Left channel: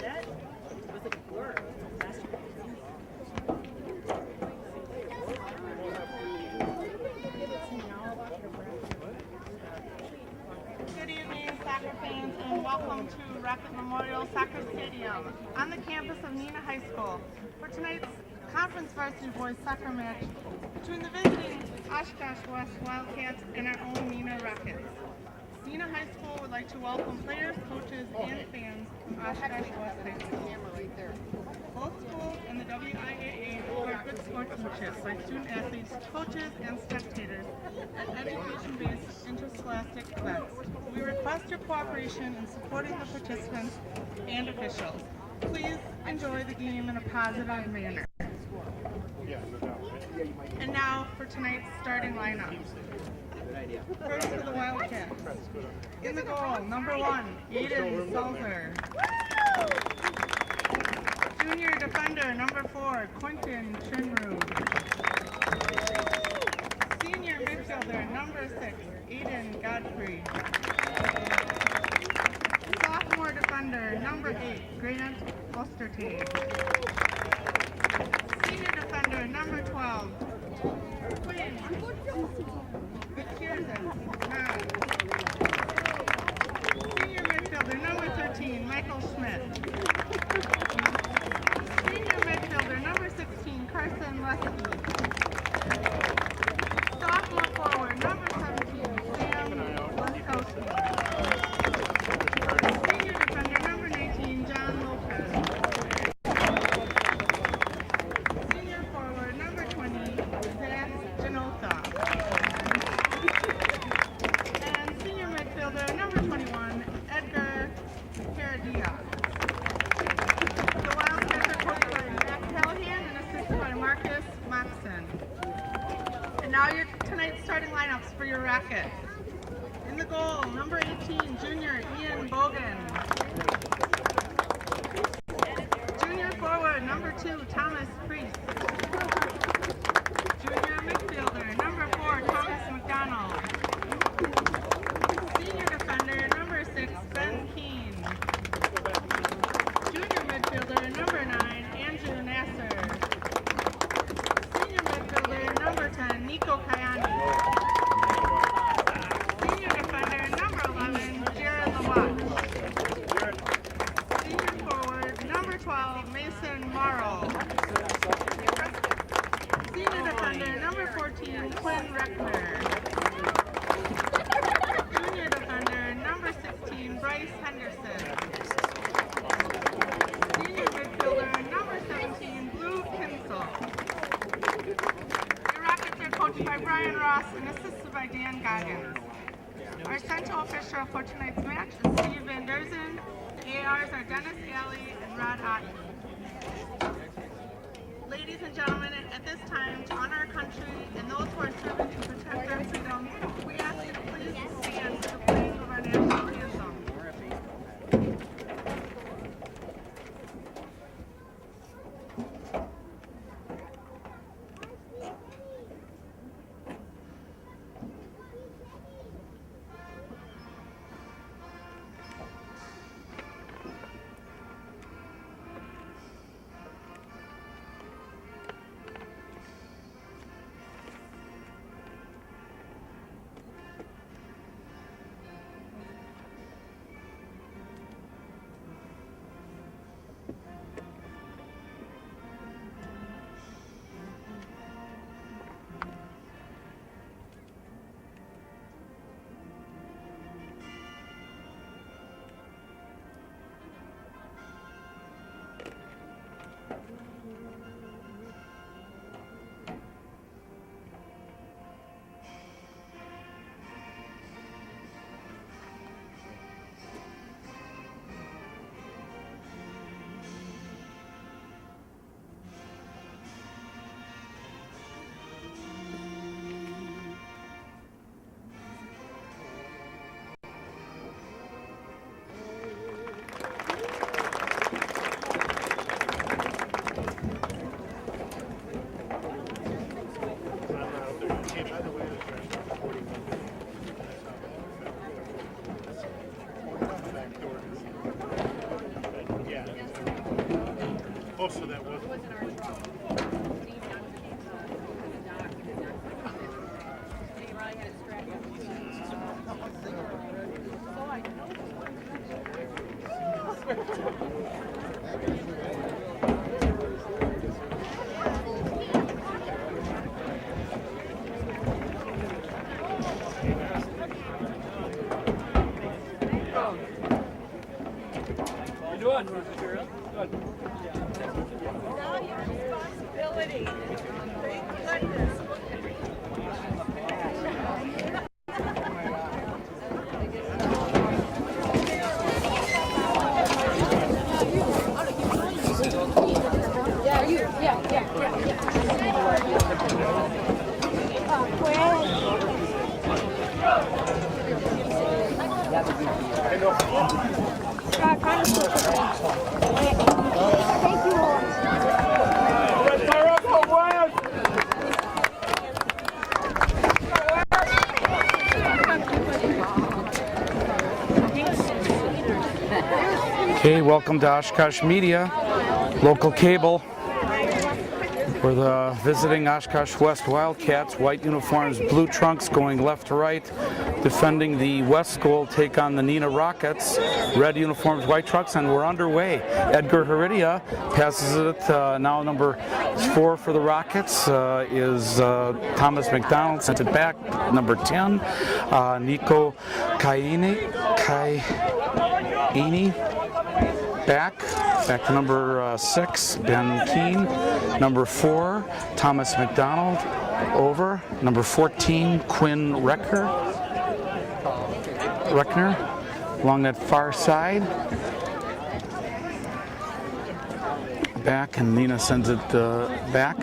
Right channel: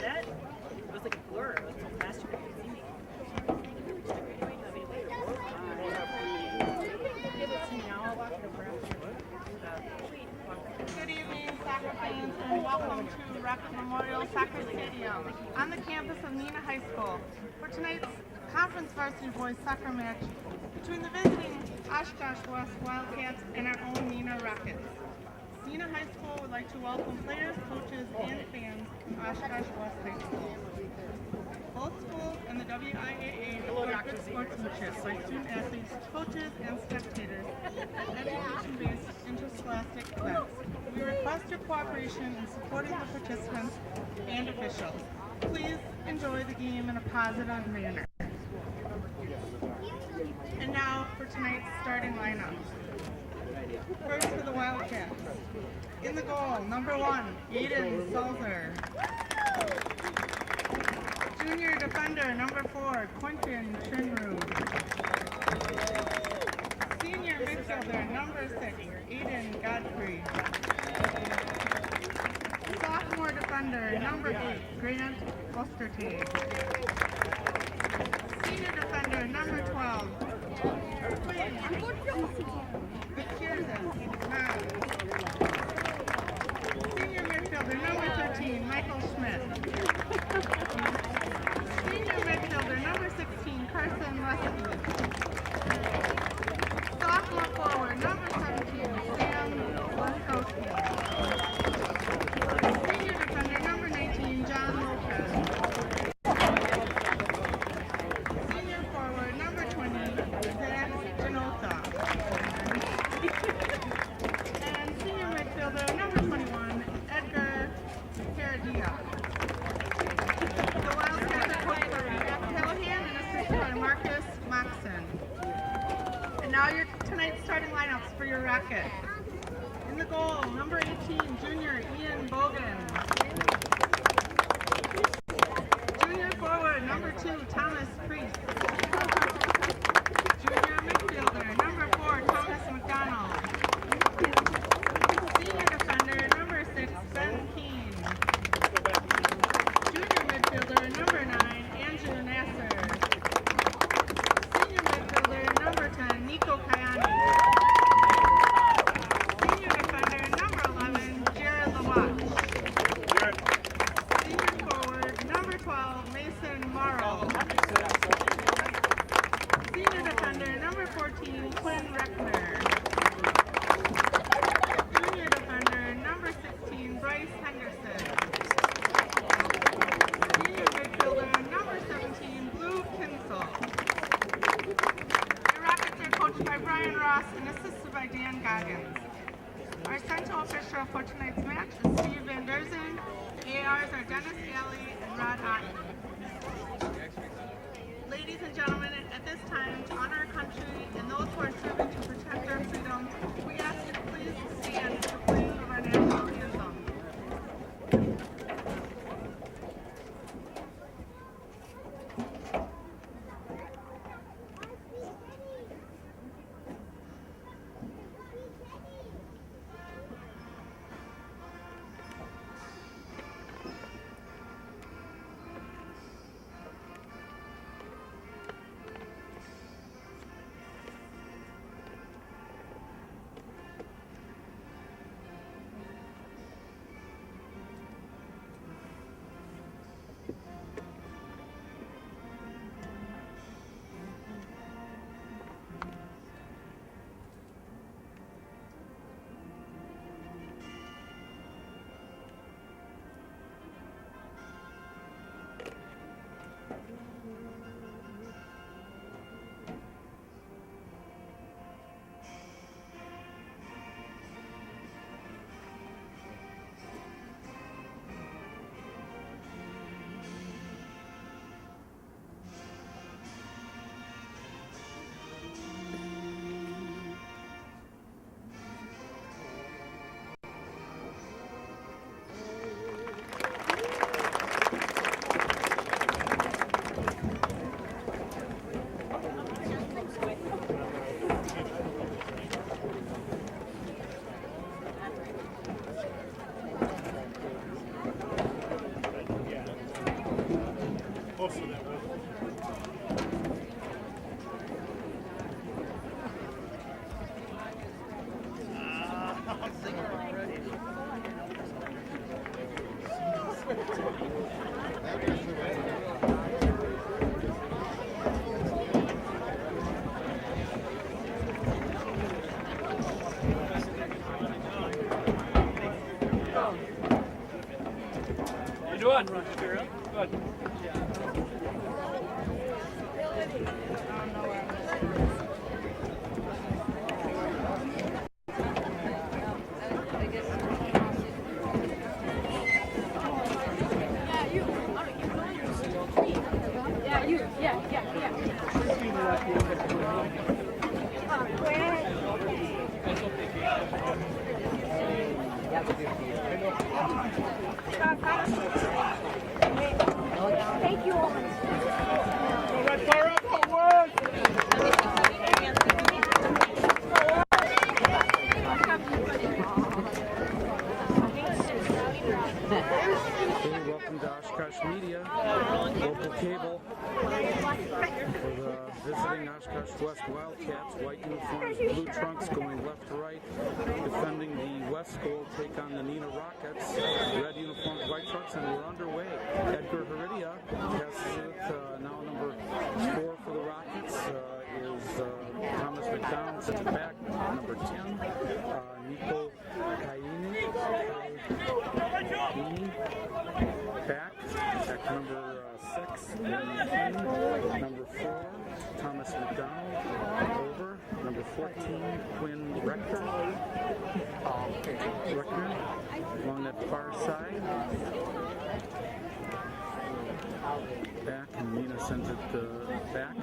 That was like a blur. Good evening, soccer fans, and welcome to Rocket Memorial Soccer Stadium on the campus of Neenah High School for tonight's conference varsity boys soccer match between the visiting Oshkosh West Wildcats and our own Neenah Rockets. Neenah High School would like to welcome players, coaches, and fans from Oshkosh West High School. Both schools and the WIAA support good sportsmanship by student athletes, coaches, and spectators at education-based interscholastic events. We request your cooperation in supporting the participants and officials. Please enjoy the game in a positive manner. And now for tonight's starting lineup. First for the Wildcats. In the goal, number 1, Aiden Salzer. Junior defender, number 4, Quentin Chinru. Senior midfielder, number 6, Aiden Godfrey. Sophomore defender, number 8, Grant Ostertag. Senior defender, number 12, Quinn Vickirzis. Senior midfielder, number 13, Michael Schmidt. Senior midfielder, number 16, Carson Lesky. Sophomore forward, number 17, Sam Laskowski. Senior defender, number 19, John Lopez. Senior forward, number 20, Zach Janota. And senior midfielder, number 21, Edgar Caradia. The Wildcats are coached by Matt Callahan and assisted by Marcus Moxon. And now your tonight's starting lineups for your Rockets. In the goal, number 18, junior Ian Bogan. Junior forward, number 2, Thomas Priest. Junior midfielder, number 4, Thomas McDonald. Senior defender, number 6, Ben Keene. Junior midfielder, number 9, Andrew Nasser. Senior midfielder, number 10, Nico Kayani. Senior defender, number 11, Jared Lawatch. Senior forward, number 12, Mason Morrow. Senior defender, number 14, Quinn Reckner. Junior defender, number 16, Bryce Henderson. Senior midfielder, number 17, Blue Kinsel. The Rockets are coached by Brian Ross and assisted by Dan Goggins. Our central official for tonight's match is Steve Van Derzen. ARs are Dennis Alley and Rod Otten. Ladies and gentlemen, at this time, to honor our country and those who are serving to protect our freedom, we ask you to please stand for playing of our national anthem. Doing? Good. Okay, welcome to Oshkosh Media, local cable. We're the visiting Oshkosh West Wildcats, white uniforms, blue trunks going left to right. Defending the West goal, take on the Neenah Rockets, red uniforms, white trunks, and we're underway. Edgar Heredia passes it, now number 4 for the Rockets is Thomas McDonald, sent it back, number 10, Nico Kaini. Back to number 6, Ben Keene. Number 4, Thomas McDonald, over. Number 14, Quinn Reckner, along that far side. Back, and Neenah sends it back.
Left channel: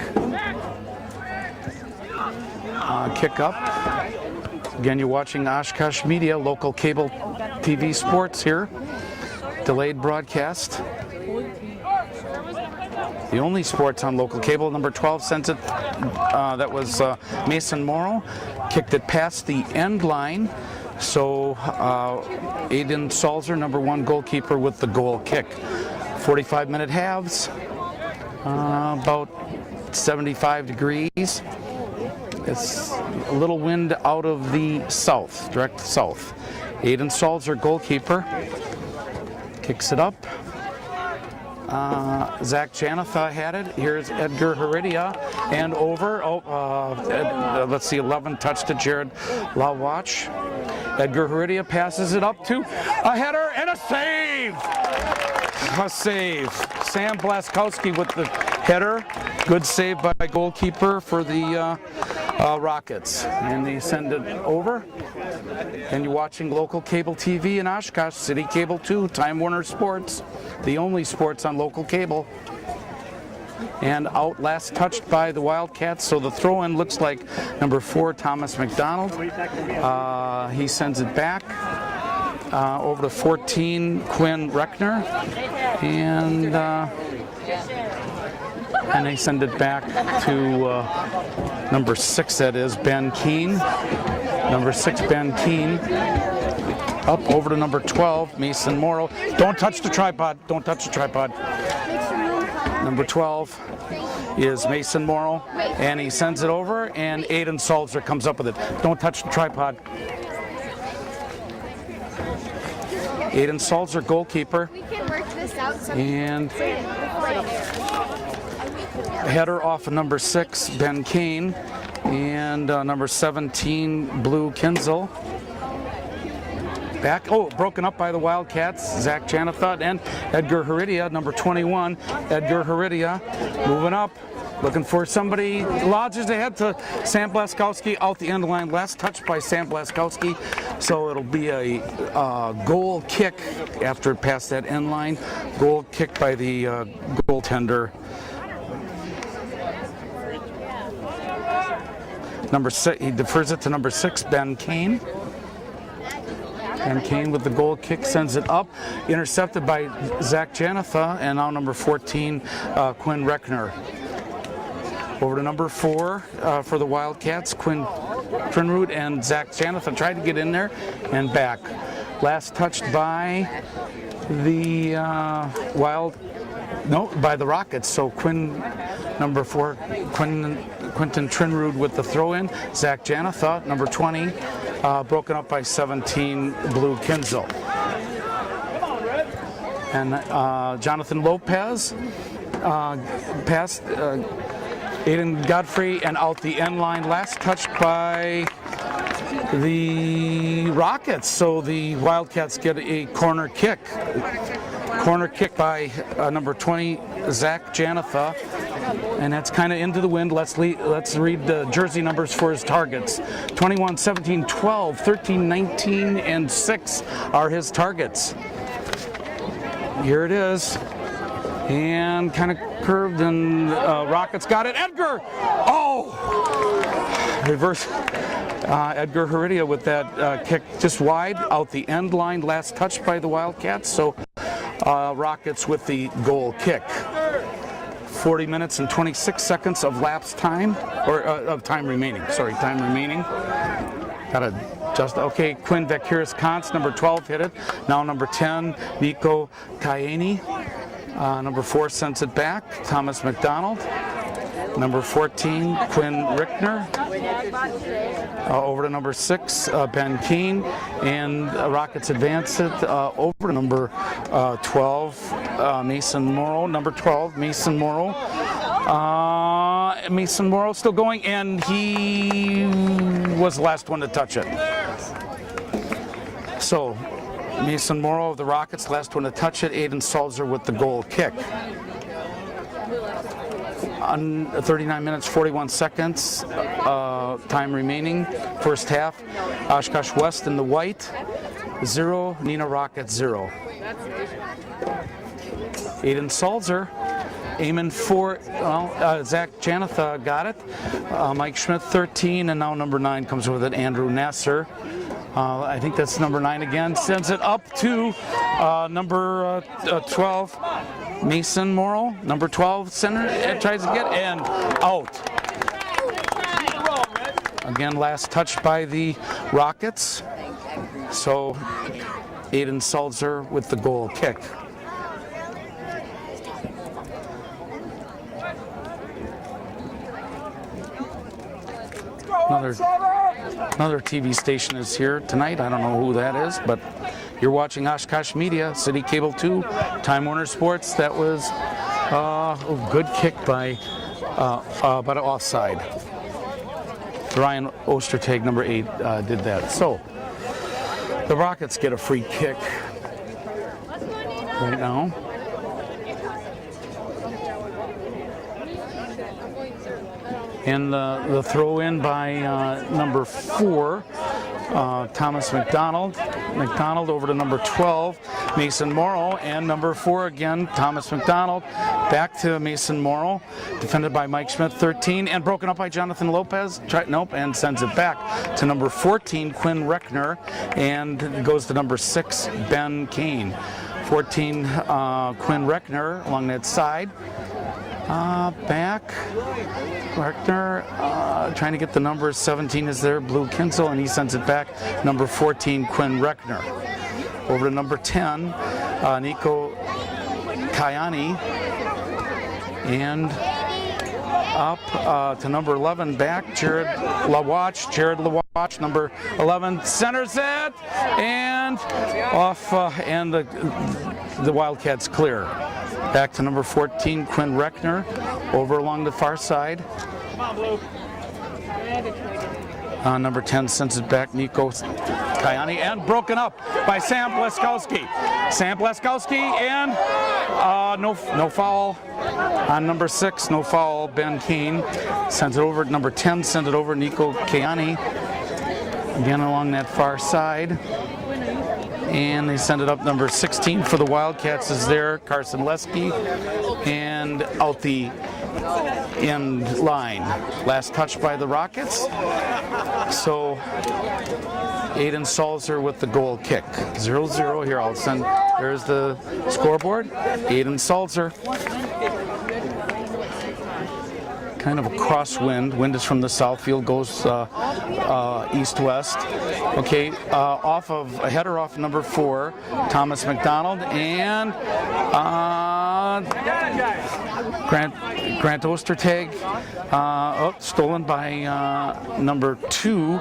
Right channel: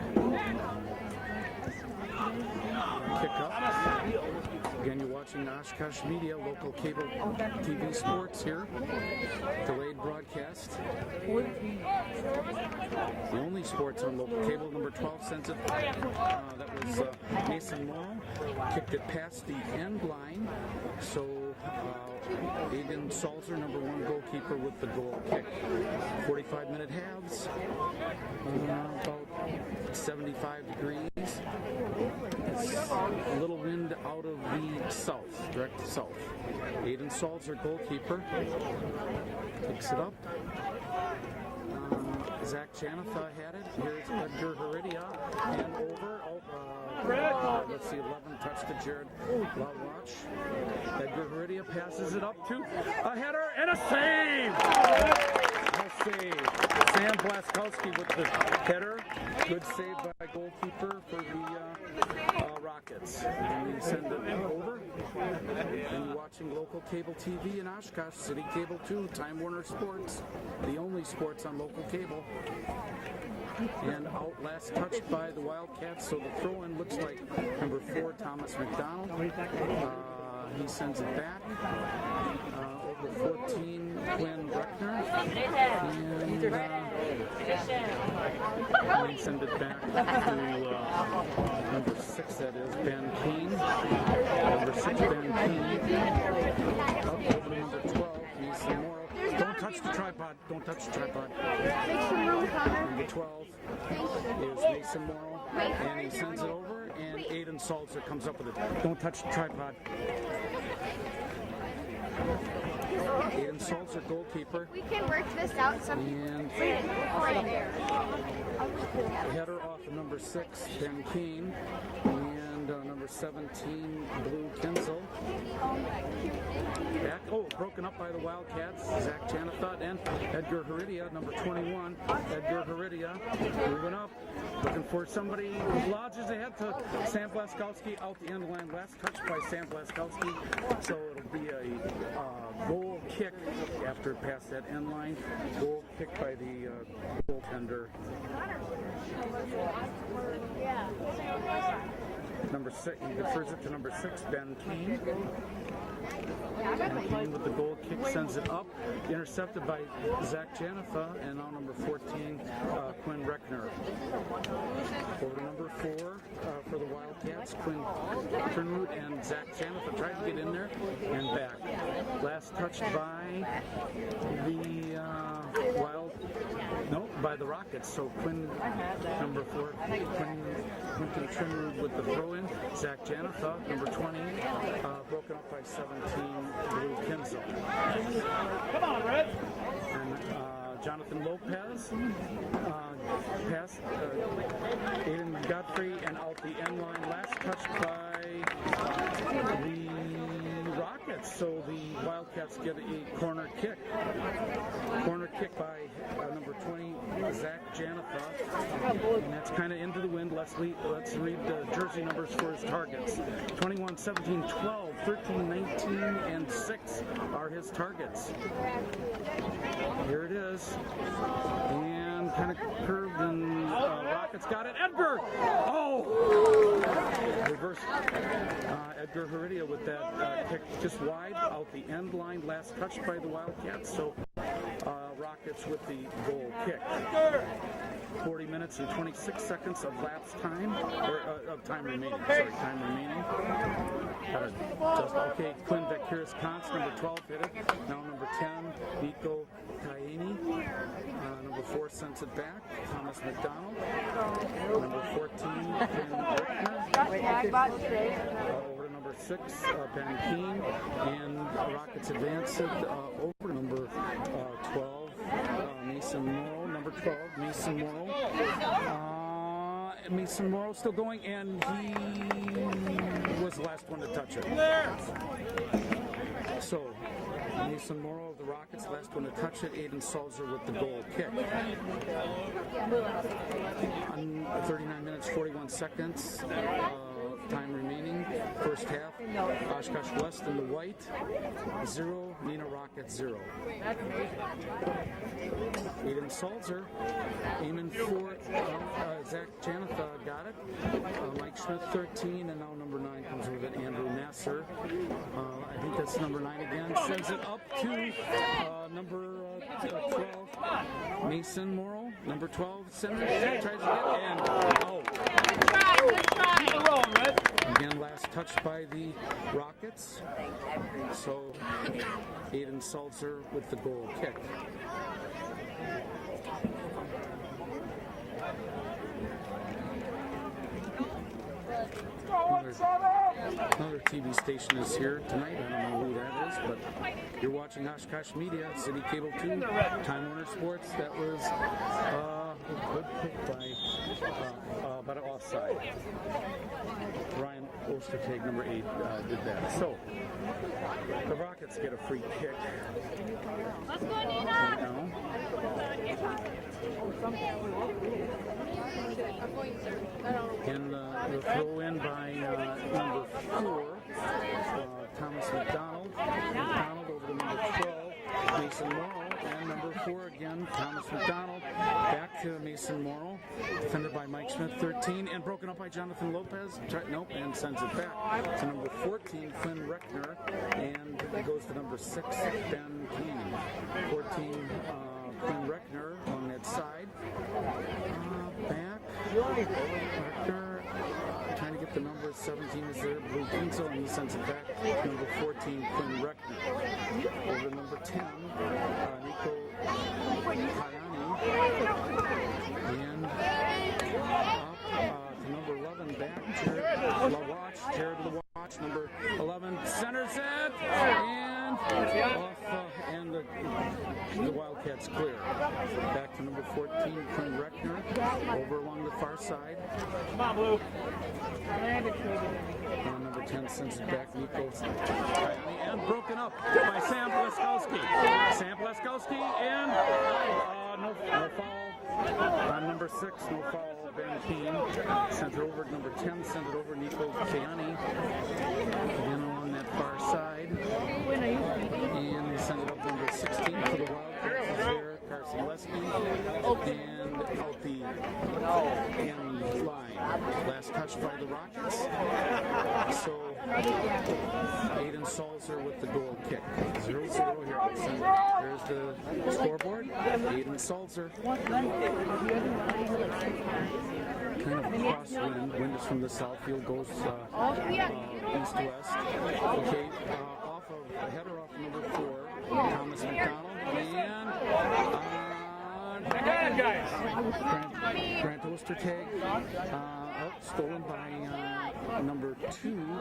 Kick up. Again, you're watching Oshkosh Media, local cable TV sports here. Delayed broadcast. The only sports on local cable. Number 12 sends it, that was Mason Morrow, kicked it past the end line. So Aiden Salzer, number 1 goalkeeper, with the goal kick. 45-minute halves, about 75 degrees. It's a little wind out of the south, direct south. Aiden Salzer, goalkeeper, kicks it up. Zach Janatha had it. Here's Edgar Heredia, and over. Let's see, 11 touch to Jared Lawatch. Edgar Heredia passes it up to a header and a save. A save. Sam Blaskowski with the header. Good save by goalkeeper for the Rockets. And they send it over. And you're watching local cable TV in Oshkosh, City Cable 2, Time Warner Sports, the only sports on local cable. And out last touched by the Wildcats, so the throw-in looks like number 4, Thomas McDonald. He sends it back over to 14, Quinn Reckner. And they send it back to number 6, that is, Ben Keene. Number 6, Ben Keene. Up over to number 12, Mason Morrow. Don't touch the tripod. Don't touch the tripod. Number 12 is Mason Morrow, and he sends it over, and Aiden Salzer comes up with it. Don't touch the tripod. Aiden Salzer, goalkeeper. We can work this out. And header off of number 6, Ben Keene, and number 17, Blue Kinzel. Back, broken up by the Wildcats, Zach Janatha and Edgar Heredia, number 21, Edgar Heredia, moving up, looking for somebody, lodges ahead to Sam Blaskowski out the end line, last touch by Sam Blaskowski, so it'll be a goal kick after it passed that end line, goal kick by the goaltender. Number 6, he defers it to number 6, Ben Keene. And Kane with the goal kick sends it up, intercepted by Zach Janatha, and now number 14, Quinn Reckner. Over to number 4 for the Wildcats, Quinn Trinrud and Zach Janatha tried to get in there and back. Last touched by the by the Rockets. So number 4, Quentin Trinrud with the throw-in. Zach Janatha, number 20, broken up by 17, Blue Kinzel. And Jonathan Lopez passed Aiden Godfrey and out the end line. Last touch by the Rockets. So the Wildcats get a corner kick. Corner kick by number 20, Zach Janatha. And that's kind of into the wind. Let's read the jersey numbers for his targets. 21, 17, 12, 13, 19, and 6 are his targets. Here it is. And kind of curved, and Rockets got it. Edgar! Oh! Reverse. Edgar Heredia with that kick just wide out the end line. Last touch by the Wildcats. So Rockets with the goal kick. 40 minutes and 26 seconds of lapse time, or of time remaining. Sorry, time remaining. Gotta just, okay, Quinn Vakiris-Kantz, number 12, hit it. Now number 10, Nico Kayani. Number 4 sends it back, Thomas McDonald. Number 14, Quinn Rickner. Over to number 6, Ben Keene. And Rockets advance it over to number 12, Mason Morrow. Number 12, Mason Morrow. Mason Morrow still going, and he was the last one to touch it. So Mason Morrow of the Rockets, last one to touch it. Aiden Salzer with the goal kick. On 39 minutes, 41 seconds, time remaining. First half, Oshkosh West in the white, 0, Neenah Rockets 0. Aiden Salzer aiming for, Zach Janatha got it. Mike Schmidt 13, and now number 9 comes with it, Andrew Nasser. I think that's number 9 again, sends it up to number 12, Mason Morrow. Number 12, center, tries to get, and out. Again, last touch by the Rockets. So Aiden Salzer with the goal kick. Another TV station is here tonight. I don't know who that is, but you're watching Oshkosh Media, City Cable 2, Time Warner Sports. That was a good kick by, but offside. Ryan Ostertag, number 8, did that. So the Rockets get a free kick right now. And the throw in by number 4, Thomas McDonald. McDonald over to number 12, Mason Morrow, and number 4 again, Thomas McDonald. Back to Mason Morrow, defended by Mike Schmidt, 13, and broken up by Jonathan Lopez. Nope, and sends it back to number 14, Quinn Reckner, and it goes to number 6, Ben Kane. 14, Quinn Reckner along that side. Back, Reckner trying to get the numbers. 17 is there, Blue Kinsel, and he sends it back. Number 14, Quinn Reckner. Over to number 10, Nico Kayani, and up to number 11, back, Jared Lawatch, number 11, centers it, and off, and the Wildcats clear. Back to number 14, Quinn Reckner, over along the far side. Number 10 sends it back, Nico Kayani, and broken up by Sam Bleskowski. Sam Bleskowski, and no foul on number 6, no foul, Ben Keene. Sends it over, number 10 sends it over, Nico Kayani, again along that far side. And they send it up. Number 16 for the Wildcats is there, Carson Lesky, and out the end line. Last touch by the Rockets. So Aiden Salzer with the goal kick. 0-0 here. I'll send, there's the scoreboard. Aiden Salzer. Kind of a crosswind. Wind is from the south, field goes east-west. Okay, a header off number 4, Thomas McDonald, and Grant Ostertag Stolen by number 2,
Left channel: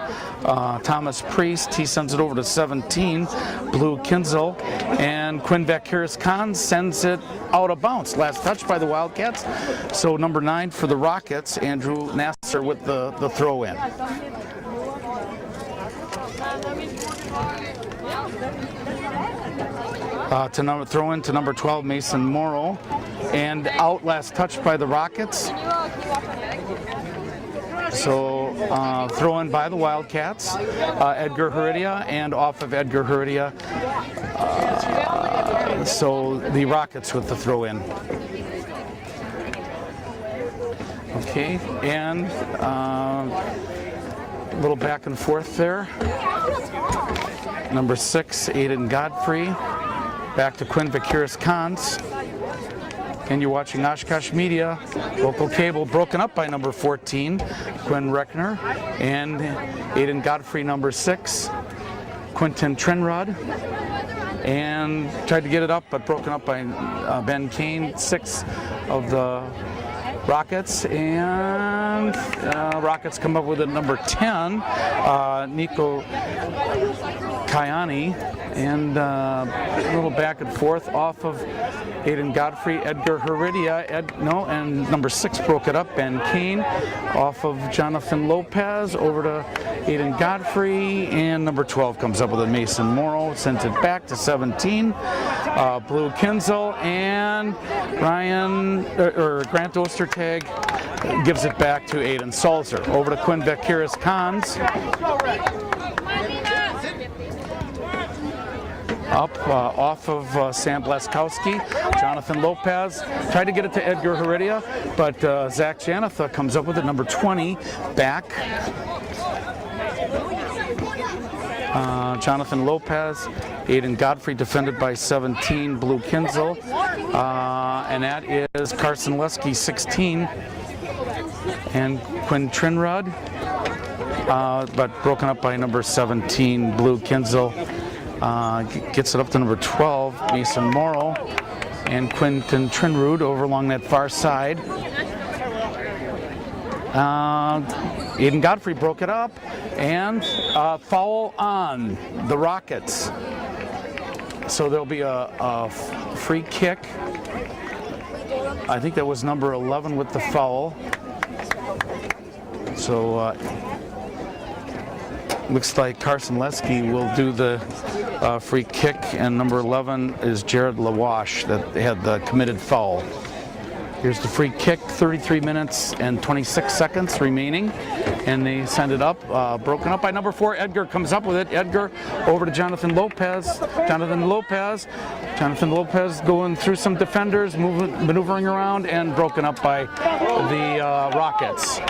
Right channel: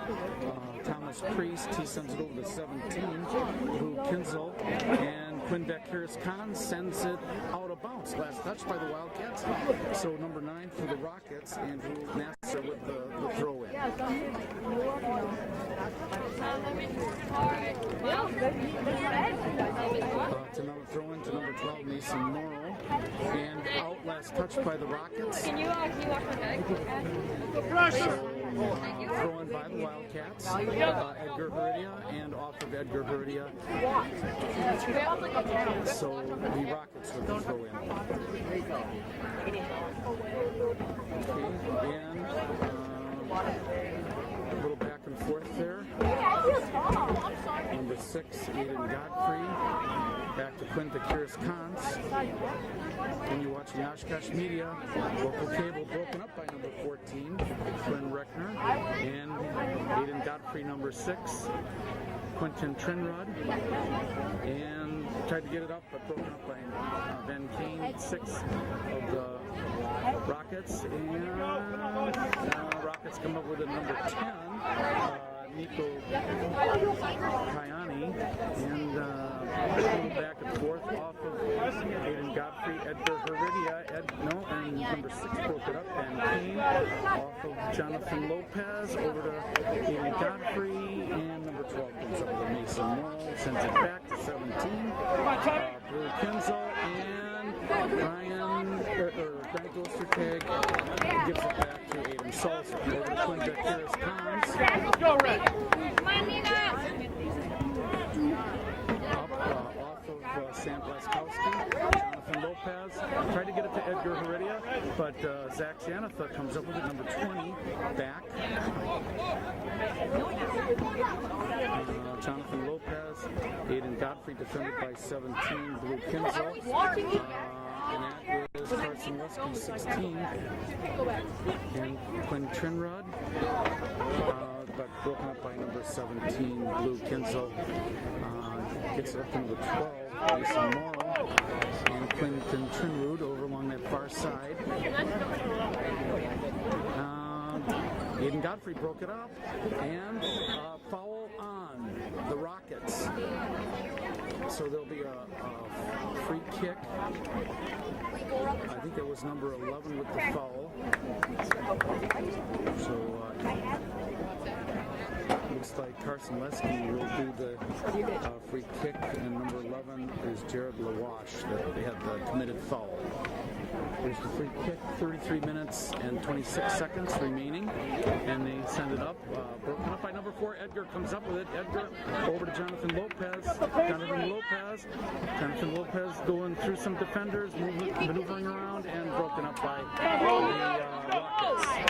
Thomas Priest. He sends it over to 17, Blue Kinzel. And Quinn Vakiris-Khan sends it out of bounds. Last touch by the Wildcats. So number 9 for the Rockets, Andrew Nasser with the throw in. Throw in to number 12, Mason Morrow. And out last touch by the Rockets. So throw in by the Wildcats, Edgar Heredia, and off of Edgar Heredia. So the Rockets with the throw in. Okay, and a little back and forth there. Number 6, Aiden Godfrey. Back to Quinn Vakiris-Khan. And you're watching Oshkosh Media, local cable, broken up by number 14, Quinn Reckner, and Aiden Godfrey, number 6, Quinton Trinrod, and tried to get it up, but broken up by Ben Kane, 6 of the Rockets, and Rockets come up with it number 10, Nico Kayani, and a little back and forth off of Aiden Godfrey, Edgar Heredia, and number 6 broke it up, Ben Kane, off of Jonathan Lopez, over to Aiden Godfrey, and number 12 comes up with a Mason Morrow, sends it back to 17, Blue Kinzel, and Grant Ostertag gives it back to Aiden Salzer. Over to Quinn Vakiris-Khan. Up off of Sam Blaskowski. Jonathan Lopez tried to get it to Edgar Heredia, but Zach Janatha comes up with it, number 20, back. Jonathan Lopez, Aiden Godfrey defended by 17, Blue Kinzel, and that is Carson Lesky, 16, and Quinn Trinrod, but broken up by number 17, Blue Kinzel. Gets it up to number 12, Mason Morrow, and Quinton Trinrud over along that far side. Aiden Godfrey broke it up, and foul on the Rockets. So there'll be a free kick. I think that was number 11 with the foul. So looks like Carson Lesky will do the free kick, and number 11 is Jared Lawash that had the committed foul. Here's the free kick, 33 minutes and 26 seconds remaining, and they send it up, broken up by number 4. Edgar comes up with it. Edgar over to Jonathan Lopez. Jonathan Lopez going through some defenders, maneuvering around, and broken up by the Rockets.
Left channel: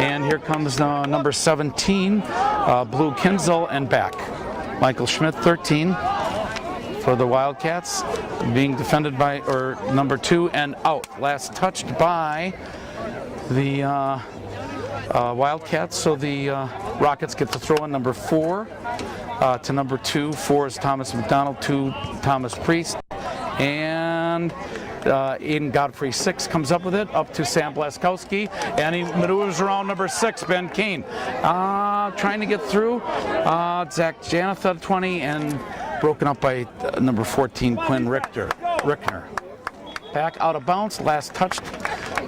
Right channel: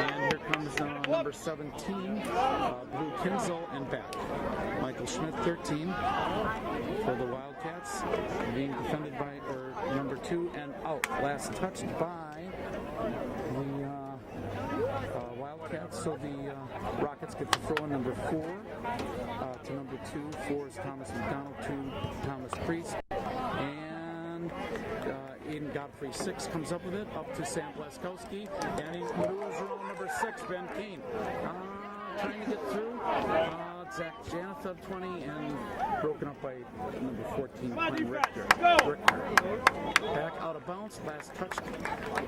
And here comes number 17, Blue Kinzel, and back. Michael Schmidt, 13. For the Wildcats, being defended by number 2 and out. Last touched by the Wildcats, so the Rockets get to throw in number 4 to number 2. 4 is Thomas McDonald, 2 Thomas Priest, and Aiden Godfrey, 6 comes up with it, up to Sam Blaskowski, and he maneuvers around number 6, Ben Kane. Trying to get through, Zach Janatha, 20, and broken up by number 14, Quinn Rickner. Back out of bounds, last touched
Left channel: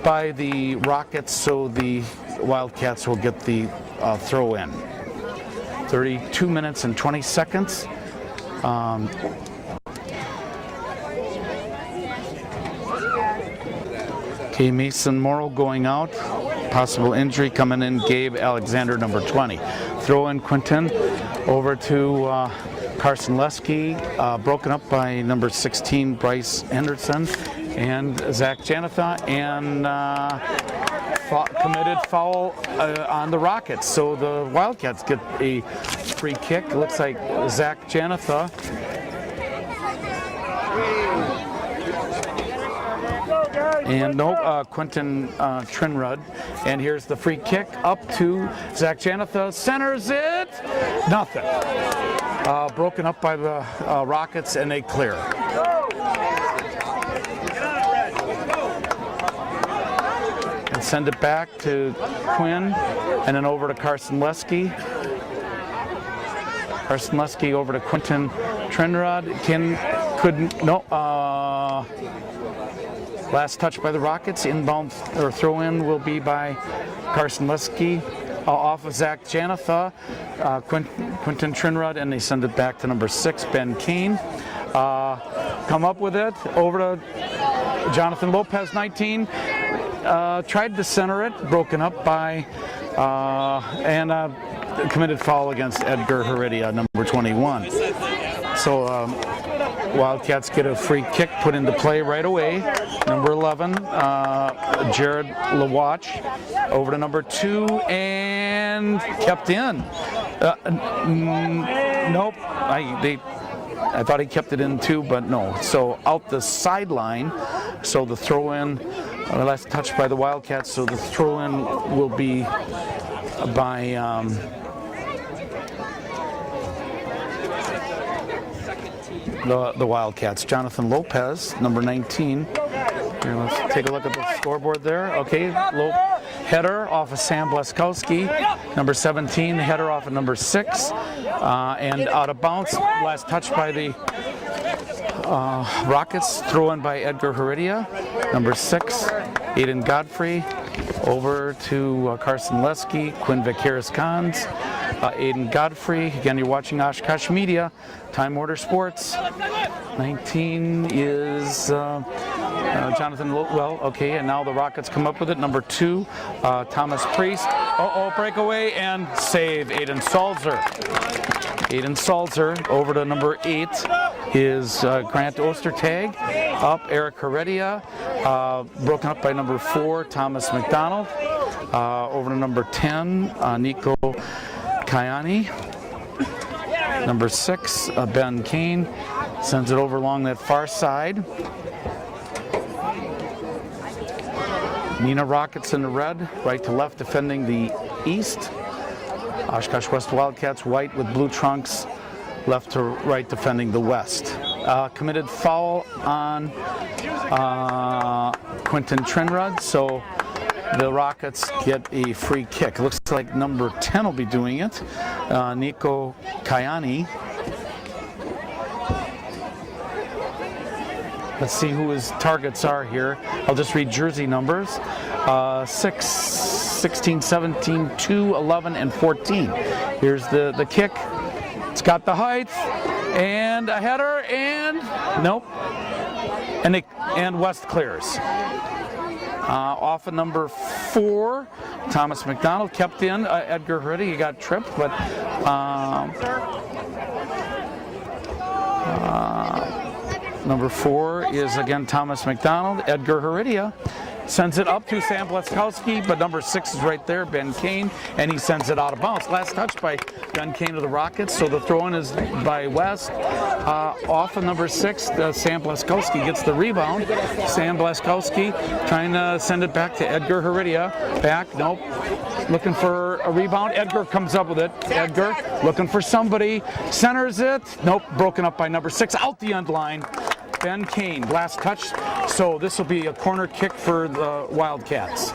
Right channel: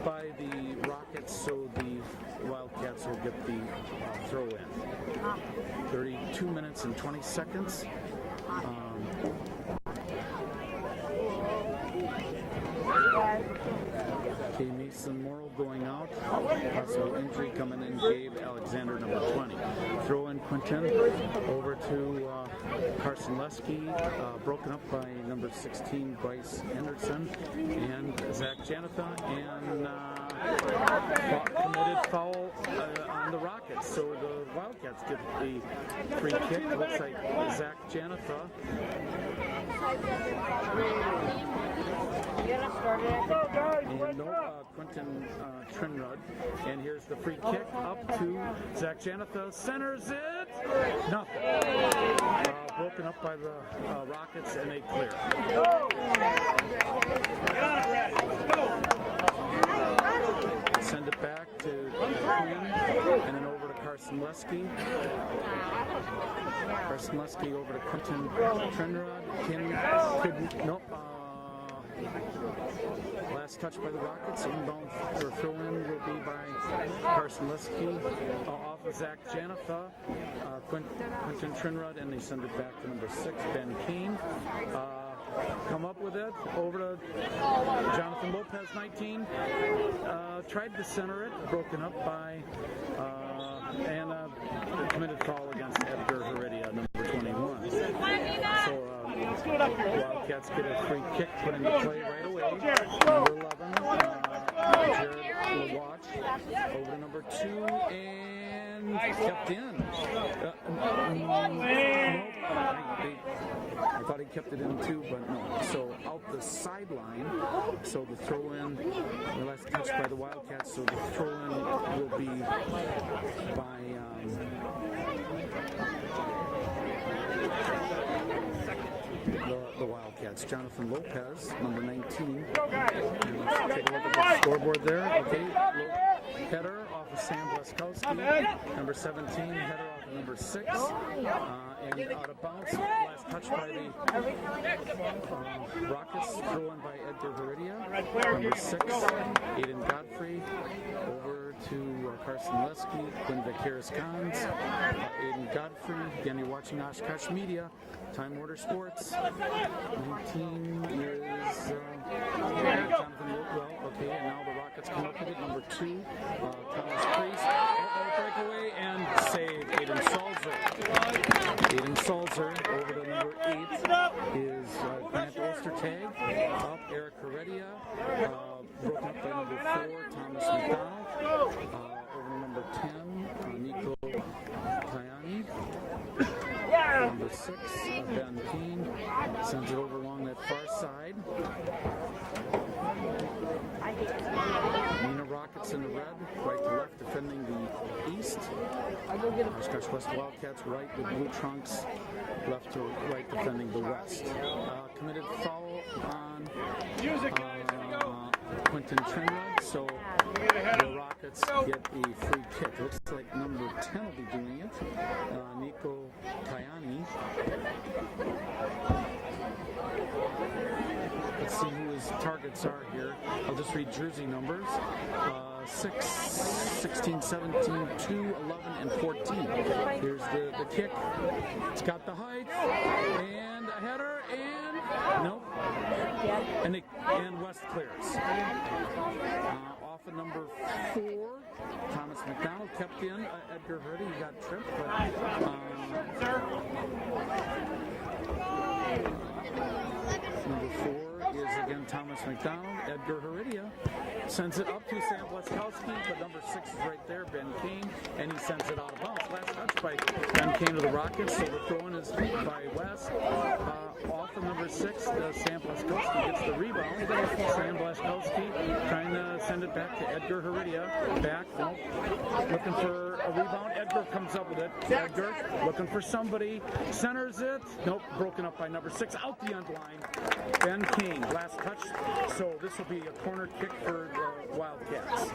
by the Rockets, so the Wildcats will get the throw in. 32 minutes and 20 seconds. Okay, Mason Morrow going out. Possible injury coming in, Gabe Alexander, number 20. Throw in Quinton over to Carson Lesky, broken up by number 16, Bryce Henderson, and Zach Janatha, and committed foul on the Rockets. So the Wildcats get a free kick. It looks like Zach Janatha. And Quinton Trinrud. And here's the free kick up to Zach Janatha. Centers it. Nothing. Broken up by the Rockets, and they clear. send it back to Quinn, and then over to Carson Lesky. Carson Lesky over to Quentin Trenrod. Last touch by the Rockets. Inbound or throw-in will be by Carson Lesky. Off of Zach Janatha, Quentin Trenrod, and they send it back to number 6, Ben Kane. Come up with it over to Jonathan Lopez, 19. Tried to center it, broken up by and committed foul against Edgar Heredia, number 21. So Wildcats get a free kick put into play right away. Number 11, Jared Lawatch, over to number 2 and kept in. Nope, I thought he kept it in too, but no. So out the sideline. So the throw-in, last touch by the Wildcats. So the throw-in will be by the Wildcats. Jonathan Lopez, number 19. Here, let's take a look at the scoreboard there. Okay, header off of Sam Bleskowski, number 17. Header off of number 6, and out of bounds. Last touch by the Rockets. Throw in by Edgar Heredia, number 6. Aiden Godfrey over to Carson Lesky, Quinn Vaqueris-Cons, Aiden Godfrey. Again, you're watching Oshkosh Media, Time Order Sports. 19 is Jonathan Lowell. Okay, and now the Rockets come up with it. Number 2, Thomas Priest. Breakaway and save, Aiden Salzer. Aiden Salzer over to number 8 is Grant Ostertag. Up, Eric Heredia. Broken up by number 4, Thomas McDonald. Over to number 10, Nico Kayani. Number 6, Ben Kane. Sends it over along that far side. Neenah Rockets in the red, right to left defending the east. Oshkosh West Wildcats white with blue trunks, left to right defending the west. Committed foul on Quentin Trenrod, so the Rockets get a free kick. It looks like number 10 will be doing it, Nico Kayani. Let's see who his targets are here. I'll just read jersey numbers. 6, 16, 17, 2, 11, and 14. Here's the kick. It's got the height, and a header, and nope. And West clears. Off of number 4, Thomas McDonald kept in. Edgar Heredia, he got tripped, but number 4 is again Thomas McDonald. Edgar Heredia sends it up to Sam Bleskowski, but number 6 is right there, Ben Kane, and he sends it out of bounds. Last touch by Ben Kane to the Rockets, so the throw-in is by West. Off of number 6, Sam Bleskowski gets the rebound. Sam Bleskowski trying to send it back to Edgar Heredia. Back, nope. Looking for a rebound. Edgar comes up with it. Edgar looking for somebody. Centers it. Nope, broken up by number 6. Out the end line. Ben Kane, last touch. So this will be a corner kick for the Wildcats.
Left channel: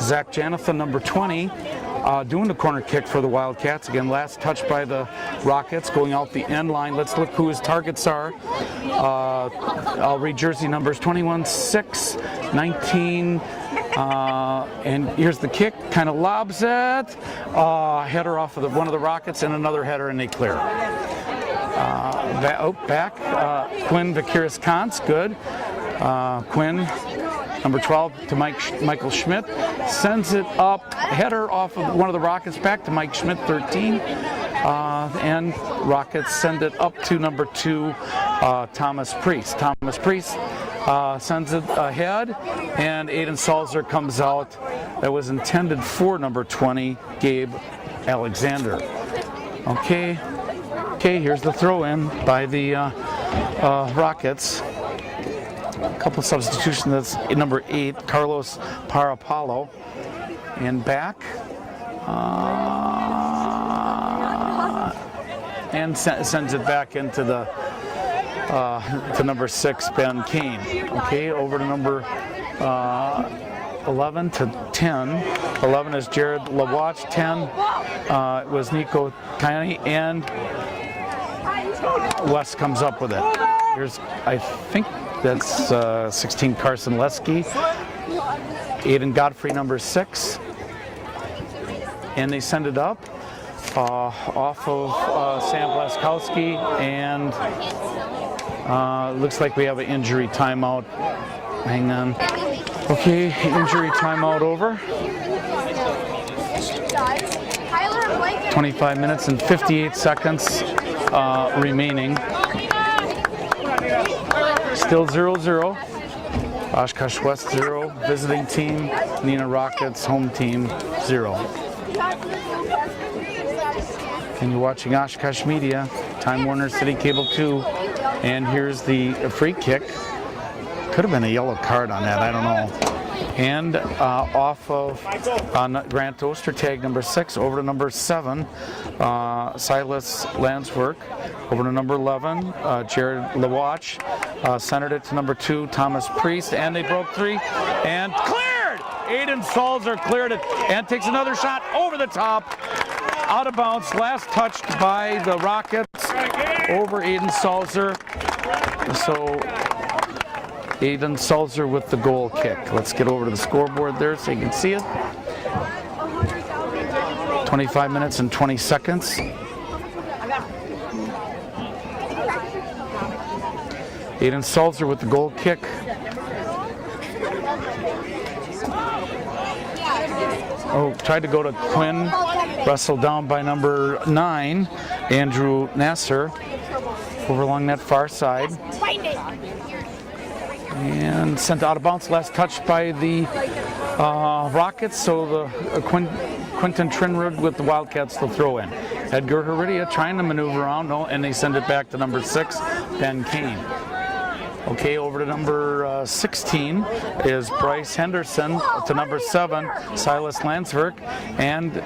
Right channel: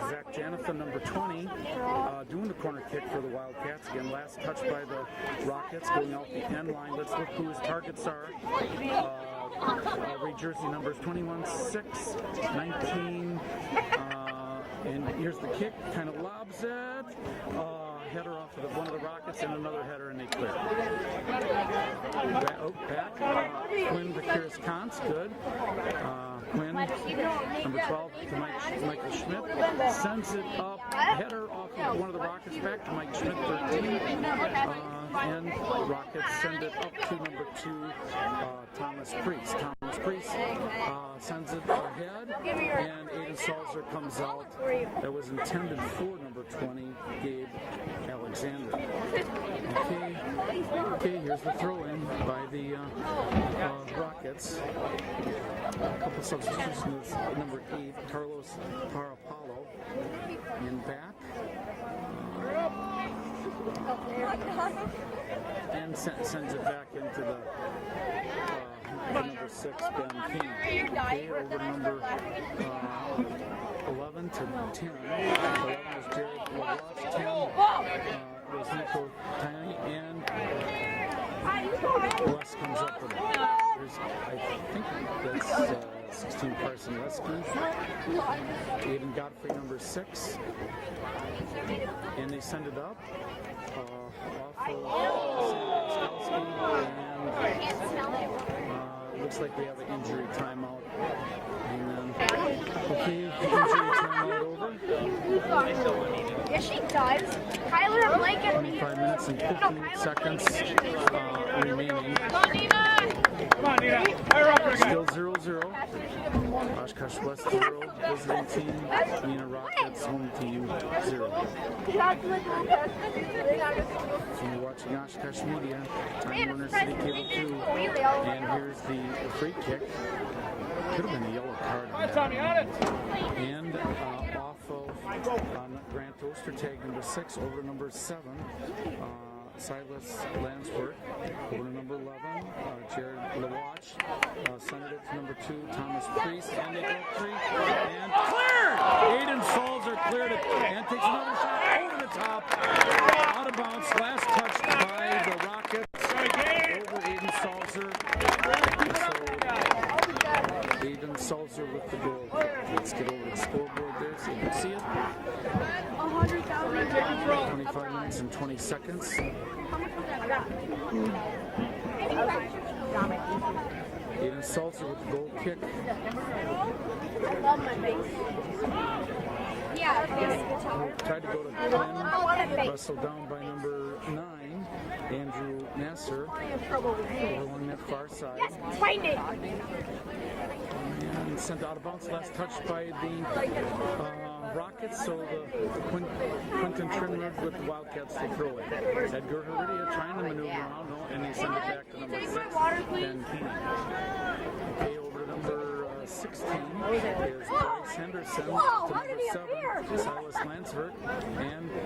Zach Janathan, number 20, doing the corner kick for the Wildcats. Again, last touch by the Rockets, going out the end line. Let's look who his targets are. I'll read jersey numbers: 21, 6, 19, and here's the kick. Kind of lobs it. Header off of one of the Rockets, and another header, and they clear. Back. Quinn Vaqueris-Cons, good. Quinn, number 12, to Michael Schmidt. Sends it up. Header off of one of the Rockets back to Mike Schmidt, 13. And Rockets send it up to number 2, Thomas Priest. Thomas Priest sends it ahead, and Aiden Salzer comes out. That was intended for number 20, Gabe Alexander. Okay, here's the throw-in by the Rockets. A couple substitutions. That's number 8, Carlos Parapalo, and back. And sends it back into the to number 6, Ben Kane. Okay, over to number 11 to 10. 11 is Jared Lawatch. 10 was Nico Kayani, and Wes comes up with it. Here's, I think that's 16, Carson Lesky. Aiden Godfrey, number 6. And they send it up off of Sam Blaskowski, and looks like we have an injury timeout. Hang on. Okay, injury timeout over. 25 minutes and 58 seconds remaining. Still 0-0. Oshkosh West 0, visiting team. Neenah Rockets, home team 0. And you're watching Oshkosh Media, Time Warner City Cable 2, and here's the free kick. Could have been a yellow card on that, I don't know. And off of Grant Ostertag, number 6, over to number 7, Silas Landswork. Over to number 11, Jared Lawatch. Centered it to number 2, Thomas Priest, and they broke 3 and cleared! Aiden Salzer cleared it and takes another shot over the top. Out of bounds, last touched by the Rockets over Aiden Salzer. So Aiden Salzer with the goal kick. Let's get over to the scoreboard there so you can see it. 25 minutes and 20 seconds. Aiden Salzer with the goal kick. Oh, tried to go to Quinn. Wrestled down by number 9, Andrew Nasser, over along that far side. And sent out of bounds, last touched by the Rockets, so the Quinton Trinrud with the Wildcats to throw in. Edgar Heredia trying to maneuver around, no, and they send it back to number 6, Ben Kane. Okay, over to number 16 is Bryce Henderson, to number 7, Silas Landsverk, and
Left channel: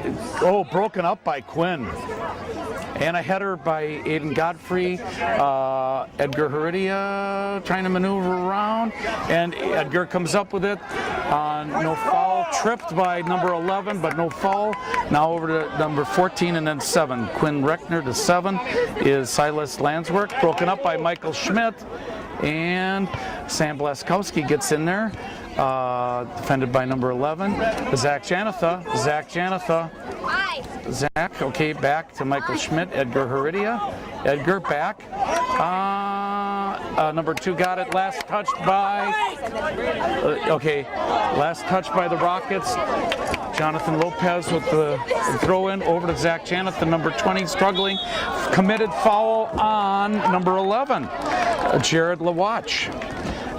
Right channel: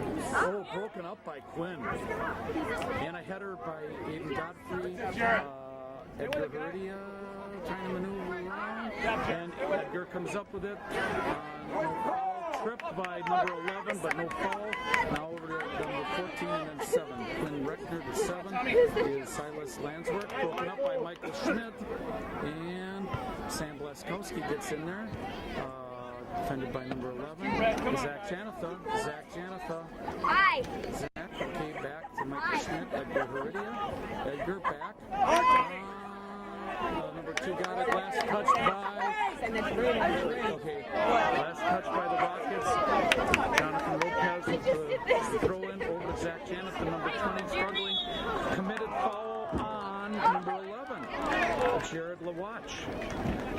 broken up by Quinn. And a header by Aiden Godfrey. Edgar Heredia trying to maneuver around, and Edgar comes up with it. No foul, tripped by number 11, but no foul. Now over to number 14 and then 7. Quinn Reckner to 7 is Silas Landswork, broken up by Michael Schmidt. And Sam Blaskowski gets in there, defended by number 11. Zach Janatha. Zach, okay, back to Michael Schmidt. Edgar Heredia. Edgar back. Number 2 got it. Last touched by, last touch by the Rockets. Jonathan Lopez with the throw in over to Zach Janathan, number 20, struggling. Committed foul on number 11, Jared Lawatch.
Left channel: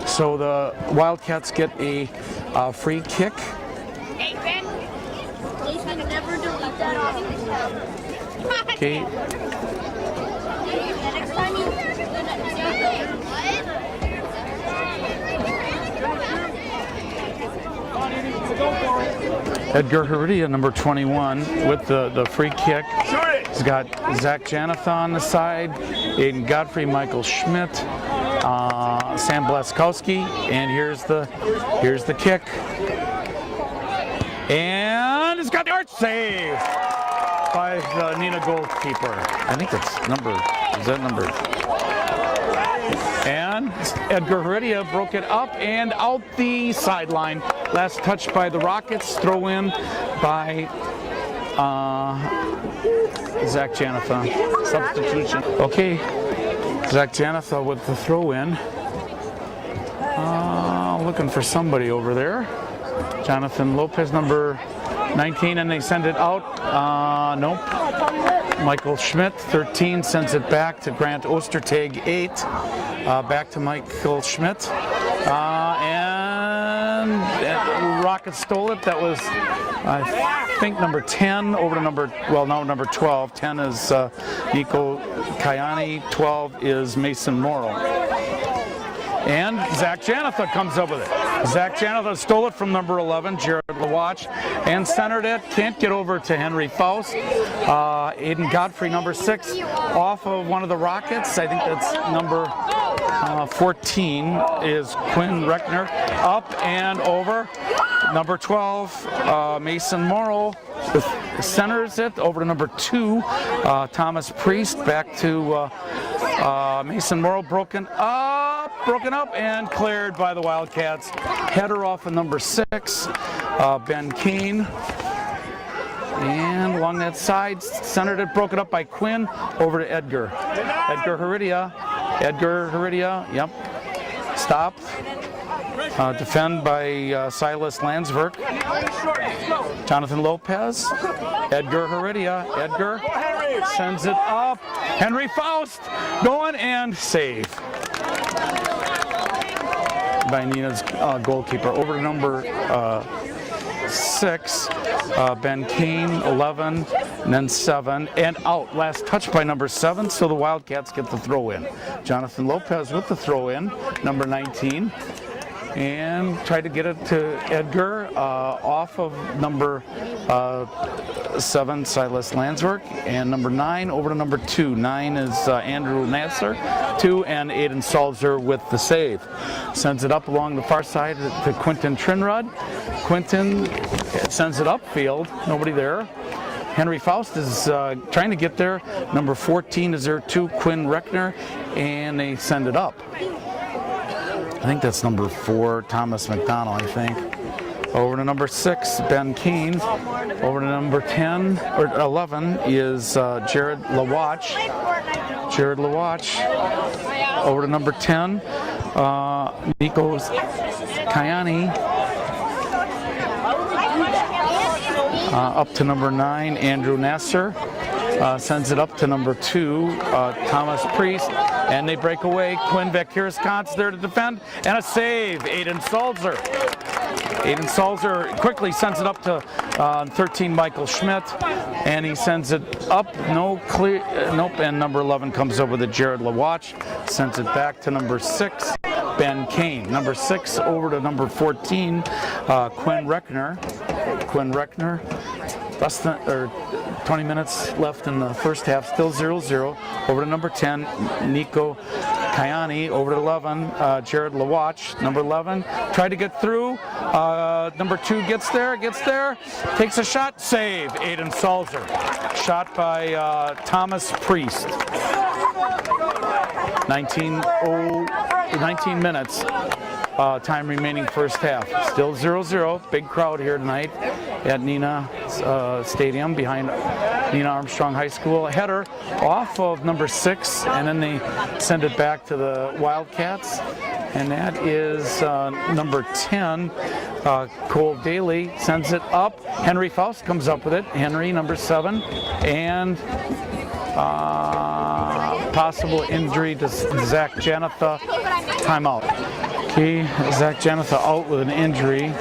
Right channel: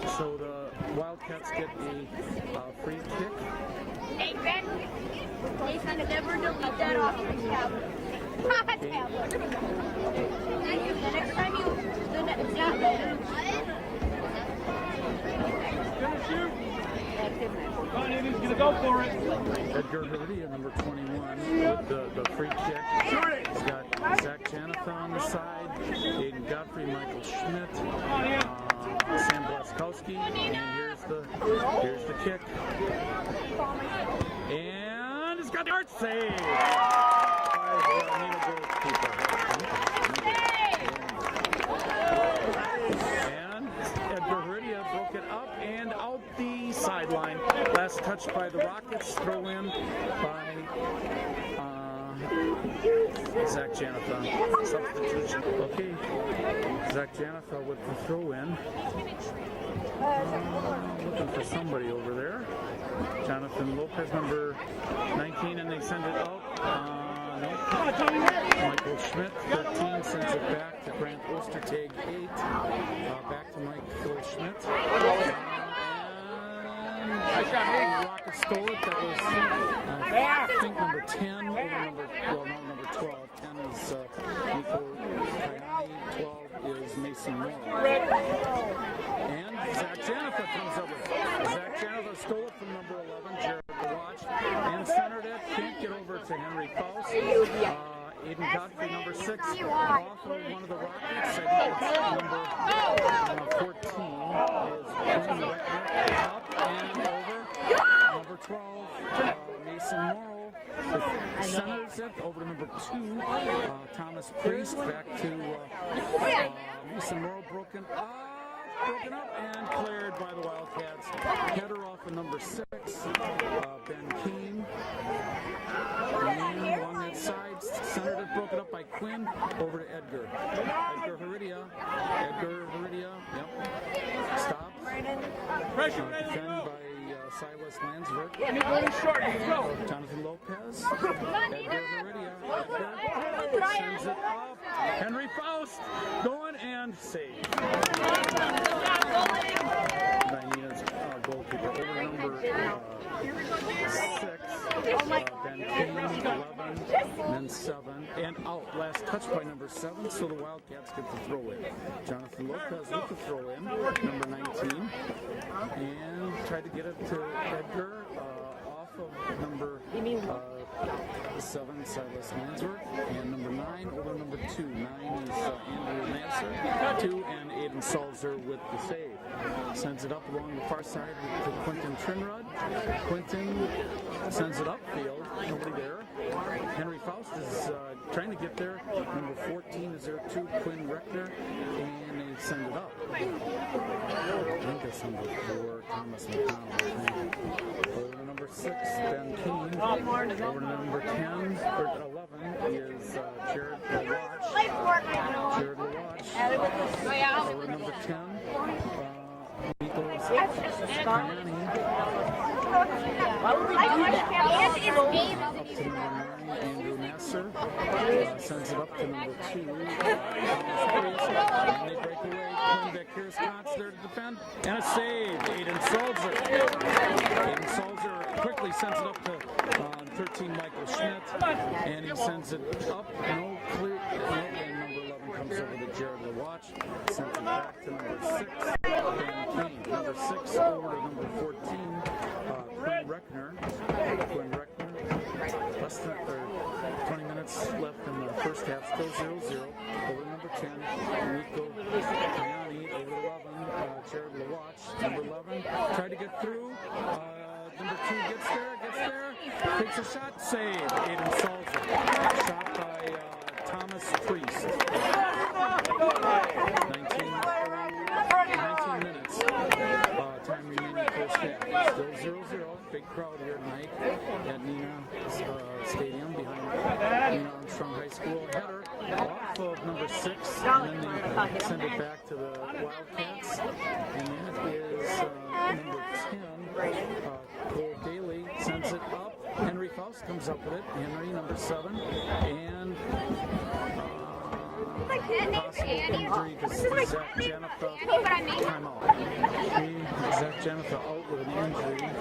So the Wildcats get a free kick. Okay. Edgar Heredia, number 21, with the free kick. He's got Zach Janathan on the side, Aiden Godfrey, Michael Schmidt, Sam Blaskowski, and here's the kick. And it's got the arch save by the Neenah goalkeeper. I think it's number. And Edgar Heredia broke it up and out the sideline. Last touch by the Rockets. Throw in by Zach Janathan. Substitution. Okay, Zach Janathan with the throw in. Looking for somebody over there. Jonathan Lopez, number 19, and they send it out. Nope. Michael Schmidt, 13, sends it back to Grant Ostertag, 8. Back to Michael Schmidt. And Rockets stole it. That was, I think, number 10 over to number 12. 10 is Nico Kayani. 12 is Mason Morrow. And Zach Janathan comes up with it. Zach Janathan stole it from number 11, Jared Lawatch, and centered it. Can't get over to Henry Faust. Aiden Godfrey, number 6, off of one of the Rockets. I think that's number 14 is Quinn Reckner, up and over. Number 12, Mason Morrow centers it over to number 2, Thomas Priest. Back to Mason Morrow, broken up and cleared by the Wildcats. Header off of number 6, Ben Keane. And along that side, centered it, broken up by Quinn, over to Edgar. Edgar Heredia, yep. Stopped. Defend by Silas Landsberg. Jonathan Lopez. Edgar Heredia. Edgar sends it up. Henry Faust going and save by Neenah's goalkeeper. Over to number 6, Ben Keane, 11, and then 7, and out. Last touch by number 7, so the Wildcats get the throw in. Jonathan Lopez with the throw in, number 19, and try to get it to Edgar off of number 7, Silas Landsberg, and number 9 over to number 2. 9 is Andrew Nasser, 2, and Aiden Salzer with the save. Sends it up along the far side to Quentin Trinrud. Quentin sends it upfield, nobody there. Henry Faust is trying to get there. Number 14 is there too, Quinn Reckner, and they send it up. I think that's number 4, Thomas McDonald, I think. Over to number 6, Ben Keane. Over to number 10, or 11 is Jared Lawatch. Jared Lawatch. Over to number 10, Nico Kayani. Up to number 9, Andrew Nasser. Sends it up to number 2, Thomas Priest. And they break away. Quinn Vakiris-Kantz there to defend. And a save, Aiden Salzer. Aiden Salzer quickly sends it up to 13, Michael Schmidt. And he sends it up, nope, and number 11 comes over to Jared Lawatch. Sends it back to number 6, Ben Kane. Number 6 over to number 14, Quinn Reckner. Quinn Reckner. Less than, 20 minutes left in the first half, still 0-0. Over to number 10, Nico Kayani. Over to 11, Jared Lawatch. Number 11, tried to get through. Number 2 gets there, takes a shot, save, Aiden Salzer. Shot by Thomas Priest. 19 minutes. Time remaining first half. Still 0-0. Big crowd here tonight at Neenah Stadium behind Neenah Armstrong High School. Header off of number 6, and then they send it back to the Wildcats. And that is number 10, Cole Daly sends it up. Henry Faust comes up with it. Henry, number 7, and possible injury to Zach Janatha. Timeout. Okay, Zach Janatha out with an injury.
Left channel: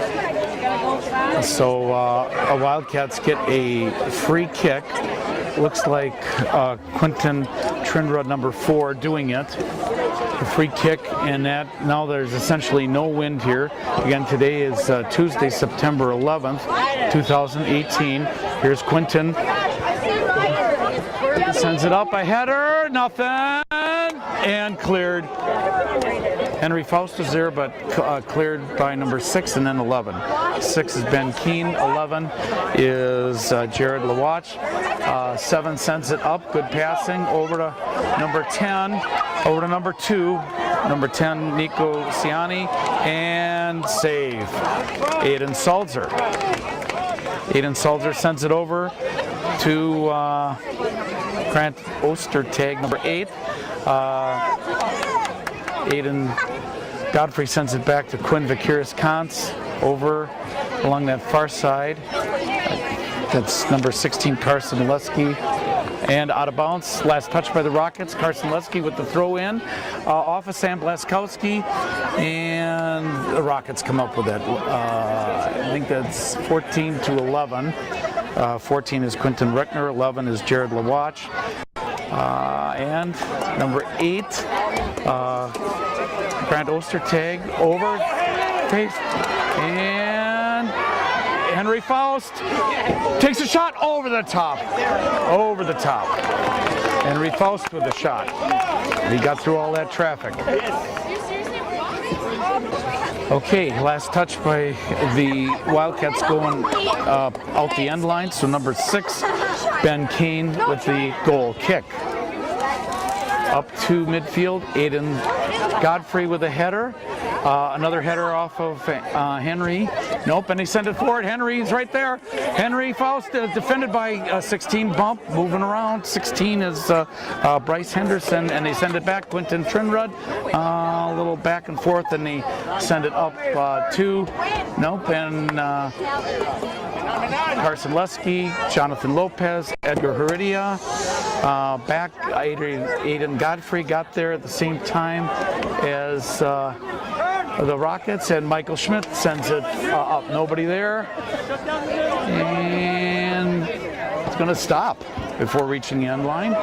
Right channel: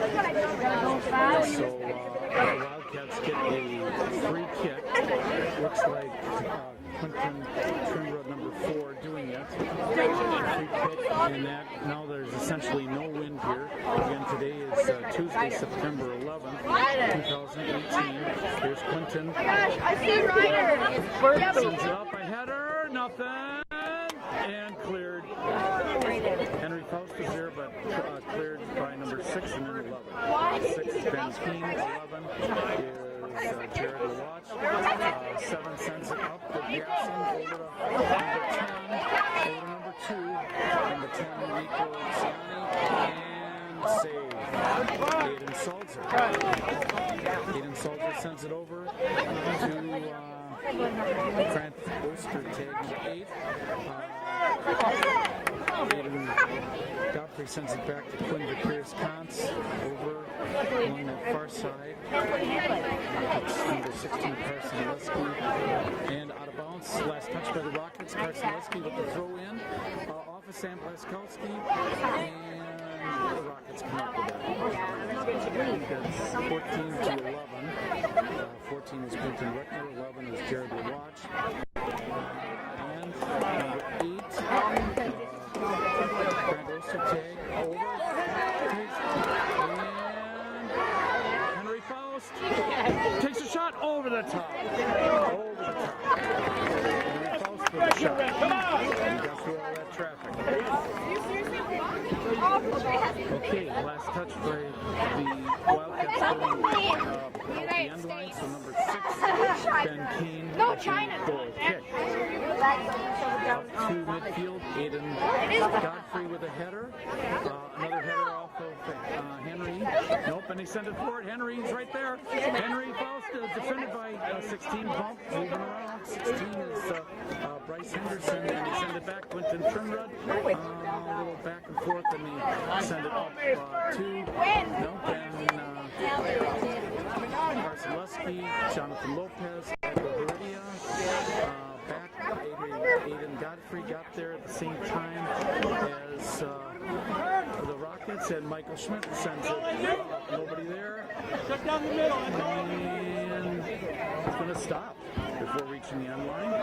So Wildcats get a free kick. Looks like Quentin Trinrud, number 4, doing it. The free kick, and that now there's essentially no wind here. Again, today is Tuesday, September 11th, 2018. Here's Quentin. Sends it up, a header, nothing, and cleared. Henry Faust was there, but cleared by number 6 and then 11. 6 is Ben Keane, 11 is Jared Lawatch. 7 sends it up, good passing, over to number 10, over to number 2, number 10, Nico Ciani, and save, Aiden Salzer. Aiden Salzer sends it over to Grant Ostertag, number 8. Aiden Godfrey sends it back to Quinn Vakiris-Kantz over along that far side. That's number 16, Carson Lesky. And out of bounds, last touch by the Rockets. Carson Lesky with the throw in. Off of Sam Blaskowski. And the Rockets come up with it. I think that's 14-11. 14 is Quentin Reckner, 11 is Jared Lawatch. And number 8, Grant Ostertag over, and Henry Faust takes a shot over the top. Over the top. Henry Faust with a shot. And he got through all that traffic. Okay, last touch by the Wildcats going out the end line. So number 6, Ben Kane with the goal kick. Up to midfield, Aiden Godfrey with a header. Another header off of Henry. Nope, and he sent it forward. Henry's right there. Henry Faust defended by 16 bump, moving around. 16 is Bryce Henderson, and they send it back. Quentin Trinrud, a little back and forth, and they send it up to, nope, and Carson Lesky, Jonathan Lopez, Edgar Heredia, back. Aiden Godfrey got there at the same time as the Rockets, and Michael Schmidt sends it up. Nobody there, and it's going to stop before reaching the end line.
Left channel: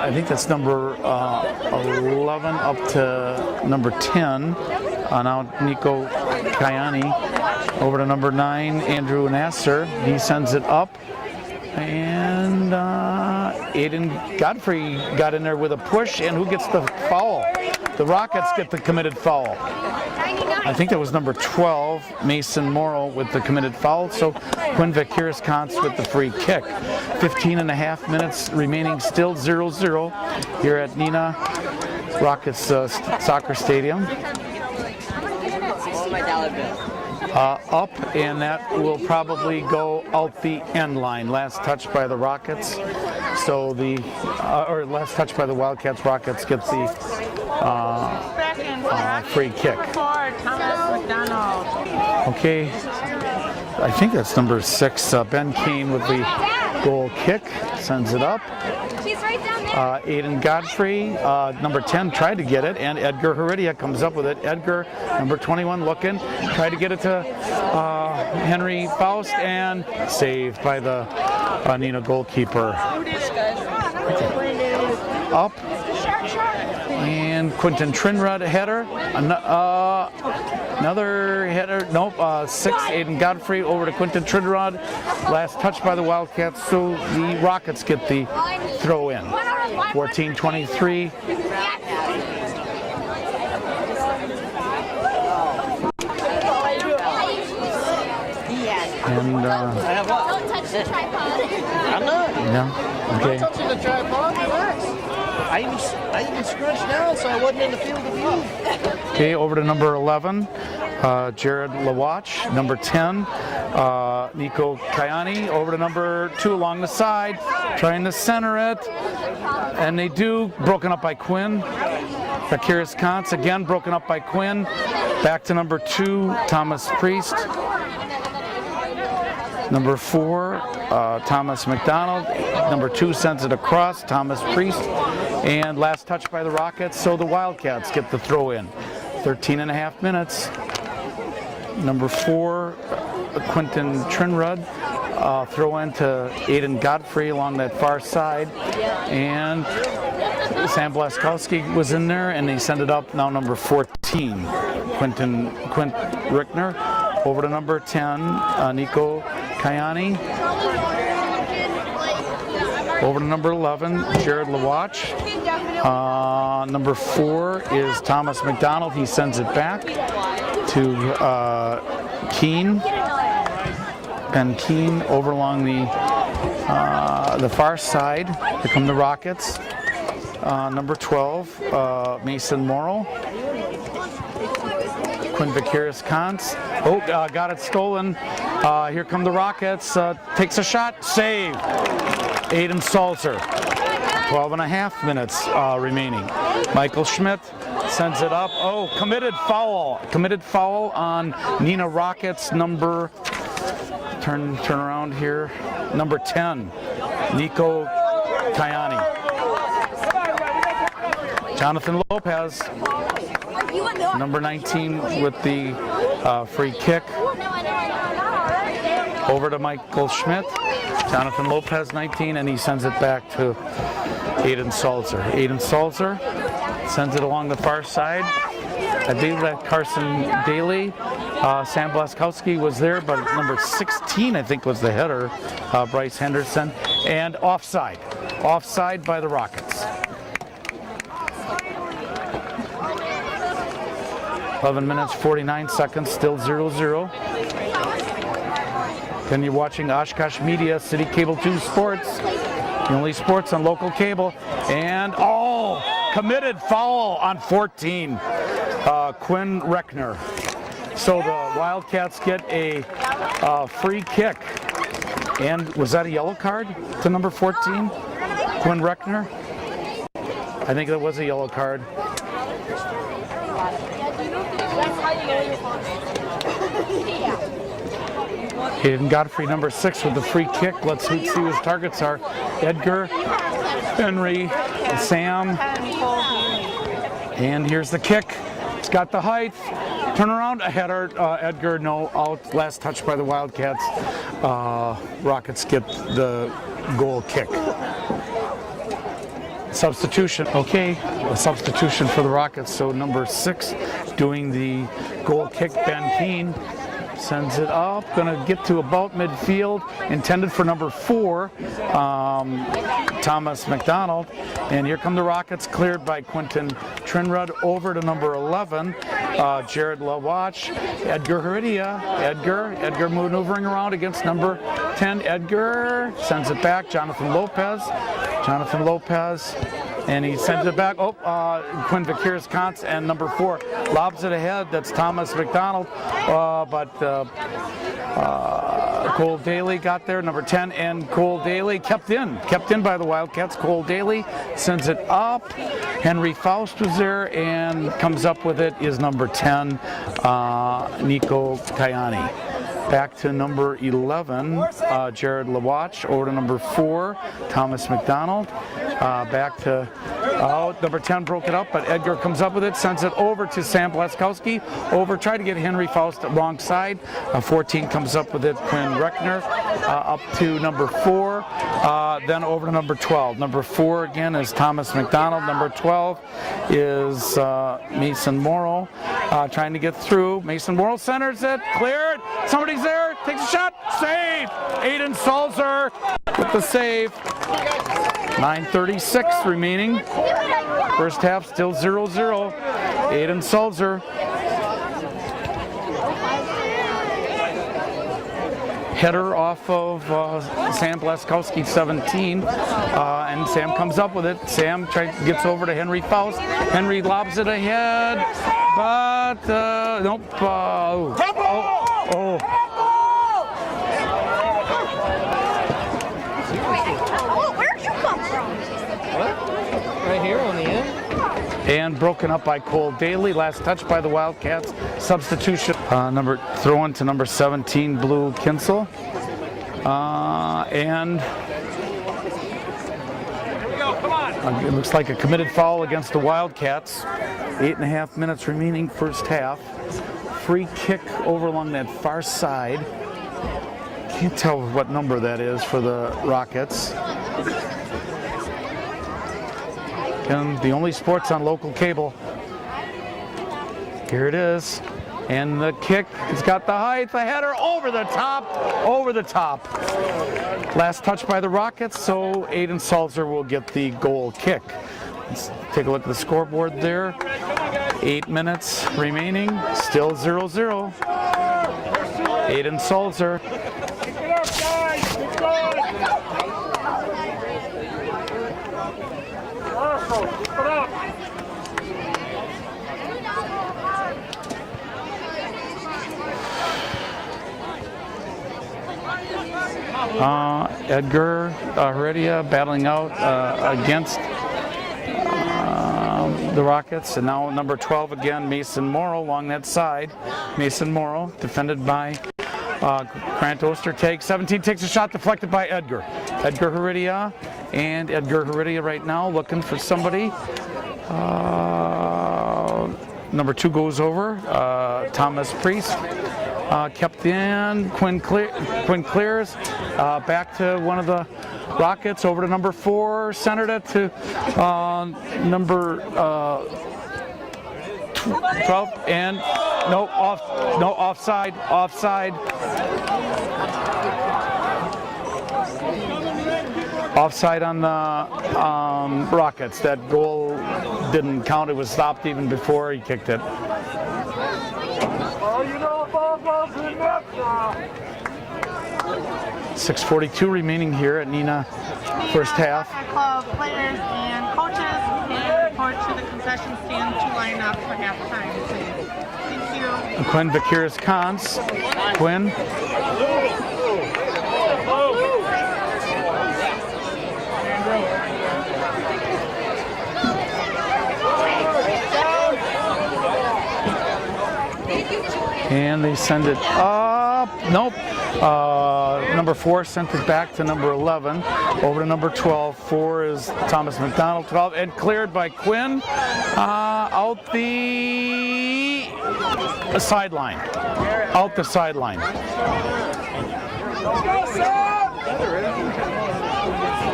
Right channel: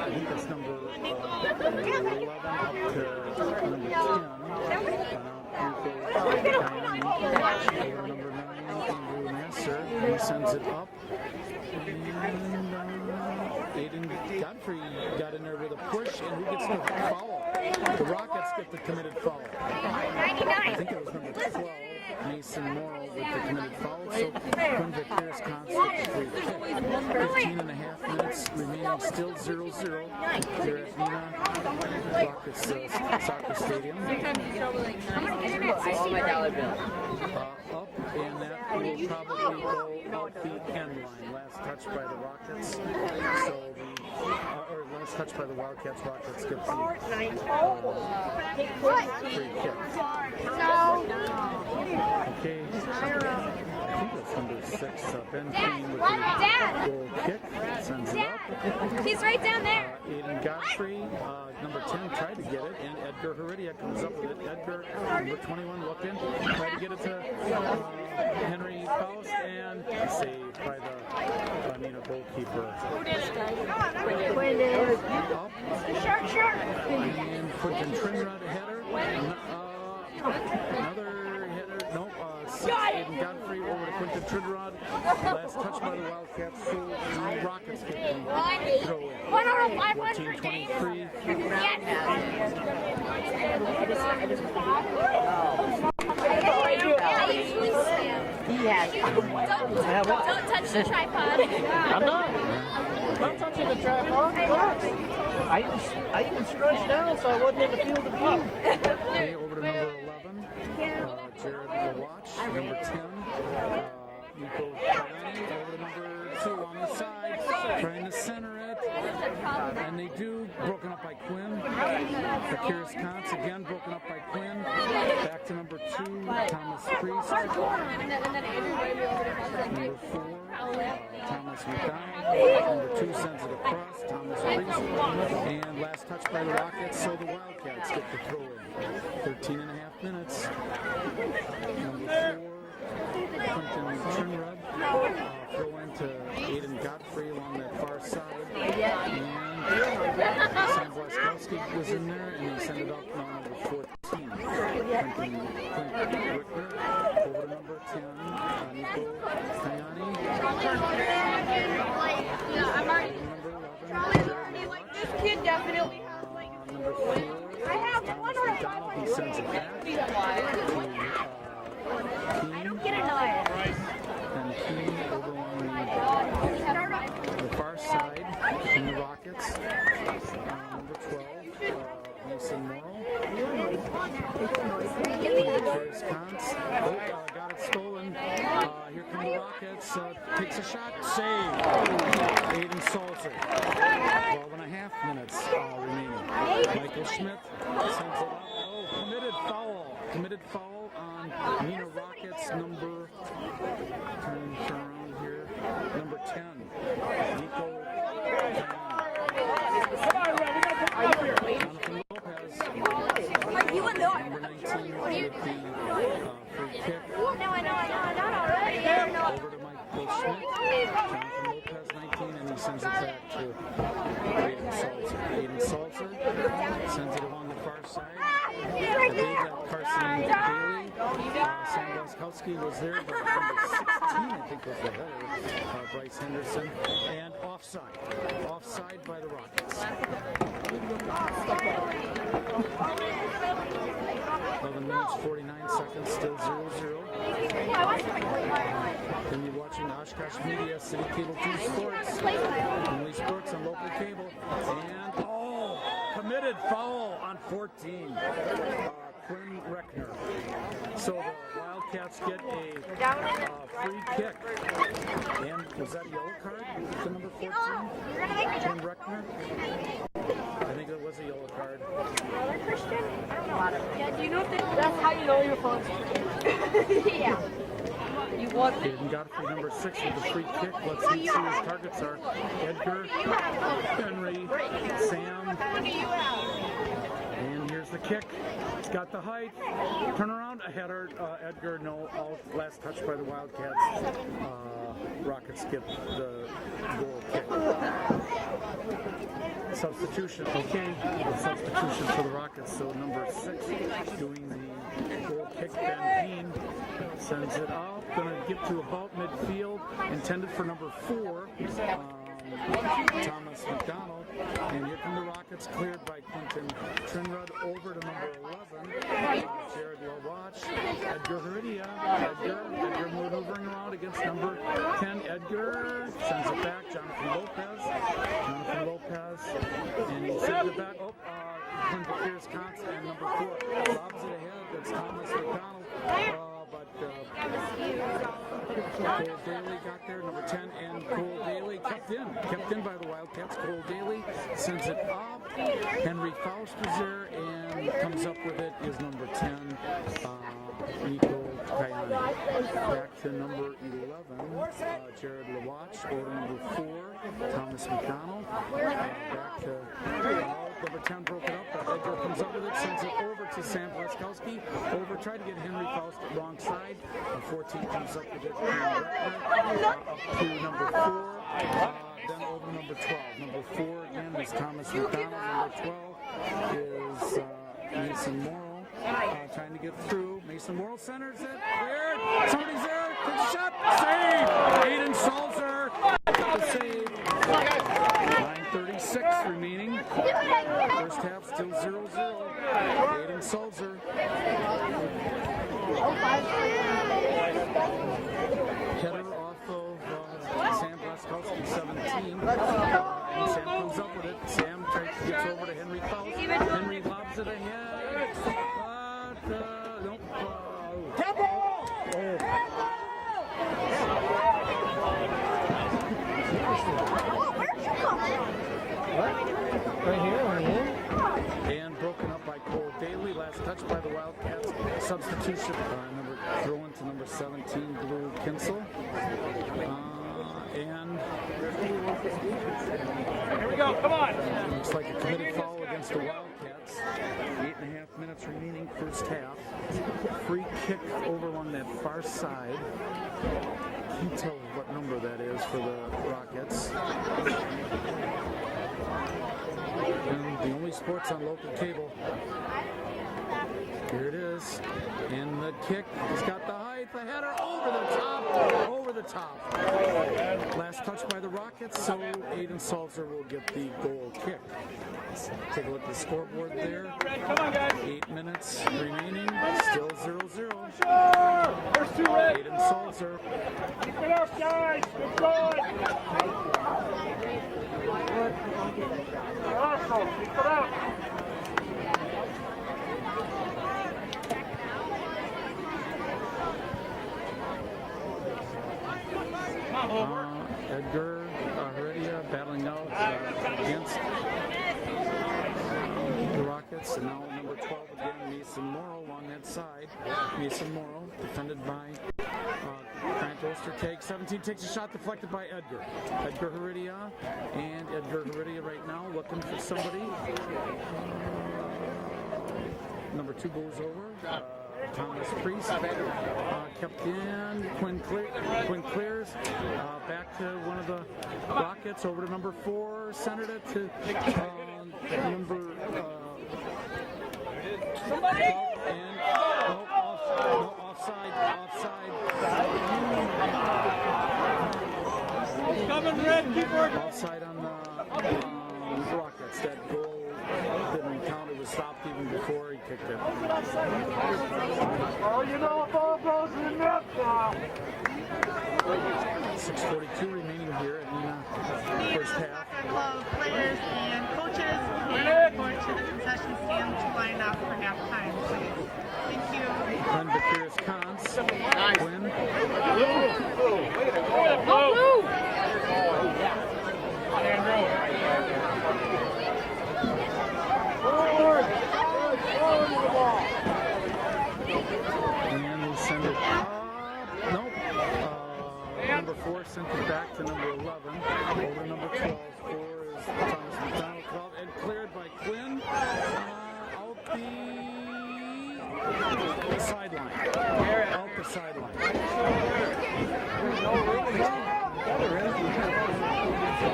I think that's number 11 up to number 10. Now Nico Kayani over to number 9, Andrew Nasser. He sends it up. And Aiden Godfrey got in there with a push, and who gets the foul? The Rockets get the committed foul. I think that was number 12, Mason Morrow, with the committed foul. So Quinn Vakiris-Kantz with the free kick. 15.5 minutes remaining, still 0-0 here at Neenah Rockets Soccer Stadium. Up, and that will probably go out the end line. Last touch by the Rockets. So the, or last touch by the Wildcats. Rockets get the free kick. Okay, I think that's number 6, Ben Kane with the goal kick. Sends it up. She's right down there. Aiden Godfrey, number 10, tried to get it, and Edgar Heredia comes up with it. Edgar, number 21, looking, tried to get it to Henry Faust, and saved by the Neenah goalkeeper. Up, and Quentin Trinrud header. Another header, nope, 6, Aiden Godfrey over to Quentin Trinrud. Last touch by the Wildcats, so the Rockets get the throw in. 14-23. And, Don't touch the tripod. I'm not. yeah, okay. I'm touching the tripod. Relax. I even scrunched down so I wasn't in the field of view. Okay, over to number 11, Jared Lawatch. Number 10, Nico Kayani. Over to number 2 along the side, trying to center it. And they do, broken up by Quinn. Vakiris-Kantz again, broken up by Quinn. Back to number 2, Thomas Priest. Number 4, Thomas McDonald. Number 2 sends it across, Thomas Priest. And last touch by the Rockets, so the Wildcats get the throw in. 13.5 minutes. Number 4, Quentin Trinrud. Throw in to Aiden Godfrey along that far side. And Sam Blaskowski was in there, and they send it up. Now number 14, Quint Rickner. Over to number 10, Nico Kayani. Over to number 11, Jared Lawatch. Number 4 is Thomas McDonald. He sends it back to Keene. Ben Keene over along the far side. Here come the Rockets. Number 12, Mason Morrow. Quinn Vakiris-Kantz. Oh, got it stolen. Here come the Rockets. Takes a shot. Save. Aiden Salzer. 12.5 minutes remaining. Michael Schmidt sends it up. Oh, committed foul. Committed foul on Neenah Rockets number, turn around here, number 10, Nico Kayani. Jonathan Lopez, number 19 with the free kick. Over to Michael Schmidt. Jonathan Lopez, 19, and he sends it back to Aiden Salzer. Aiden Salzer sends it along the far side. I believe that Carson Daly Sam Blaskowski was there, but number 16, I think, was the header, Bryce Henderson. And offside. Offside by the Rockets. 11 minutes, 49 seconds, still 0-0. Then you're watching Oshkosh Media, City Cable 2 Sports. The only sports on local cable. And, committed foul on 14. Quinn Reckner. So the Wildcats get a free kick. And was that a yellow card to number 14? Quinn Reckner? I think that was a yellow card. Hayden Godfrey, number 6, with the free kick. Let's see who his targets are. Edgar, Henry, Sam. And here's the kick. It's got the height. Turn around, a header. Edgar, no, out. Last touch by the Wildcats. Rockets get the goal kick. Substitution, okay, a substitution for the Rockets. So number 6 doing the goal kick, Ben Keane. Sends it up, gonna get to about midfield, intended for number 4, Thomas McDonald. And here come the Rockets, cleared by Quentin Trinrud, over to number 11, Jared Lawatch. Edgar Heredia, Edgar maneuvering around against number 10, Edgar, sends it back, Jonathan Lopez, and he sends it back. Quinn Vickers-Kantz, and number 4 lobs it ahead. That's Thomas McDonald, but Cole Daly got there, number 10, and Cole Daly kept in by the Wildcats. Cole Daly sends it up. Henry Faust was there, and comes up with it is number 10, Nico Kayani. Back to number 11, Jared Lawatch. Over to number 4, Thomas McDonald. Back to number 10, broke it up, but Edgar comes up with it, sends it over to Sam Blaskowski. Tried to get Henry Faust wrong side. 14 comes up with it, Quinn Reckner. Up to number 4, then over to number 12. Number 4 again is Thomas McDonald. Number 12 is Mason Morrow, trying to get through. Mason Morrow centers it, cleared. Somebody's there, takes a shot, save. Aiden Salzer with the save. 9:36 remaining. First half still 0-0. Aiden Salzer. Header off of Sam Blaskowski, 17, and Sam comes up with it. Sam gets over to Henry Faust. Henry lobs it ahead, but nope. Right here on the end. And broken up by Cole Daly. Last touch by the Wildcats. Substitution. Throw in to number 17, Blue Kinsel. And it looks like a committed foul against the Wildcats. 8.5 minutes remaining, first half. Free kick over along that far side. Can't tell what number that is for the Rockets. And the only sports on local cable. Here it is. And the kick, it's got the height, the header, over the top. Last touch by the Rockets, so Aiden Salzer will get the goal kick. Let's take a look at the scoreboard there. 8 minutes remaining, still 0-0. Aiden Salzer. Edgar Heredia battling out against the Rockets, and now number 12 again, Mason Morrow along that side. Mason Morrow defended by Grant Ostertag. 17 takes a shot deflected by Edgar. Edgar Heredia, and Edgar Heredia right now looking for somebody. Number 2 goes over, Thomas Priest. Kept in, Quinn clears, back to one of the Rockets, over to number 4, centered it to number 12, and No, offside. Offside on the Rockets. That goal didn't count. It was stopped even before he kicked it. Well, you know the ball goes in the net now. 6:42 remaining here at Neenah first half. Soccer club players and coaches can report to the concession stand to line up for halftime, please. Thank you. Quinn Vakiris-Kans. Quinn. And they send it up. Nope. Number 4 sent it back to number 11. Over to number 12. 4 is Thomas McDonald. 12 and cleared by Quinn. Out the sideline. Out the sideline.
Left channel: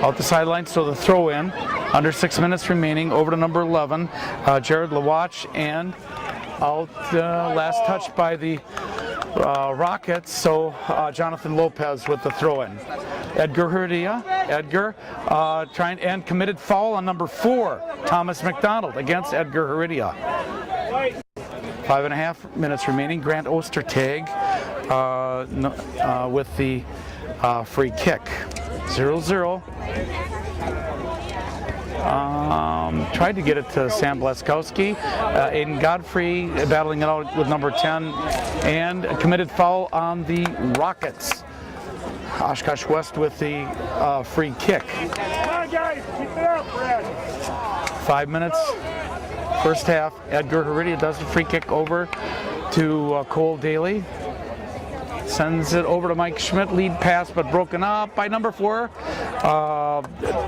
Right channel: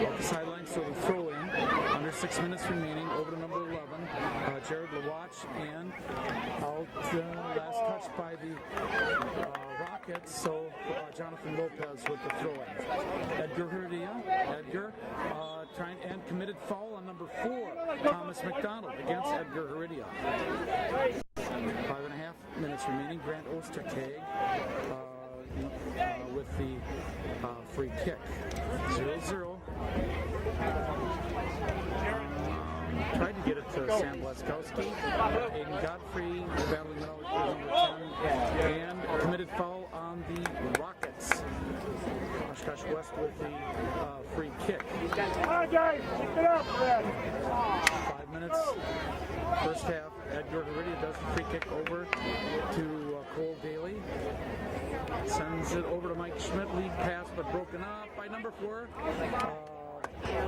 Out the sideline, so the throw in. Under 6 minutes remaining. Over to number 11. Jared Lawatch, and out last touch by the Rockets, so Jonathan Lopez with the throw-in. Edgar Heredia, trying and committed foul on number 4, Thomas McDonald against Edgar Heredia. 5.5 minutes remaining. Grant Ostertag with the free kick. 0-0. Tried to get it to Sam Blaskowski. Aiden Godfrey battling it out with number 10, and a committed foul on the Rockets. Oshkosh West with the free kick. Come on, guys, keep it up, Brad. 5 minutes, first half. Edgar Heredia does the free kick over to Cole Daly. Sends it over to Mike Schmidt. Lead pass, but broken up by number 4,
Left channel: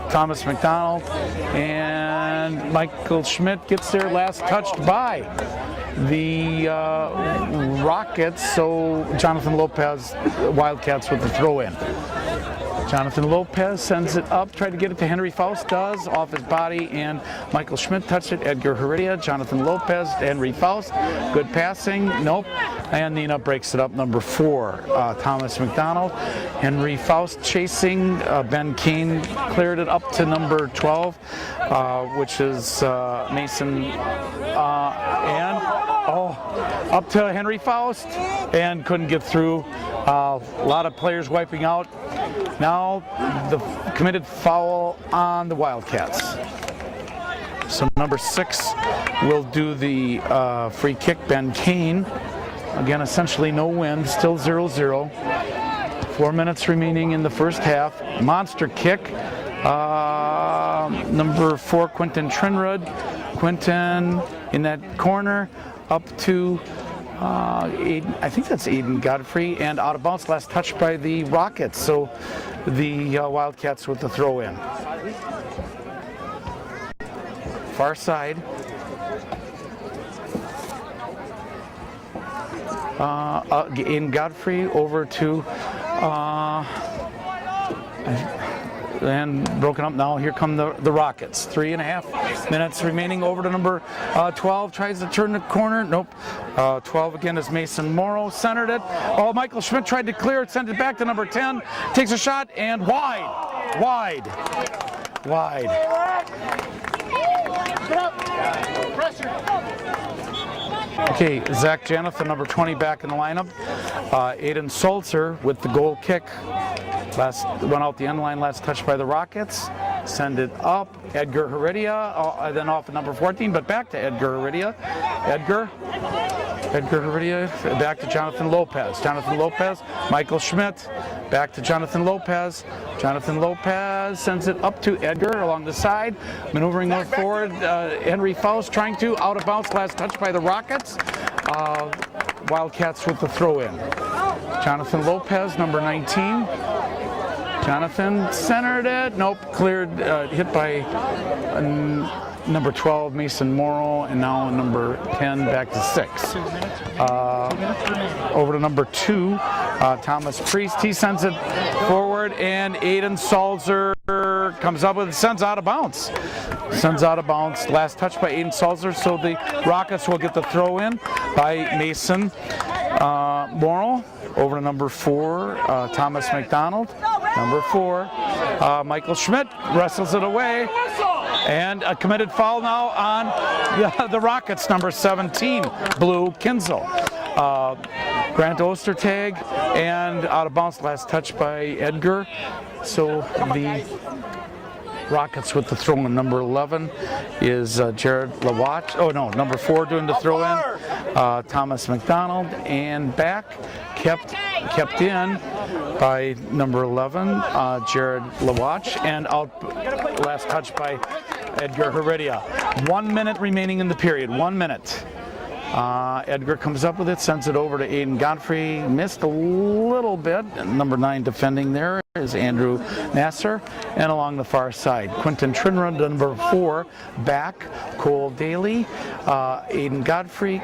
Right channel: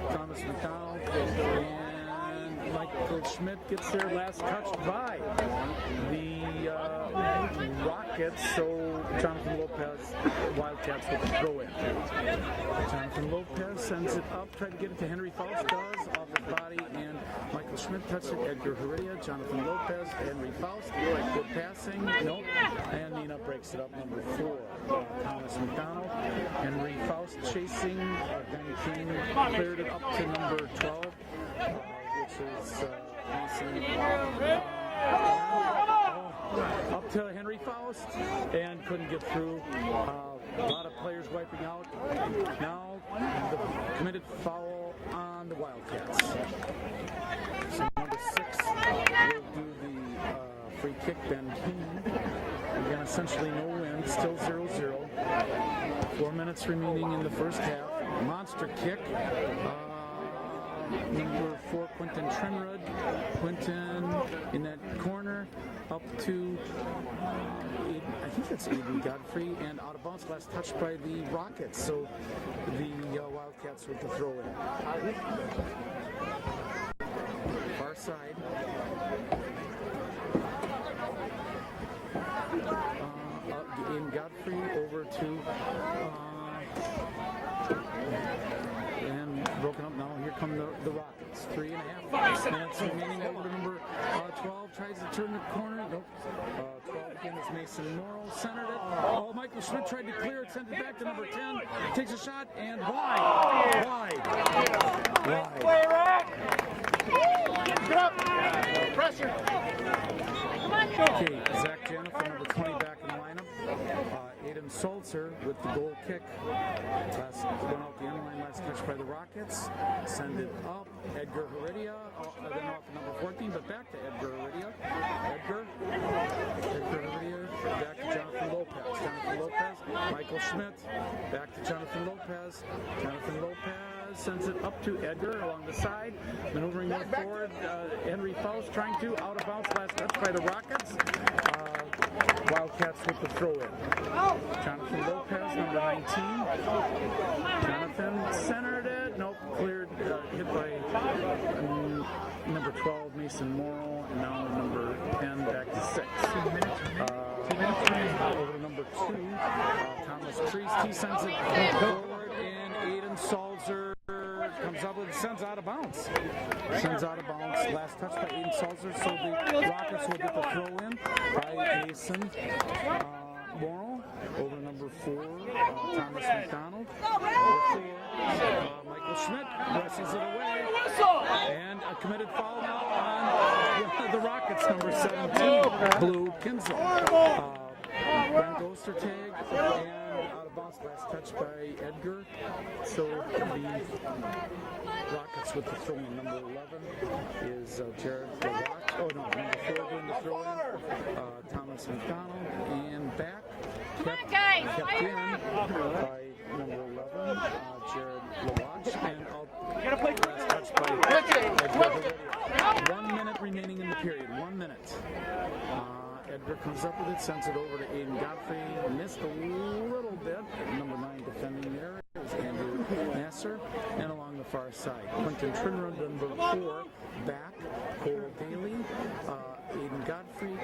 Thomas McDonald. And Michael Schmidt gets there, last touched by the Rockets. So Jonathan Lopez, Wildcats with the throw-in. Jonathan Lopez sends it up, tried to get it to Henry Faust, does, off his body, and Michael Schmidt touched it. Edgar Heredia, Jonathan Lopez, Henry Faust, good passing, nope, and Neenah breaks it up. Number 4, Thomas McDonald. Henry Faust chasing, Ben Keane cleared it up to number 12, which is Mason, and up to Henry Faust, and couldn't get through. A lot of players wiping out. Now the committed foul on the Wildcats. So number 6 will do the free kick, Ben Kane. Again, essentially no win, still 0-0. 4 minutes remaining in the first half. Monster kick. Number 4, Quentin Trinrud. Quentin in that corner, up to Aiden, I think that's Aiden Godfrey, and out of bounds, last touch by the Rockets. So the Wildcats with the throw in. Far side. In Godfrey over to and broken up now. Here come the Rockets. 3.5 minutes remaining. Over to number 12. Tries to turn the corner. Nope. 12 again is Mason Morrow. Centered it. Oh, Michael Schmidt tried to clear it. Sent it back to number 10. Takes a shot and wide. Okay, Zach Janeth, number 20, back in the lineup. Aiden Sulzer with the goal kick. Last went out the end line, last touch by the Rockets. Send it up. Edgar Heredia, then off at number 14, but back to Edgar Heredia. Edgar Heredia, back to Jonathan Lopez. Jonathan Lopez, Michael Schmidt, back to Jonathan Lopez. Jonathan Lopez sends it up to Edgar along the side. Maneuvering north forward, Henry Faust trying to, out of bounds, last touch by the Rockets. Wildcats with the throw in. Jonathan Lopez, number 19. Jonathan centered it. Nope, cleared, hit by number 12, Mason Morrow, and now number 10 back to 6. Over to number 2, Thomas Priest. He sends it forward, and Aiden Salzer comes up with it, sends out of bounds. Sends out of bounds. Last touch by Aiden Salzer, so the Rockets will get the throw in by Mason Morrow. Over to number 4, Thomas McDonald. Number 4, Michael Schmidt wrestles it away. And a committed foul now on the Rockets, number 17, Blue Kinzel. Grant Ostertag, and out of bounds, last touch by Edgar. So the Rockets with the throw in. Number 11 is Jared Lawatch. Oh no, number 4 doing the throw in. Thomas McDonald, and back kept in by number 11, Jared Lawatch, and out last touch by Edgar Heredia. 1 minute remaining in the period. 1 minute. Edgar comes up with it, sends it over to Aiden Godfrey. Missed a little bit. Number 9 defending there is Andrew Nasser. And along the far side, Quentin Trinra, number 4, back. Cole Daly, Aiden Godfrey,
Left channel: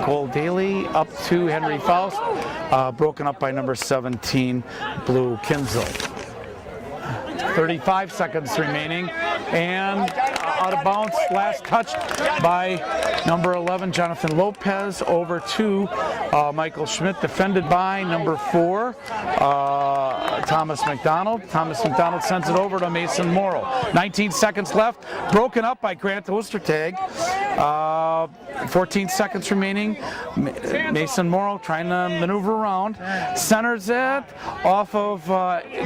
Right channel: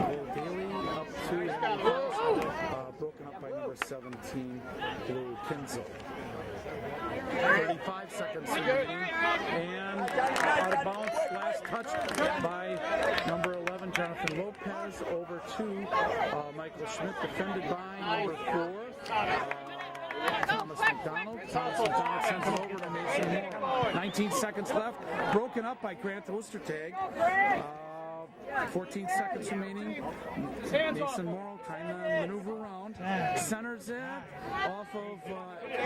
Cole Daly up to Henry Faust, broken up by number 17, Blue Kinzel. 35 seconds remaining, and out of bounds, last touch by number 11, Jonathan Lopez, over to Michael Schmidt, defended by number 4, Thomas McDonald. Thomas McDonald sends it over to Mason Morrow. 19 seconds left, broken up by Grant Ostertag. 14 seconds remaining. Mason Morrow trying to maneuver around. Centers it off of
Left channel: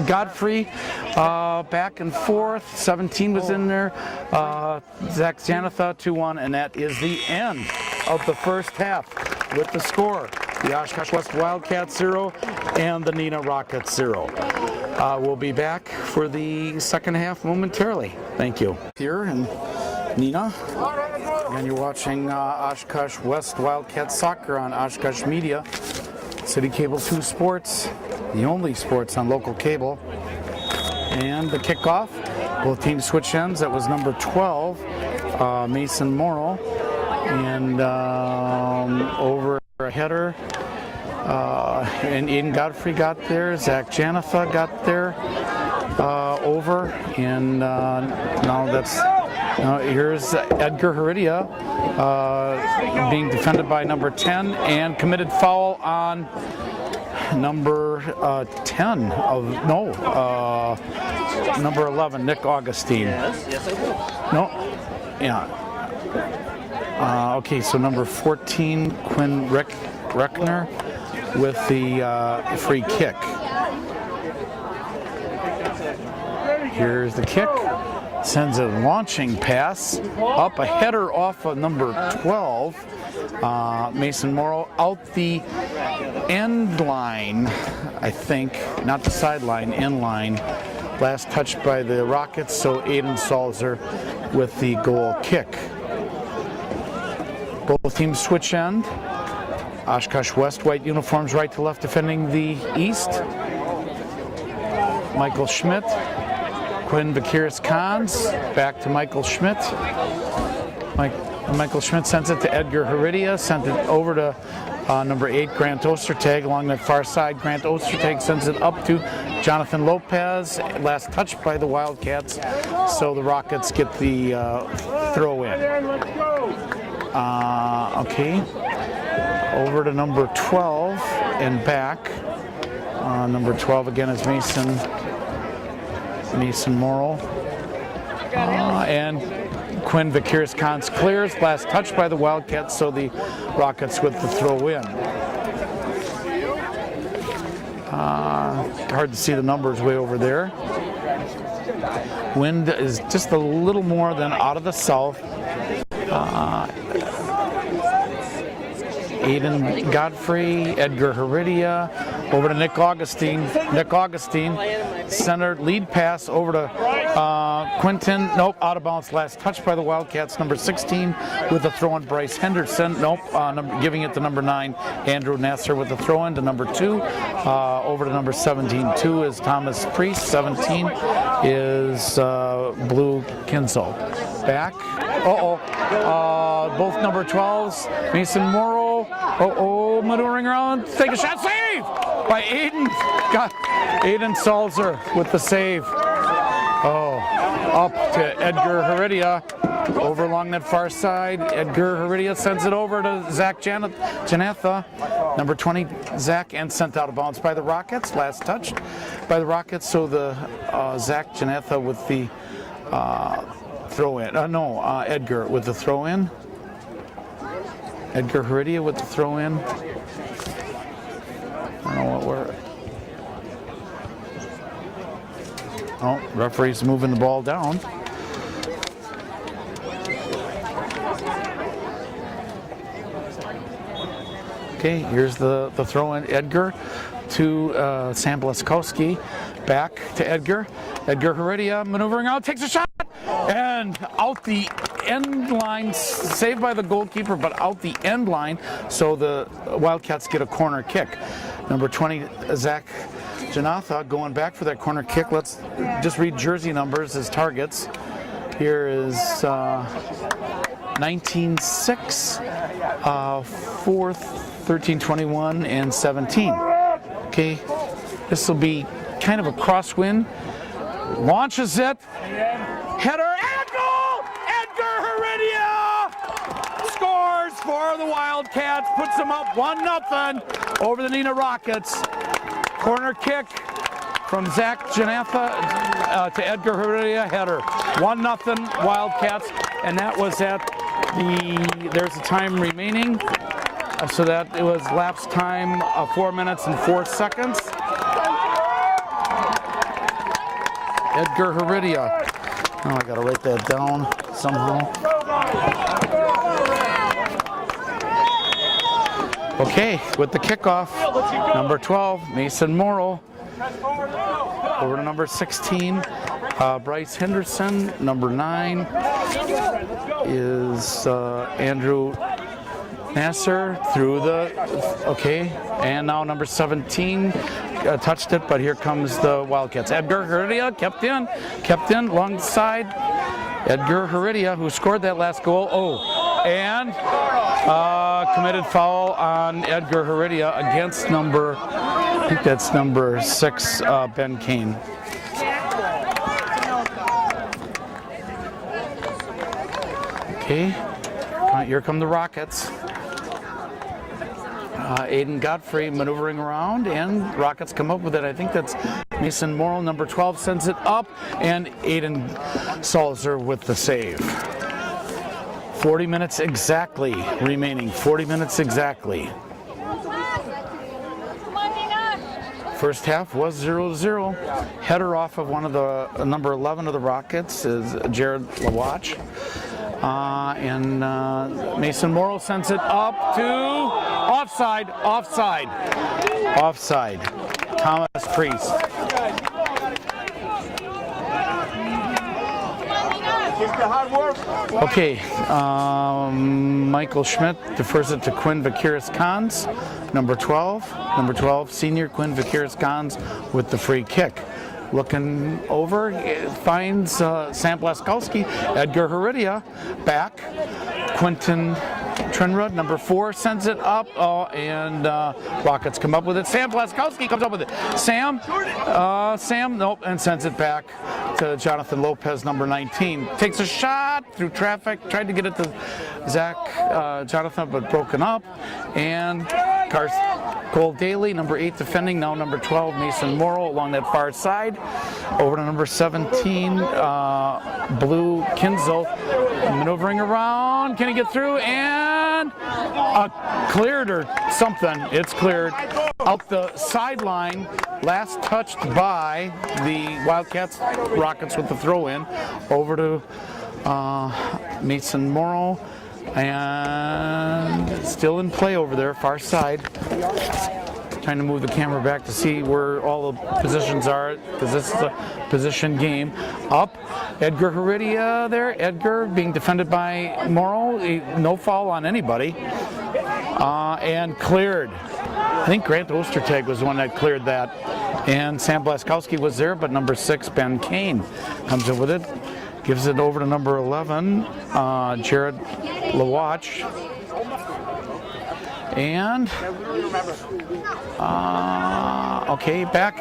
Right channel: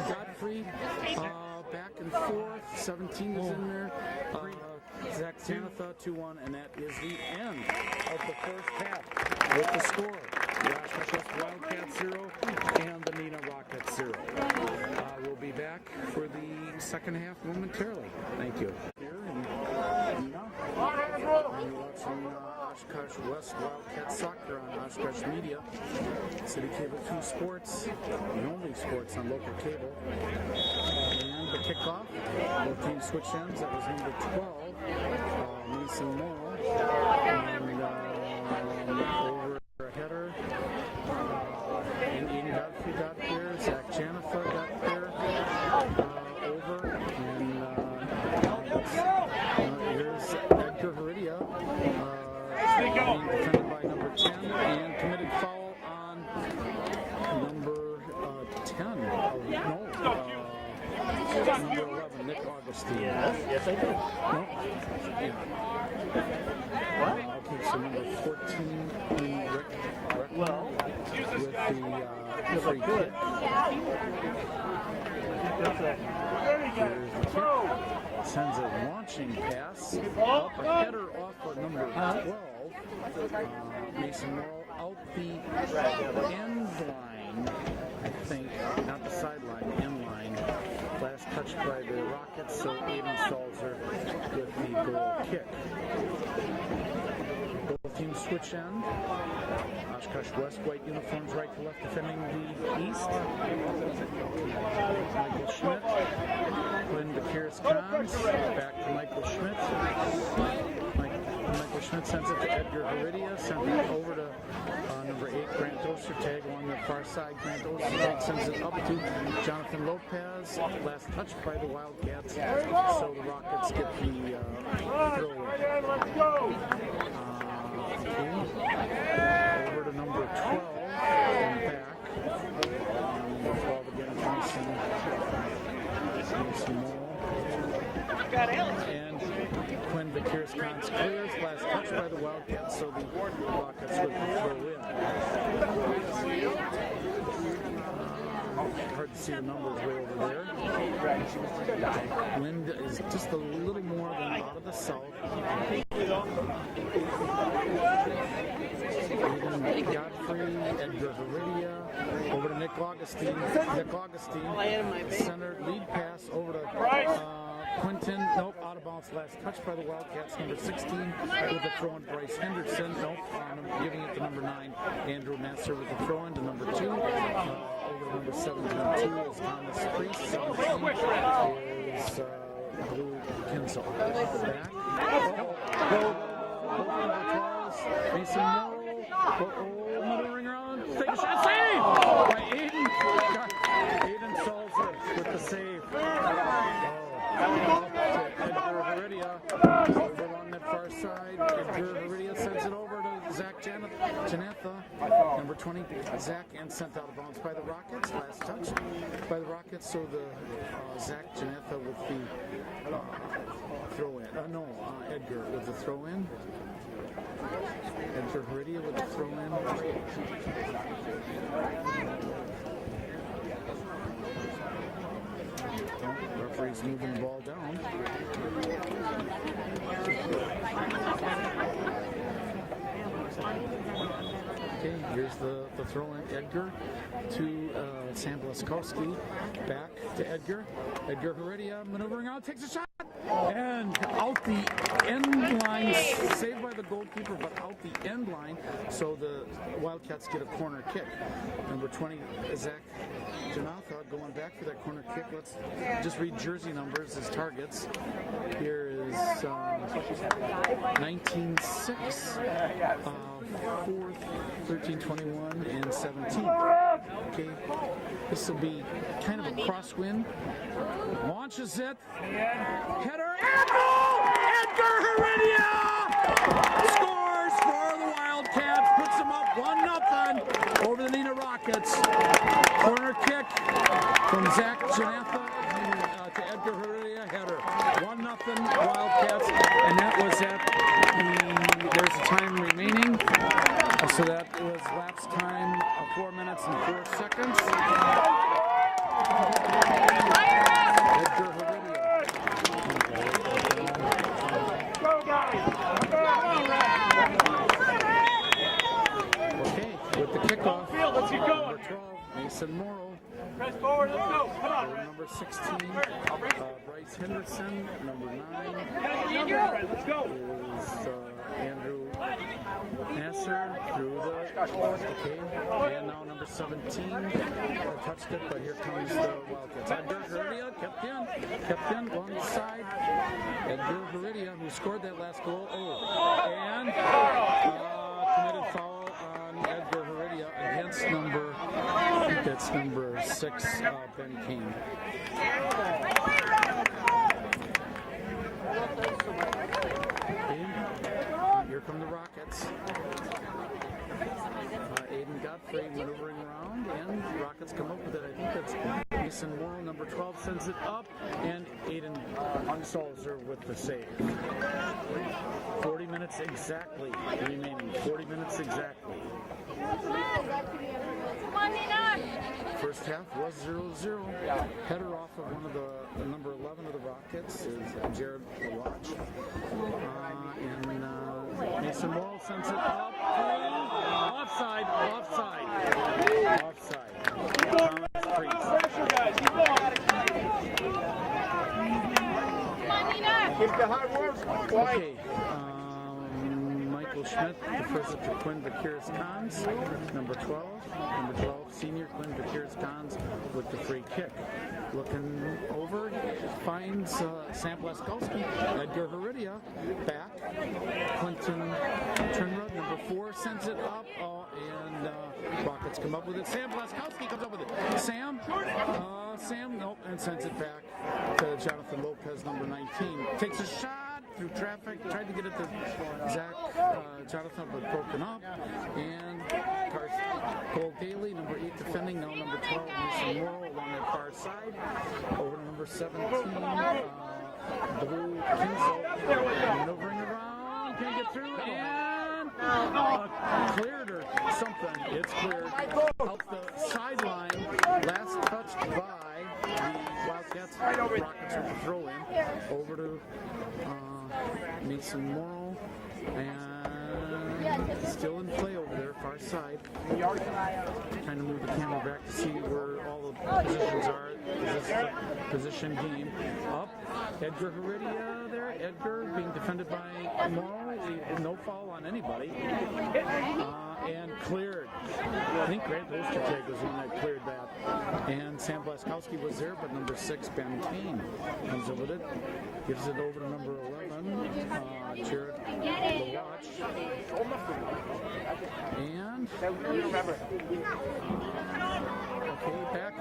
Godfrey. Back and forth. 17 was in there. Zach Janatha 2-1, and that is the end of the first half with the score. The Oshkosh West Wildcats 0 and the Neenah Rockets 0. We'll be back for the second half momentarily. Thank you. Here in Neenah, and you're watching Oshkosh West Wildcats soccer on Oshkosh Media, City Cable 2 Sports, the only sports on local cable. And the kickoff, both teams switch ends. That was number 12, Mason Morrow, and over a header. And Aiden Godfrey got there, Zach Janatha got there, over, and now that's, here's Edgar Heredia being defended by number 10, and committed foul on number 10 of, number 11, Nick Augustine. No, yeah. Okay, so number 14, Quinn Reckner with the free kick. Here's the kick. Sends a launching pass up, a header off of number 12, Mason Morrow, out the end line, I think, not the sideline, end line. Last touch by the Rockets, so Aiden Salzer with the goal kick. Both teams switch end. Oshkosh West white uniforms right to left defending the East. Michael Schmidt, Quinn Vakiris-Kahns, back to Michael Schmidt. Michael Schmidt sends it to Edgar Heredia, sent it over to number 8, Grant Ostertag. Along that far side, Grant Ostertag sends it up to Jonathan Lopez. Last touch by the Wildcats, so the Rockets get the throw in. Okay, over to number 12 and back. Number 12 again is Mason Morrow. And Quinn Vakiris-Kahns clears. Last touch by the Wildcats, so the Rockets with the throw in. Hard to see the numbers way over there. Wind is just a little more than out of the south. Aiden Godfrey, Edgar Heredia, over to Nick Augustine. Nick Augustine center lead pass over to Quinton. Nope, out of bounds. Last touch by the Wildcats. Number 16 with the throw in. Bryce Henderson. Nope, giving it to number 9. Andrew Nasser with the throw in to number 2. Over to number 17. 2 is Thomas Priest. 17 is Blue Kinzel. Back. Both number 12s. Mason Morrow. Maneuvering around. Take a shot. Save by Aiden. Got Aiden Salzer with the save. Up to Edgar Heredia. Over along that far side. Edgar Heredia sends it over to Zach Janatha. Number 20, Zach, and sent out of bounds by the Rockets. Last touched by the Rockets. So the Zach Janatha with the throw in. Edgar with the throw in. Edgar Heredia with the throw in. I don't know what we're. Referee's moving the ball down. Okay, here's the throw in. Edgar to Sam Blaskowski. Back to Edgar. Edgar Heredia maneuvering out, takes a shot, and out the end line, saved by the goalkeeper, but out the end line, so the Wildcats get a corner kick. Number 20, Zach Janatha going back for that corner kick. Let's just read jersey numbers as targets. Here is 19-6, 4th, 13, 21, and 17. Okay, this will be kind of a crosswind. Launches it. Header and goal! Edgar Heredia scores for the Wildcats. Puts them up 1-0 over the Neenah Rockets. Corner kick from Zach Janatha to Edgar Heredia. Header. 1-0 Wildcats. And that was at there's a time remaining. So that it was lapse time 4 minutes and 4 seconds. Edgar Heredia. Oh, I gotta write that down somehow. Okay, with the kickoff, number 12, Mason Morrow. Over to number 16, Bryce Henderson. Number 9 is Andrew Nasser through and now number 17 touched it, but here comes the Wildcats. Edgar Heredia kept in, long side. Edgar Heredia, who scored that last goal. And committed foul on Edgar Heredia against I think that's number 6, Ben Kane. Okay, here come the Rockets. Aiden Godfrey maneuvering around, and Rockets come up with it. I think that's Mason Morrow, number 12, sends it up, and Aiden Salzer with the save. 40 minutes exactly remaining. 40 minutes exactly. First half was 0-0. Header off of one of the number 11 of the Rockets is Jared Lawatch. And Mason Morrow sends it up to offside. Thomas Priest. Okay, Michael Schmidt defers it to Quinn Vakiris-Cons, number 12, senior Quinn Vakiris-Cons with the free kick. Looking over, finds Sam Blaskowski. Edgar Heredia back. Quinton Trenrud, number 4, sends it up. And Rockets come up with it. Sam Blaskowski comes up with it. Sam, nope, and sends it back to Jonathan Lopez, number 19. Takes a shot through traffic. Tried to get it to Zach Jonathan, but broken up. And Cole Daly, number 8, defending. Now number 12, Mason Morrow, along that far side. Over to number 17, Blue Kinzel, maneuvering around. Can he get through? And cleared or something. It's cleared out the sideline. Last touched by the Wildcats. Rockets with the throw in. Over to Mason Morrow. And still in play over there, far side. trying to move the camera back to see where all the positions are, because this is a position game. Up, Edgar Heredia there. Edgar being defended by Morrow. No foul on anybody. And cleared. I think Grant Ostertag was the one that cleared that. And Sam Blaskowski was there, but number 6, Ben Kane, comes in with it. Gives it over to number 11, Jared Lawatch. And, okay, back,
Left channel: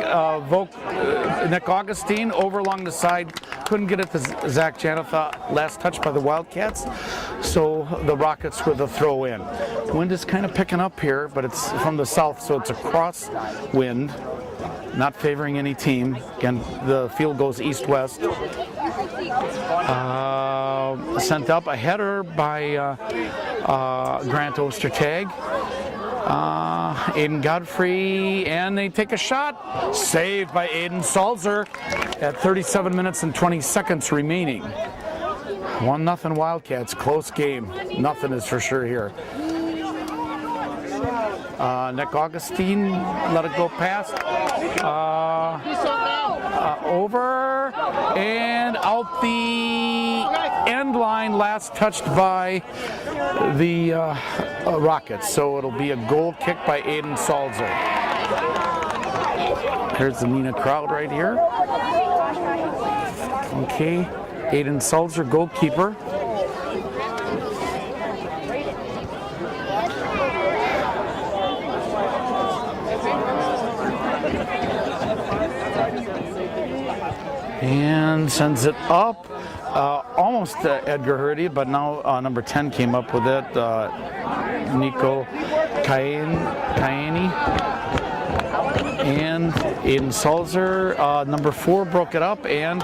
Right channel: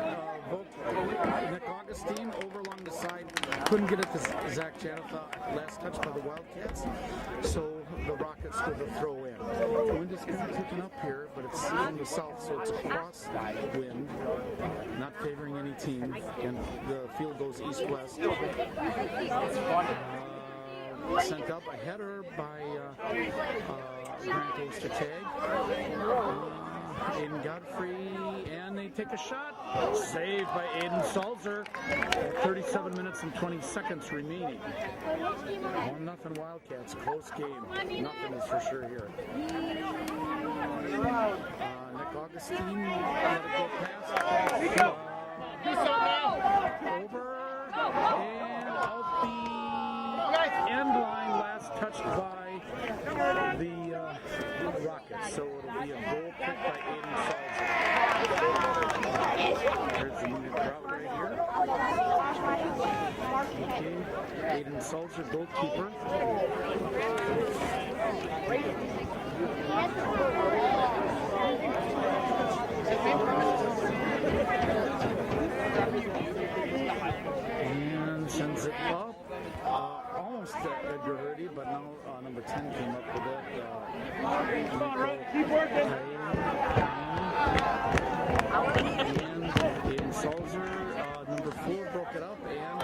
Nick Augustine over along the side. Couldn't get it to Zach Janetha, last touch by the Wildcats. So the Rockets with a throw in. Wind is kind of picking up here, but it's from the south, so it's a cross wind, not favoring any team. Again, the field goes east-west. Sent up a header by Grant Ostertag. Aiden Godfrey, and they take a shot. Saved by Aiden Salzer at 37 minutes and 20 seconds remaining. 1-0 Wildcats, close game. Nothing is for sure here. Nick Augustine let it go past. Over and out the end line, last touched by the Rockets. So it'll be a goal kick by Aiden Salzer. Here's the Neenah crowd right here. Okay, Aiden Salzer, goalkeeper. And sends it up, almost Edgar Heredia, but now number 10 came up with it, Nico Kayani. And Aiden Salzer, number 4, broke it up, and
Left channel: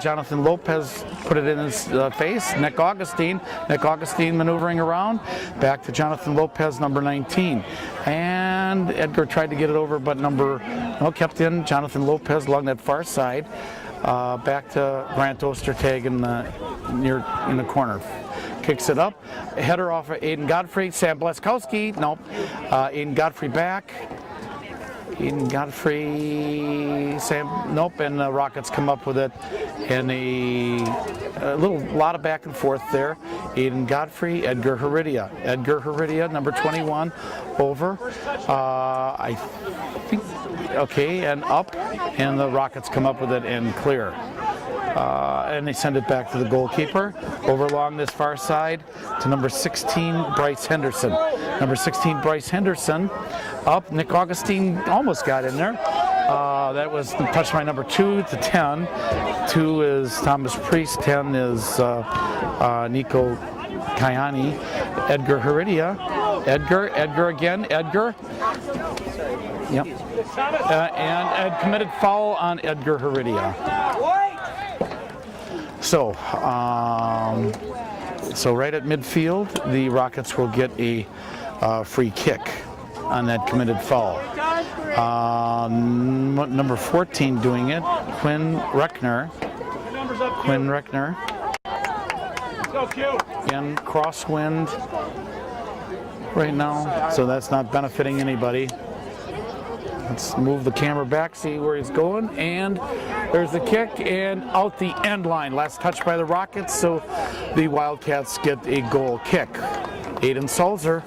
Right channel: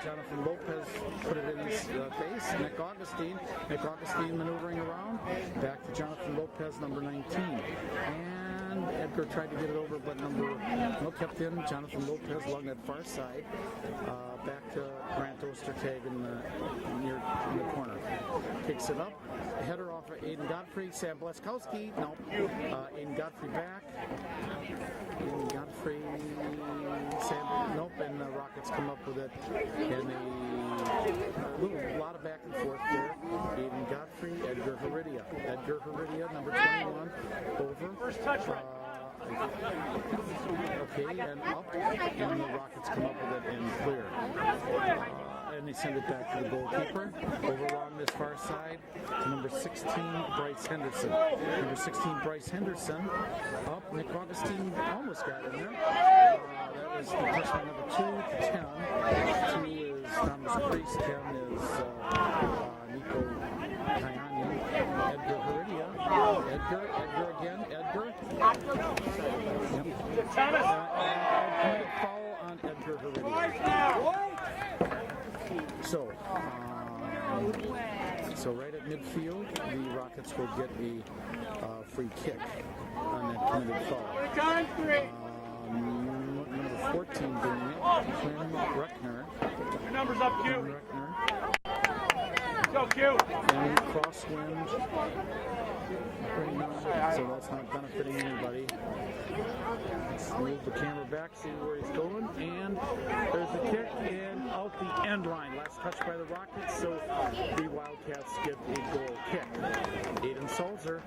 Jonathan Lopez put it in his face. Nick Augustine maneuvering around, back to Jonathan Lopez, number 19. And Edgar tried to get it over, but kept in. Jonathan Lopez along that far side. Back to Grant Ostertag in the corner. Kicks it up. Header off of Aiden Godfrey. Sam Blaskowski. Nope. Aiden Godfrey back. Aiden Godfrey. Sam. Nope. And the Rockets come up with it. And a lot of back and forth there. Aiden Godfrey. Edgar Heredia. Edgar Heredia, number 21. Over. I think. Okay, and up, and the Rockets come up with it and clear. And they send it back to the goalkeeper. Over along this far side to number 16, Bryce Henderson. Number 16, Bryce Henderson. Up, Nick Augustine almost got in there. That was touched by number 2 to 10. 2 is Thomas Priest, 10 is Nico Kayani. Edgar Heredia. Edgar again, Edgar. Yep. And Ed committed foul on Edgar Heredia. So right at midfield, the Rockets will get a free kick on that committed foul. Number 14 doing it, Quinn Reckner. And crosswind right now, so that's not benefiting anybody. Let's move the camera back, see where he's going, and there's the kick, and out the end line. Last touch by the Rockets, so the Wildcats get a goal kick. Aiden Salzer,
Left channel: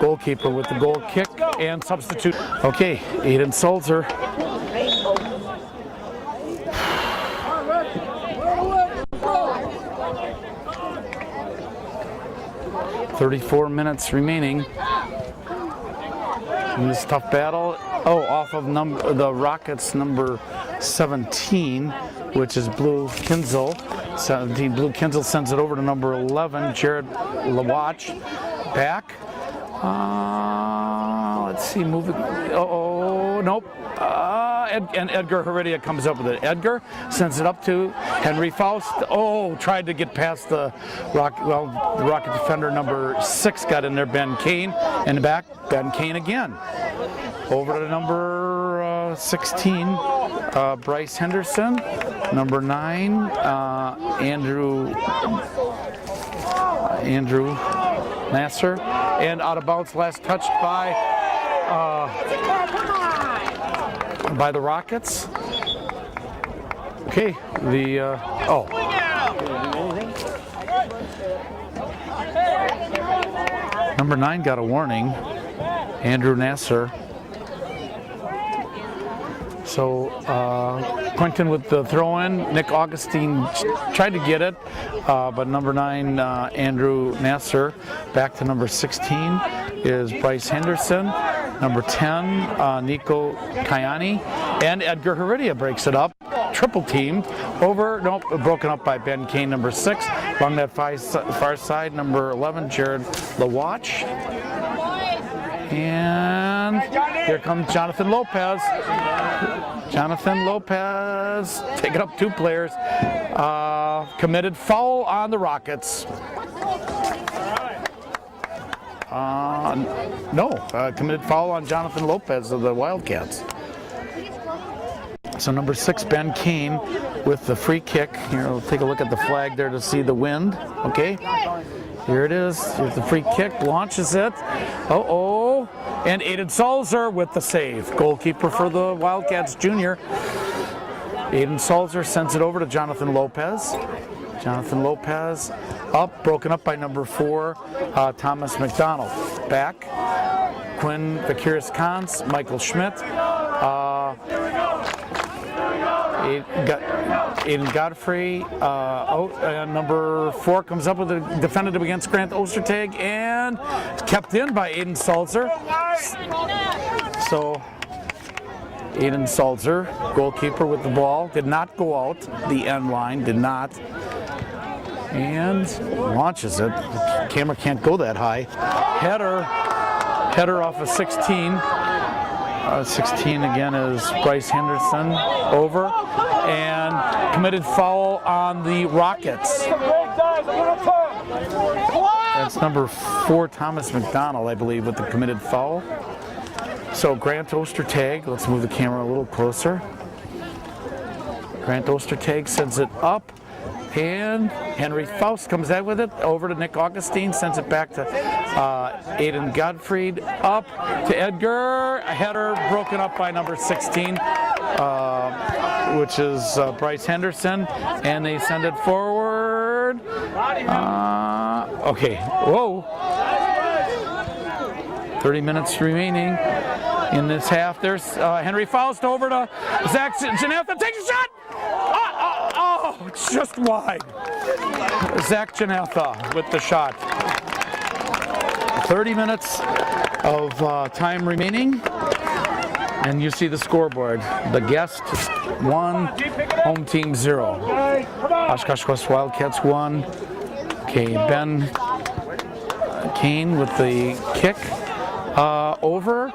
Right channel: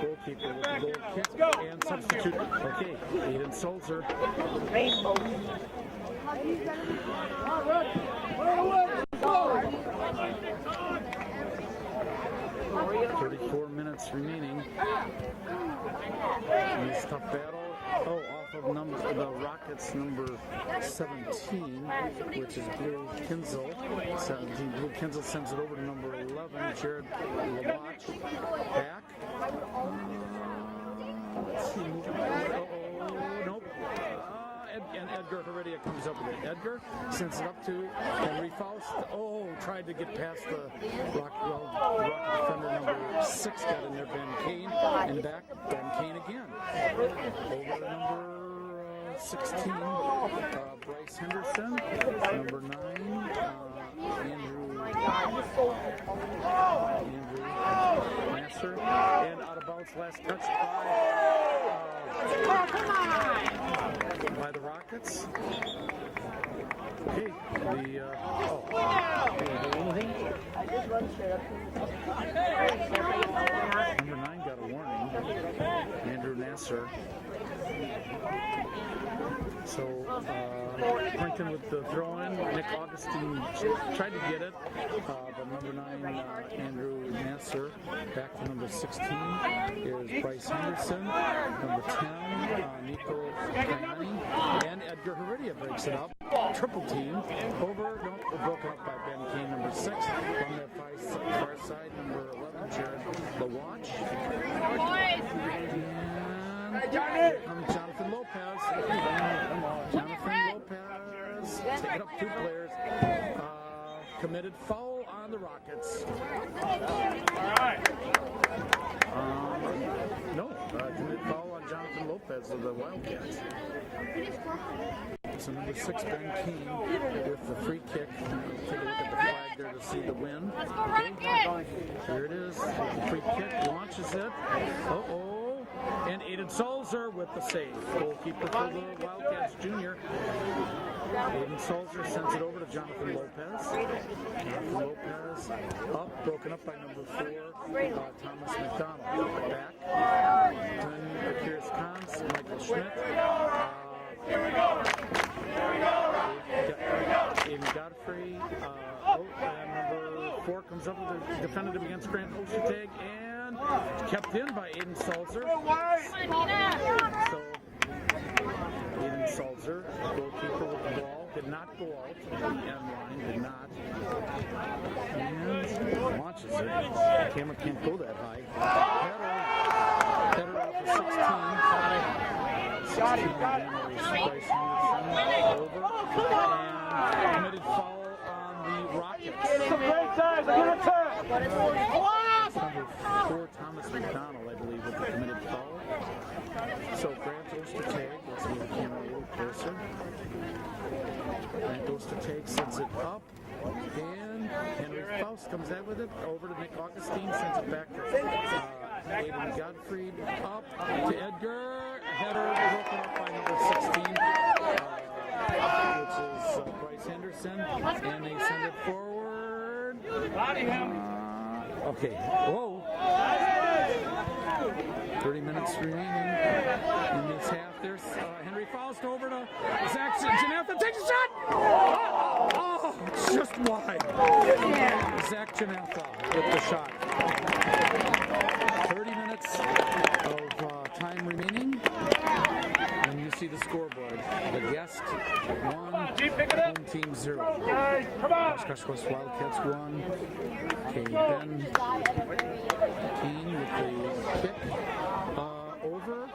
goalkeeper, with the goal kick and substitute. Okay, Aiden Salzer. .34 minutes remaining in this tough battle. Off of the Rockets, number 17, which is Blue Kinzel. 17, Blue Kinzel sends it over to number 11, Jared Lawatch. Back. Let's see, move it. Nope. And Edgar Heredia comes up with it. Edgar sends it up to Henry Faust. Tried to get past the Rocket defender, number 6 got in there, Ben Kane. In the back, Ben Kane again. Over to number 16, Bryce Henderson. Number 9, Andrew Nasser. And out of bounds, last touched by by the Rockets. Okay, number 9 got a warning, Andrew Nasser. So Quinton with the throw-in. Nick Augustine tried to get it, but number 9, Andrew Nasser. Back to number 16 is Bryce Henderson. Number 10, Nico Kayani. And Edgar Heredia breaks it up. Triple teamed over, nope, broken up by Ben Kane, number 6. Along that far side, number 11, Jared Lawatch. And here comes Jonathan Lopez. Jonathan Lopez taking up 2 players. Committed foul on the Rockets. Committed foul on Jonathan Lopez of the Wildcats. So number 6, Ben Kane with the free kick. Here, we'll take a look at the flag there to see the wind. Okay, here it is. Here's the free kick, launches it. And Aiden Salzer with the save. Goalkeeper for the Wildcats junior. Aiden Salzer sends it over to Jonathan Lopez. Jonathan Lopez up, broken up by number 4, Thomas McDonald. Back, Quinn Vakiris-Kans, Michael Schmidt. Aiden Godfrey, number 4 comes up with a defended against Grant Ostertag and kept in by Aiden Salzer. So Aiden Salzer, goalkeeper with the ball, did not go out the end line, did not. And launches it. The camera can't go that high. Header off of 16. 16 again is Bryce Henderson over, and committed foul on the Rockets. That's number 4, Thomas McDonald, I believe, with the committed foul. So Grant Ostertag, let's move the camera a little closer. Grant Ostertag sends it up, and Henry Faust comes out with it over to Nick Augustine, sends it back to Aiden Godfried, up to Edgar. A header broken up by number 16, which is Bryce Henderson, and they send it forward. Okay, whoa. 30 minutes remaining in this half. There's Henry Faust over to Zach Janetha, takes a shot! Oh, it's just wide. Zach Janetha with the shot. 30 minutes of time remaining, and you see the scoreboard. The guest 1, home team 0. Oshkosh West Wildcats 1. Okay, Ben Kane with the kick over.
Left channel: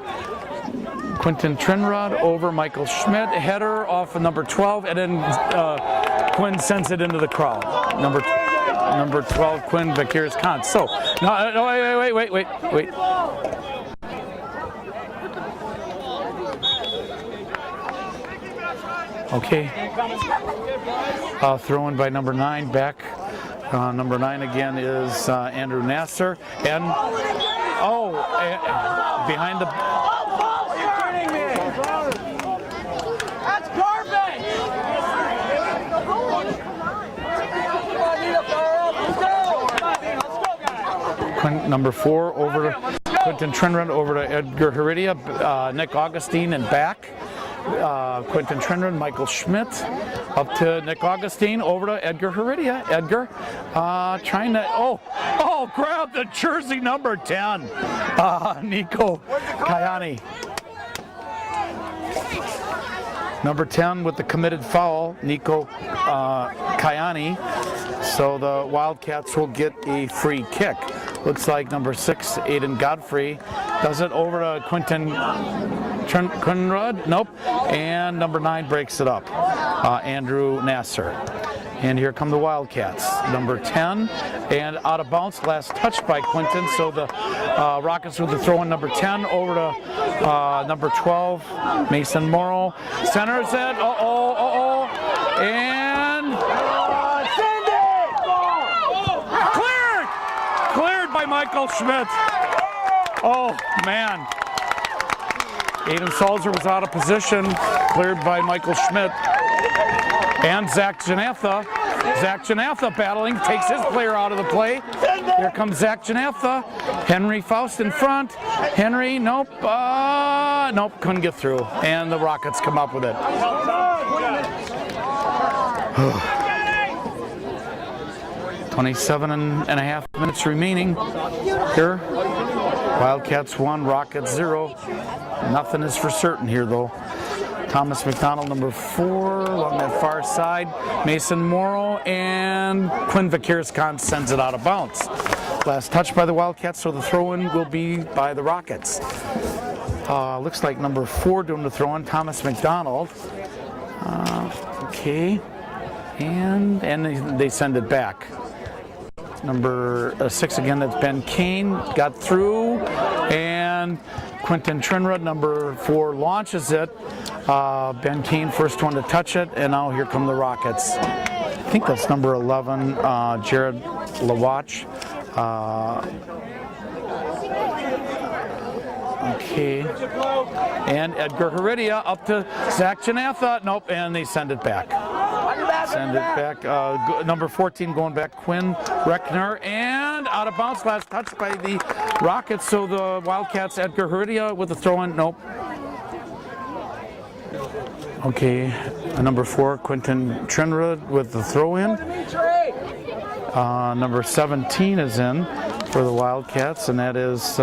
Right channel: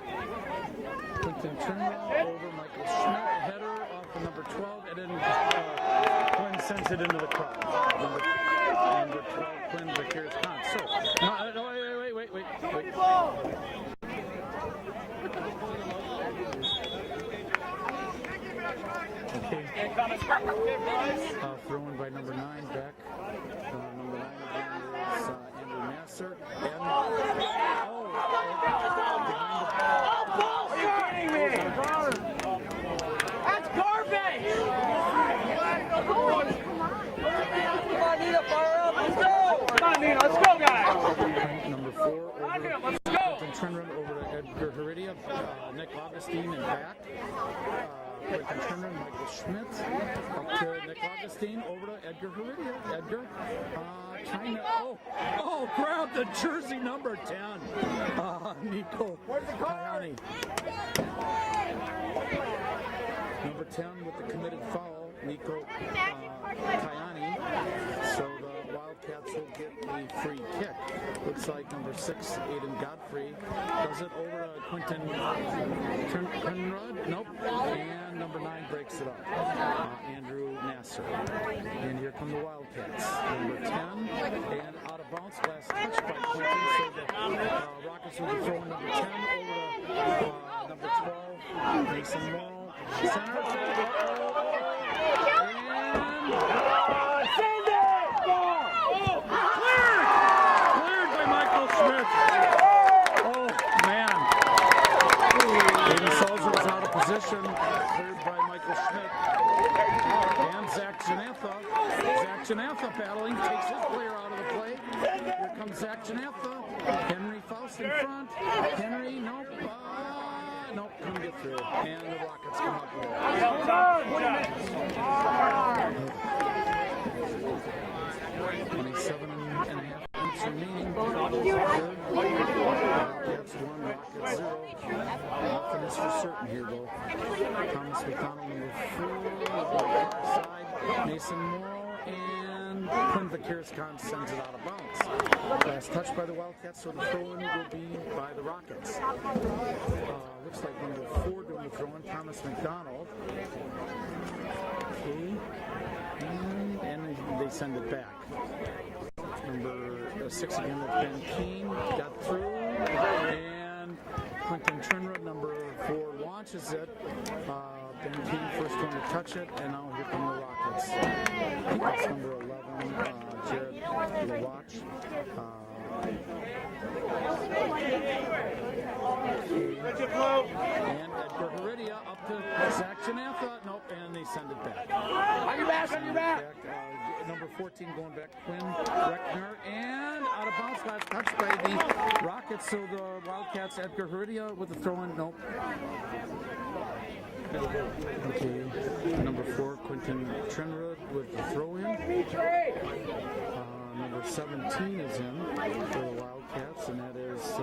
Quinton Trinrod over Michael Schmidt. Header off of number 12, and then Quinn sends it into the crowd. Number 12, Quinn Vakiris-Kans. So, no, wait. Okay. Throw in by number 9, back. Number 9 again is Andrew Nasser. And, behind the... That's garbage! Let's go, guys! Number 4 over to Quinton Trinrod, over to Edgar Heredia, Nick Augustine, and back. Quinton Trinrod, Michael Schmidt, up to Nick Augustine, over to Edgar Heredia. Edgar trying to, grab the jersey number 10, Nico Kayani. Number 10 with the committed foul, Nico Kayani. So the Wildcats will get a free kick. Looks like number 6, Aiden Godfrey, does it over to Quinton Trinrod. Nope. And number 9 breaks it up, Andrew Nasser. And here come the Wildcats. Number 10, and out of bounds, last touch by Quinton. So the Rockets with the throw in number 10 over to number 12, Mason Morrow. Centers it. And cleared by Michael Schmidt. Oh, man. Aiden Salzer was out of position, cleared by Michael Schmidt. And Zach Janatha. Zach Janatha battling, takes his player out of the play. Here comes Zach Janatha. Henry Faust in front. Henry, nope, nope, couldn't get through. And the Rockets come up with it. 27 and a half minutes remaining here. Wildcats 1, Rockets 0. Nothing is for certain here though. Thomas McDonald, number 4, along that far side. Mason Morrow and Quinn Vakirskan sends it out of bounds. Last touch by the Wildcats, so the throw-in will be by the Rockets. Looks like number 4 doing the throw-in, Thomas McDonald. Okay, and they send it back. Number 6 again, that's Ben Kane, got through, and Quentin Trinrud, number 4, launches it. Ben Kane, first one to touch it, and now here come the Rockets. I think that's number 11, Jared Lawach. Okay, and Edgar Heredia up to Zach Janatha. Nope, and they send it back. Send it back. Number 14 going back, Quinn Reckner, and out of bounds. Last touch by the Rockets. So the Wildcats, Edgar Heredia with the throw-in. Nope. Okay, number 4, Quentin Trinrud with the throw-in. Number 17 is in for the Wildcats, and that is,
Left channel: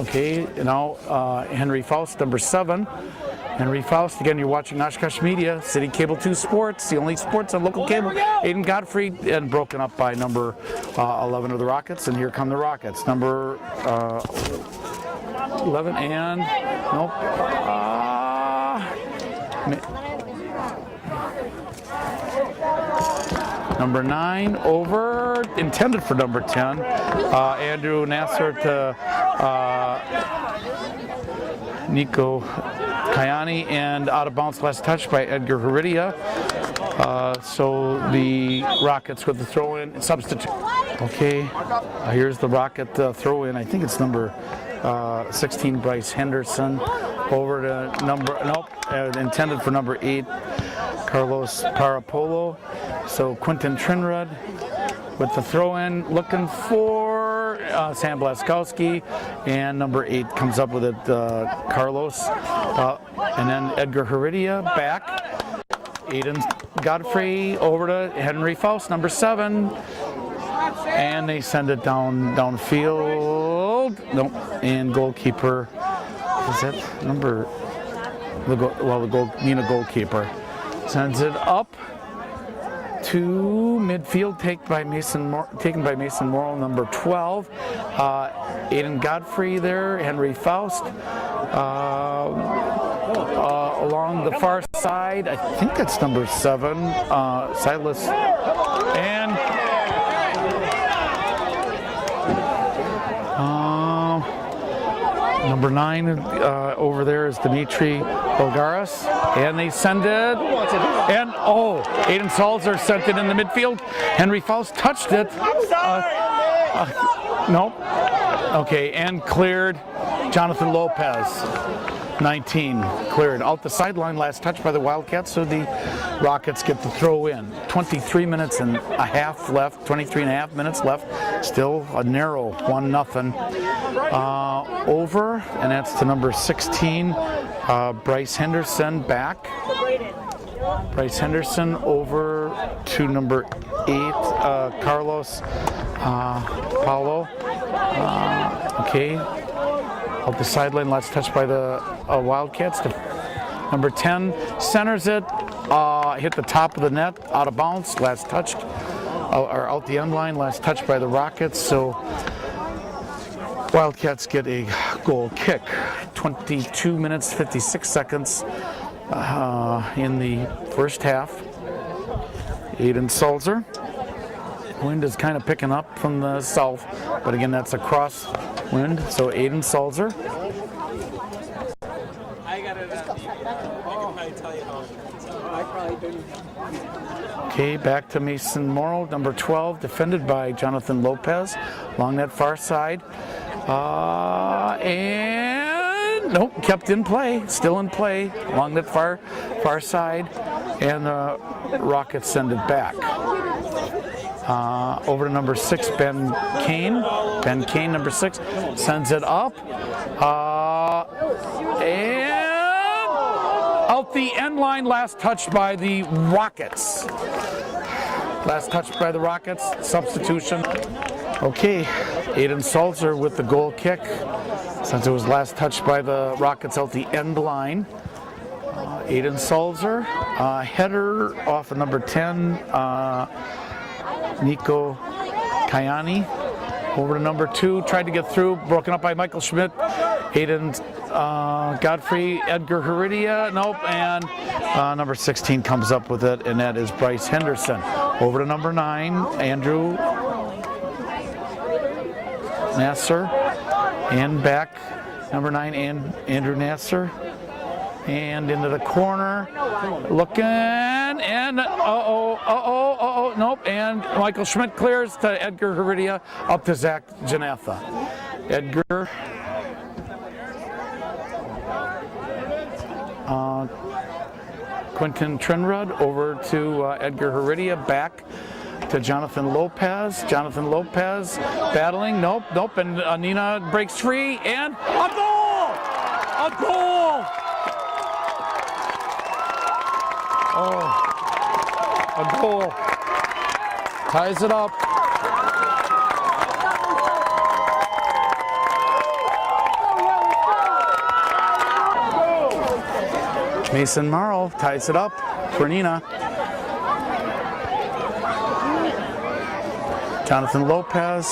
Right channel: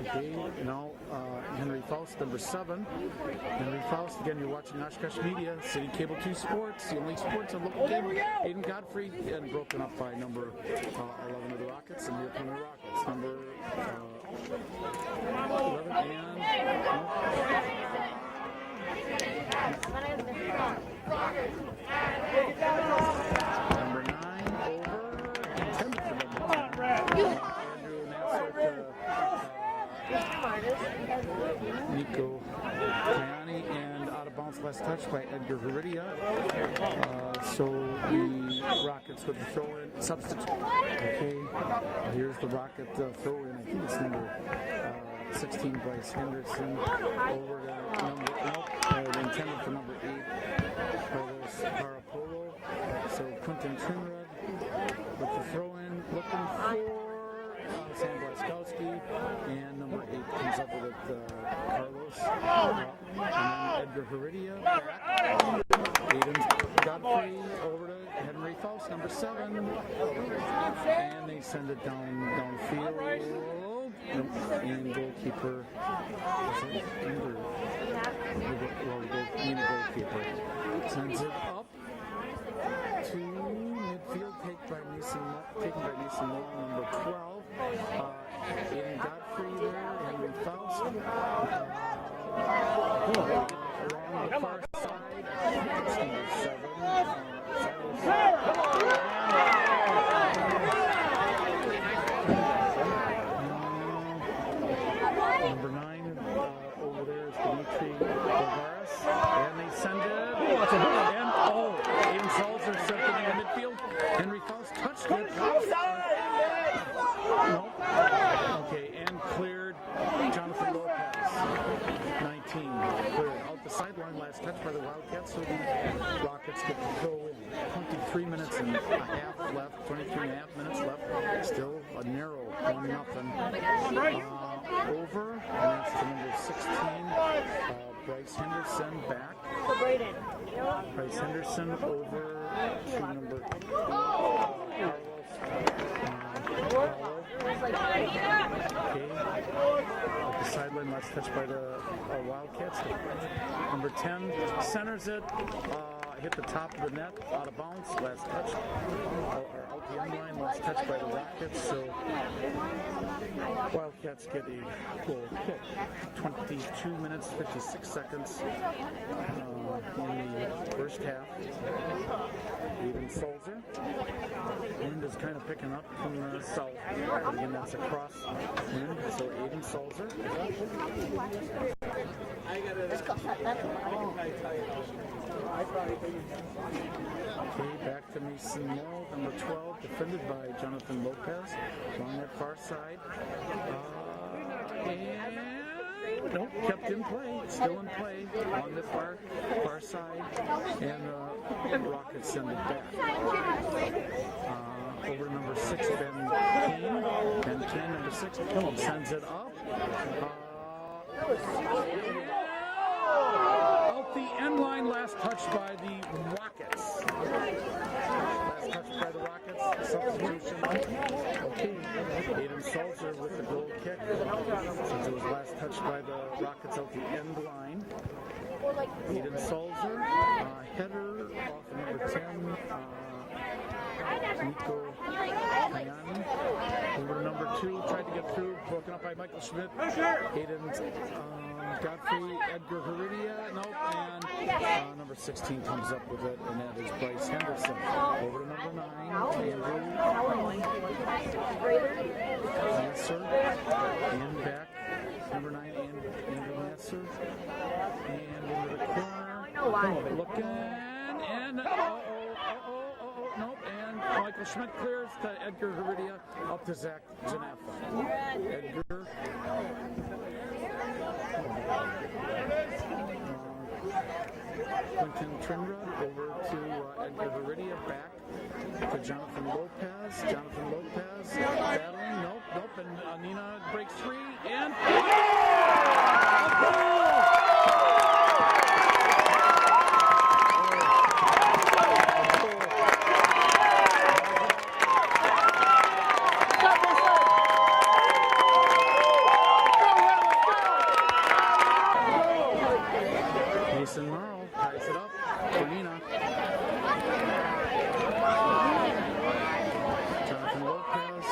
okay, now Henry Faust, number 7. Henry Faust, again, you're watching Oshkosh Media, City Cable 2 Sports, the only sports on local cable. Aiden Godfrey, and broken up by number 11 of the Rockets, and here come the Rockets. Number 11, and nope. Number 9 over, intended for number 10. Andrew Nasser to Nico Kayani, and out of bounds, last touch by Edgar Heredia. So the Rockets with the throw-in substitute. Okay, here's the Rocket throw-in. I think it's number 16, Bryce Henderson, over to number, nope, intended for number 8, Carlos Parapolo. So Quentin Trinrud with the throw-in, looking for Sam Blaskowski, and number 8 comes up with it, Carlos. And then Edgar Heredia back. Aiden Godfrey over to Henry Faust, number 7. And they send it downfield. Nope. And goalkeeper, is that number? Neenah goalkeeper sends it up to midfield, taken by Mason Morrow, number 12. Aiden Godfrey there, Henry Faust. Along the far side, I think that's number 7, Silas. And number 9 over there is Dimitri Bulgaris, and they send it, and Aiden Salzer sent it in the midfield. Henry Faust touched it. Nope. Okay, and cleared. Jonathan Lopez, 19, cleared. Out the sideline, last touch by the Wildcats, so the Rockets get the throw in. 23 minutes and a half left, 23 and a half minutes left. Still a narrow 1-0. Over, and that's to number 16, Bryce Henderson back. Bryce Henderson over to number 8, Carlos Paulo. Okay. Out the sideline, last touch by the Wildcats. Number 10 centers it, hit the top of the net, out of bounds, last touched, or out the end line, last touch by the Rockets. So Wildcats get a goal kick. 22 minutes, 56 seconds in the first half. Aiden Salzer. Wind is kind of picking up from the south, but again, that's a cross wind. So Aiden Salzer. Okay, back to Mason Morrow, number 12, defended by Jonathan Lopez along that far side. And nope, kept in play, still in play along that far side, and the Rockets send it back. Over to number 6, Ben Kane. Ben Kane, number 6, sends it up. And out the end line, last touched by the Rockets. Last touched by the Rockets, substitution. Okay, Aiden Salzer with the goal kick, since it was last touched by the Rockets out the end line. Aiden Salzer, header off of number 10, Nico Kayani. Over to number 2, tried to get through, broken up by Michael Schmidt. Aiden Godfrey, Edgar Heredia, nope, and number 16 comes up with it, and that is Bryce Henderson. Over to number 9, Andrew Nasser, and back, number 9, and Andrew Nasser, and into the corner, looking, and nope, and Michael Schmidt clears to Edgar Heredia, up to Zach Janatha. Edgar, Quentin Trinrud over to Edgar Heredia, back to Jonathan Lopez. Jonathan Lopez battling, nope, and Neenah breaks free, and a goal! A goal! Oh, a goal. Ties it up. Mason Morrow ties it up for Neenah. Jonathan Lopez.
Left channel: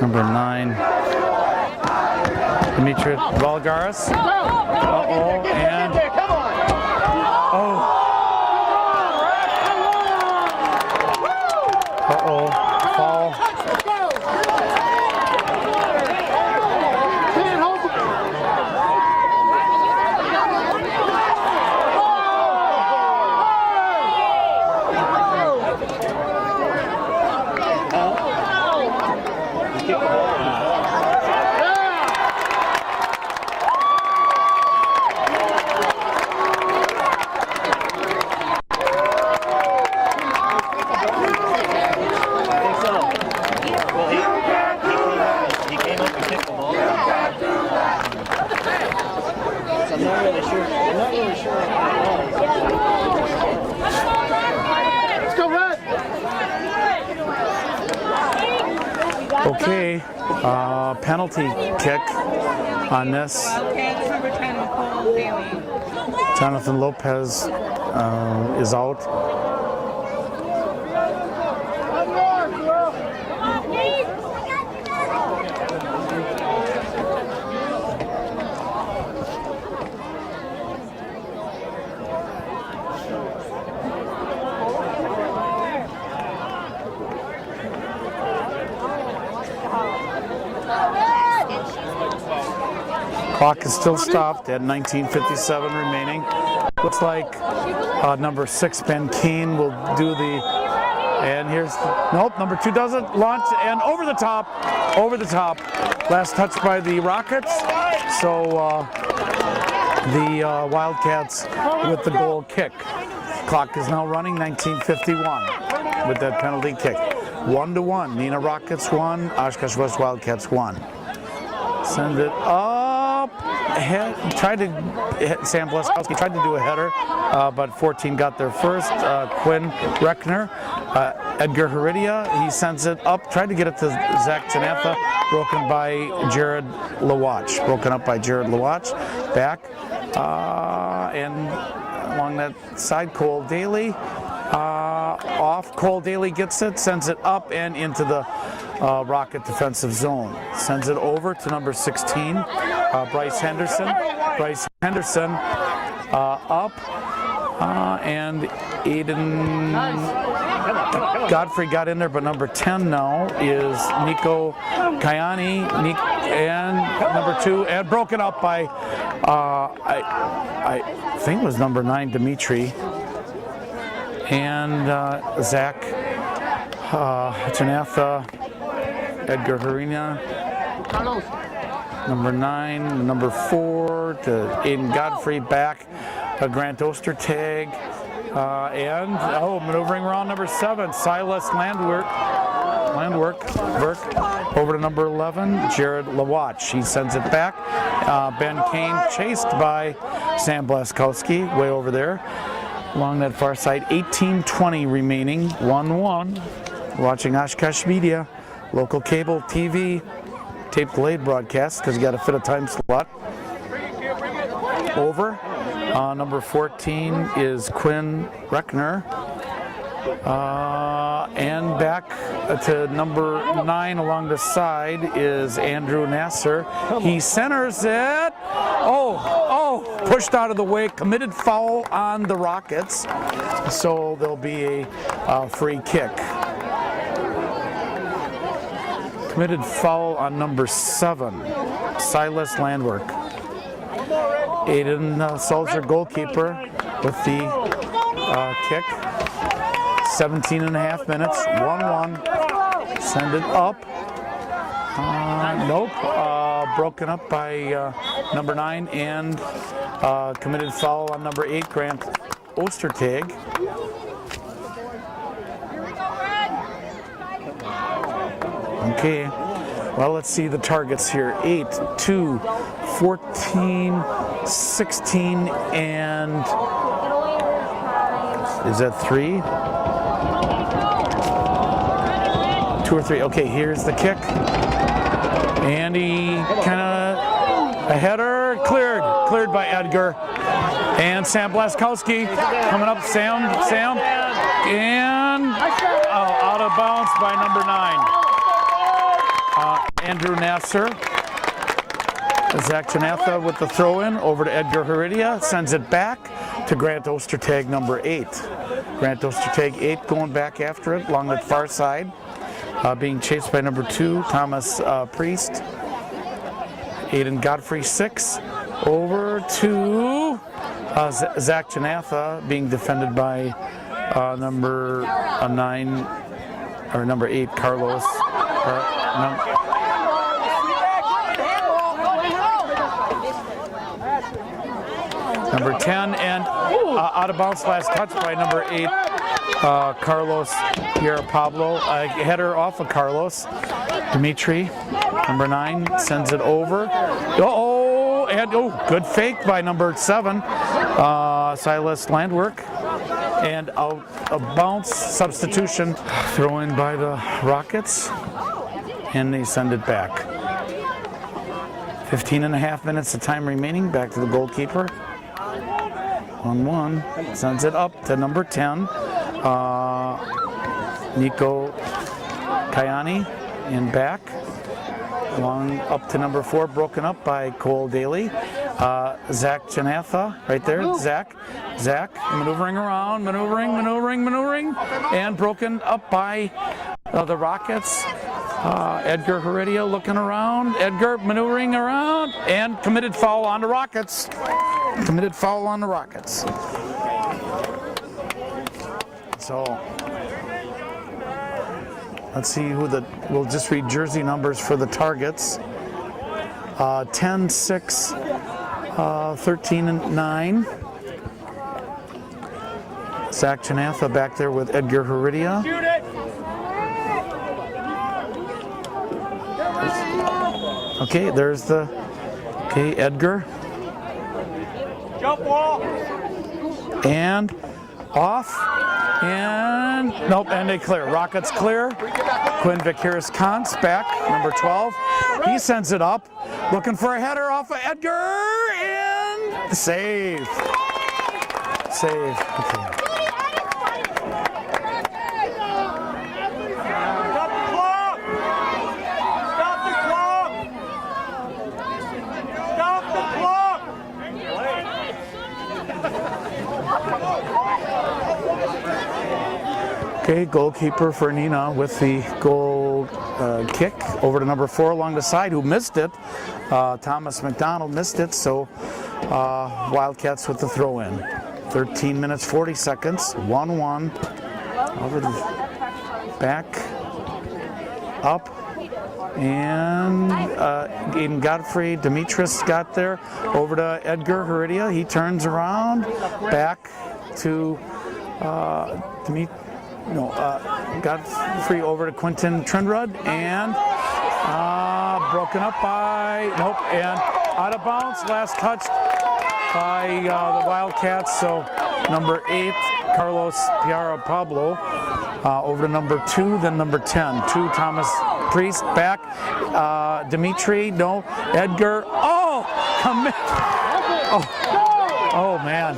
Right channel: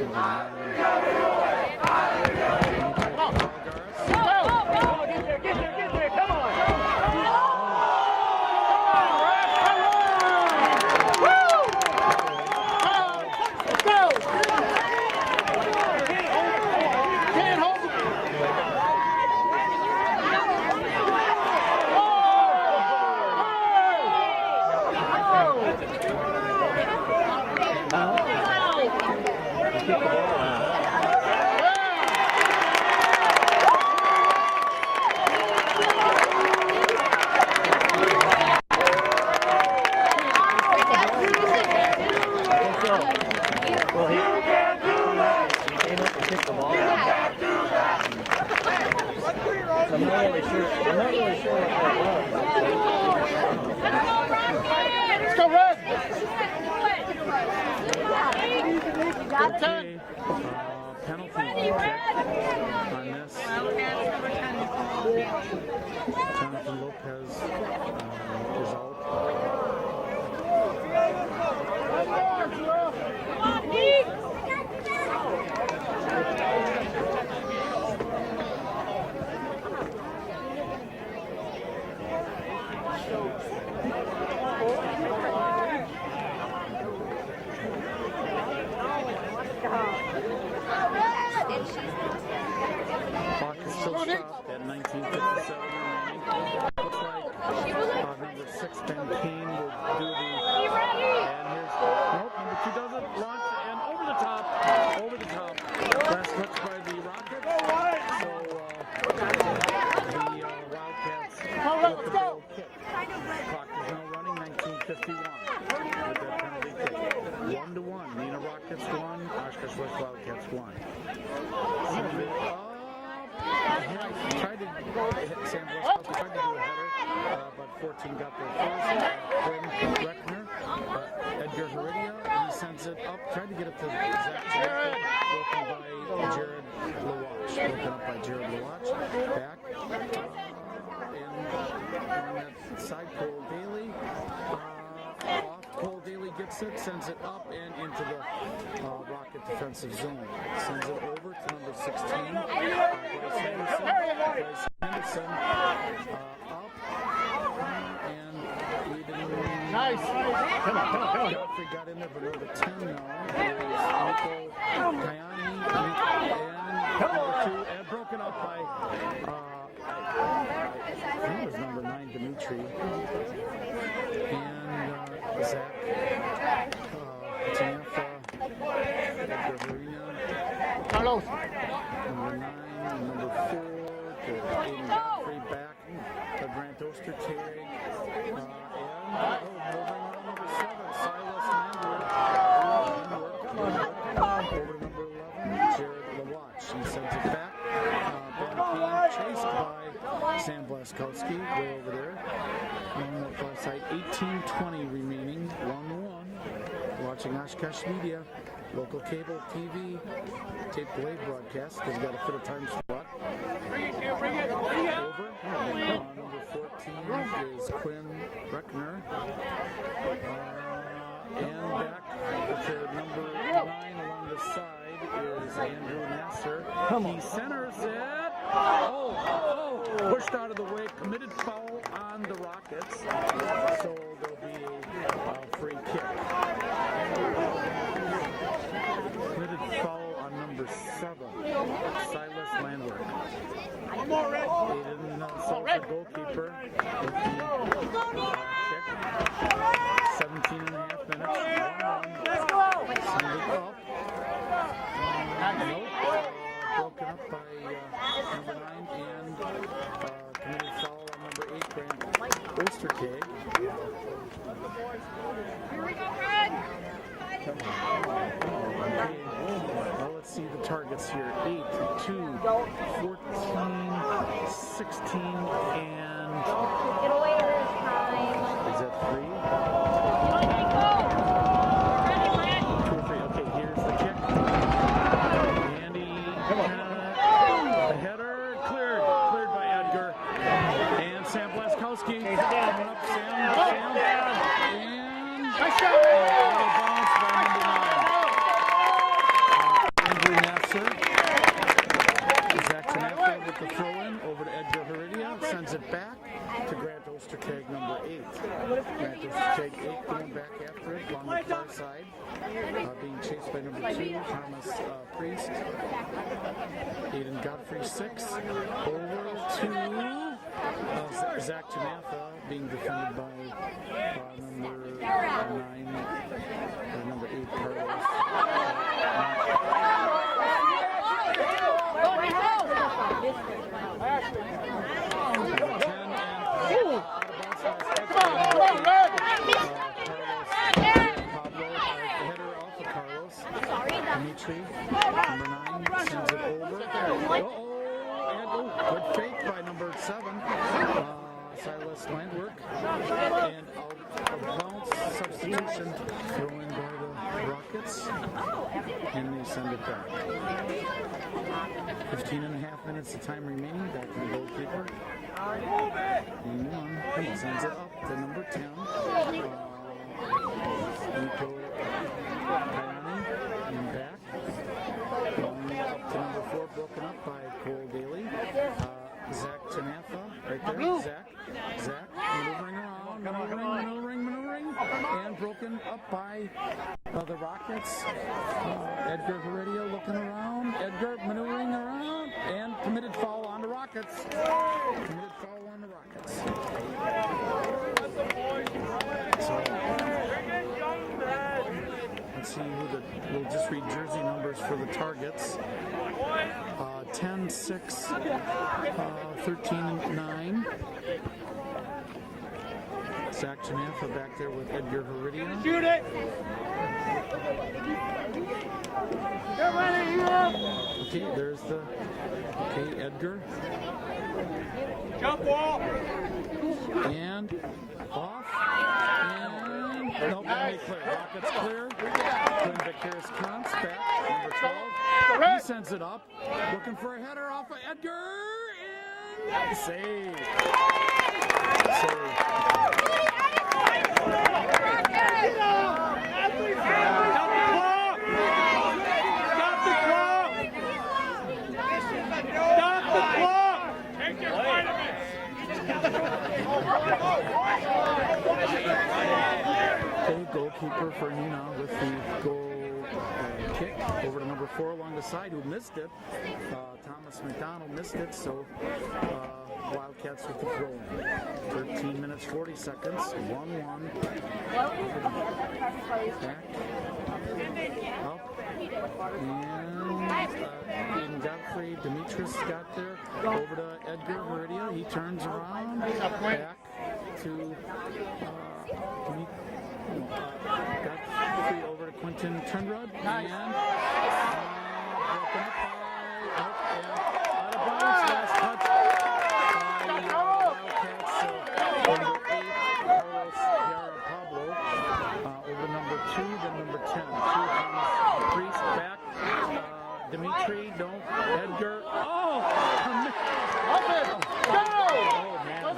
Number 9. Dimitri Valgaris. And foul. Okay, penalty kick on this. Jonathan Lopez is out. Clock is still stopped at 19:57 remaining. Looks like number 6, Ben Kane, will do the, and here's, nope, number 2 doesn't, launch, and over the top. Last touch by the Rockets. So the Wildcats with the goal kick. Clock is now running, 19:51 with that penalty kick. 1-1, Neenah Rockets 1, Oshkosh West Wildcats 1. Send it up. Sam Bleskowski tried to do a header, but 14 got there first. Quinn Reckner, Edgar Heredia, he sends it up, tried to get it to Zach Janatha, broken by Jared Lawatch. Broken up by Jared Lawatch. Back, and along that side, Cole Daly. Off, Cole Daly gets it, sends it up and into the Rocket defensive zone. Sends it over to number 16, Bryce Henderson. Bryce Henderson up, and Aiden Godfrey got in there, but number 10 now is Nico Kayani, and number 2, and broken up by, I think it was number 9, Dimitri, and Zach Janatha Edgar Harina. Number 9, number 4 to Aiden Godfrey back. Grant Ostertag. And maneuvering around number 7, Silas Landwork over to number 11, Jared Lawatch. He sends it back. Ben Kane chased by Sam Blaskowski way over there along that far side. 18:20 remaining, 1-1. Watching Oshkosh Media, local cable TV, tape delayed broadcast because you got to fit a time slot. Over. Number 14 is Quinn Reckner. And back to number 9 along the side is Andrew Nasser. He centers it. Pushed out of the way. Committed foul on the Rockets. So there'll be a free kick. Committed foul on number 7, Silas Landwork. Aiden Sulzer, goalkeeper, with the kick. 17.5 minutes, 1-1. Send it up. Nope. Broken up by number 9 and committed foul on number 8, Grant Ostertag. Okay. Well, let's see the targets here. 8, 2, 14, 16, and is that 3? 2 or 3. Okay, here's the kick. And he kind of, a header, cleared by Edgar. And Sam Blaskowski coming up, Sam, and out of bounds by number 9. Andrew Nasser. Zach Janatha with the throw-in over to Edgar Heredia, sends it back to Grant Ostertag, number 8. Grant Ostertag, 8, going back after it along the far side, being chased by number 2, Thomas Priest. Aiden Godfrey, 6, over to Zach Janatha, being defended by number 9, or number 8, Carlos. Number 10, and out of bounds last touch by number 8, Carlos Pierre Pablo. A header off of Carlos. Dimitri, number 9, sends it over. Good fake by number 7, Silas Landwork. And out of bounce substitution throw in by the Rockets, and they send it back. 15.5 minutes of time remaining. Back to the goalkeeper. 1-1, sends it up to number 10, Nico Kayani, and back. Along up to number 4, broken up by Cole Daly. Zach Janatha, right there, Zach maneuvering around, maneuvering, and broken up by the Rockets. Edgar Heredia looking around, Edgar maneuvering around, and committed foul on the Rockets. So let's see we'll just read jersey numbers for the targets. 10, 6, 13, and 9. Zach Janatha back there with Edgar Heredia. Okay, there's Edgar. Jump wall. And off. And nope, and they clear. Rockets clear. Quinn Vicaris Kantz back, number 12. He sends it up. Looking for a header off of Edgar. And save. Okay. Okay, goalkeeper for Neenah with the goal kick over to number 4 along the side, who missed it. Thomas McDonald missed it, so Wildcats with the throw in. 13 minutes, 40 seconds, 1-1. Over the back, up, And Aiden Godfrey, Demetrius got there, over to Edgar Heredia. He turns around, back to Godfrey over to Quentin Trindrud, and broken up by, and out of bounds, last touch by the Wildcats. So number 8, Carlos Piara Pablo, over to number 2, then number 10, 2 Thomas Priest, back, Dimitri, no, Edgar, commit, oh man.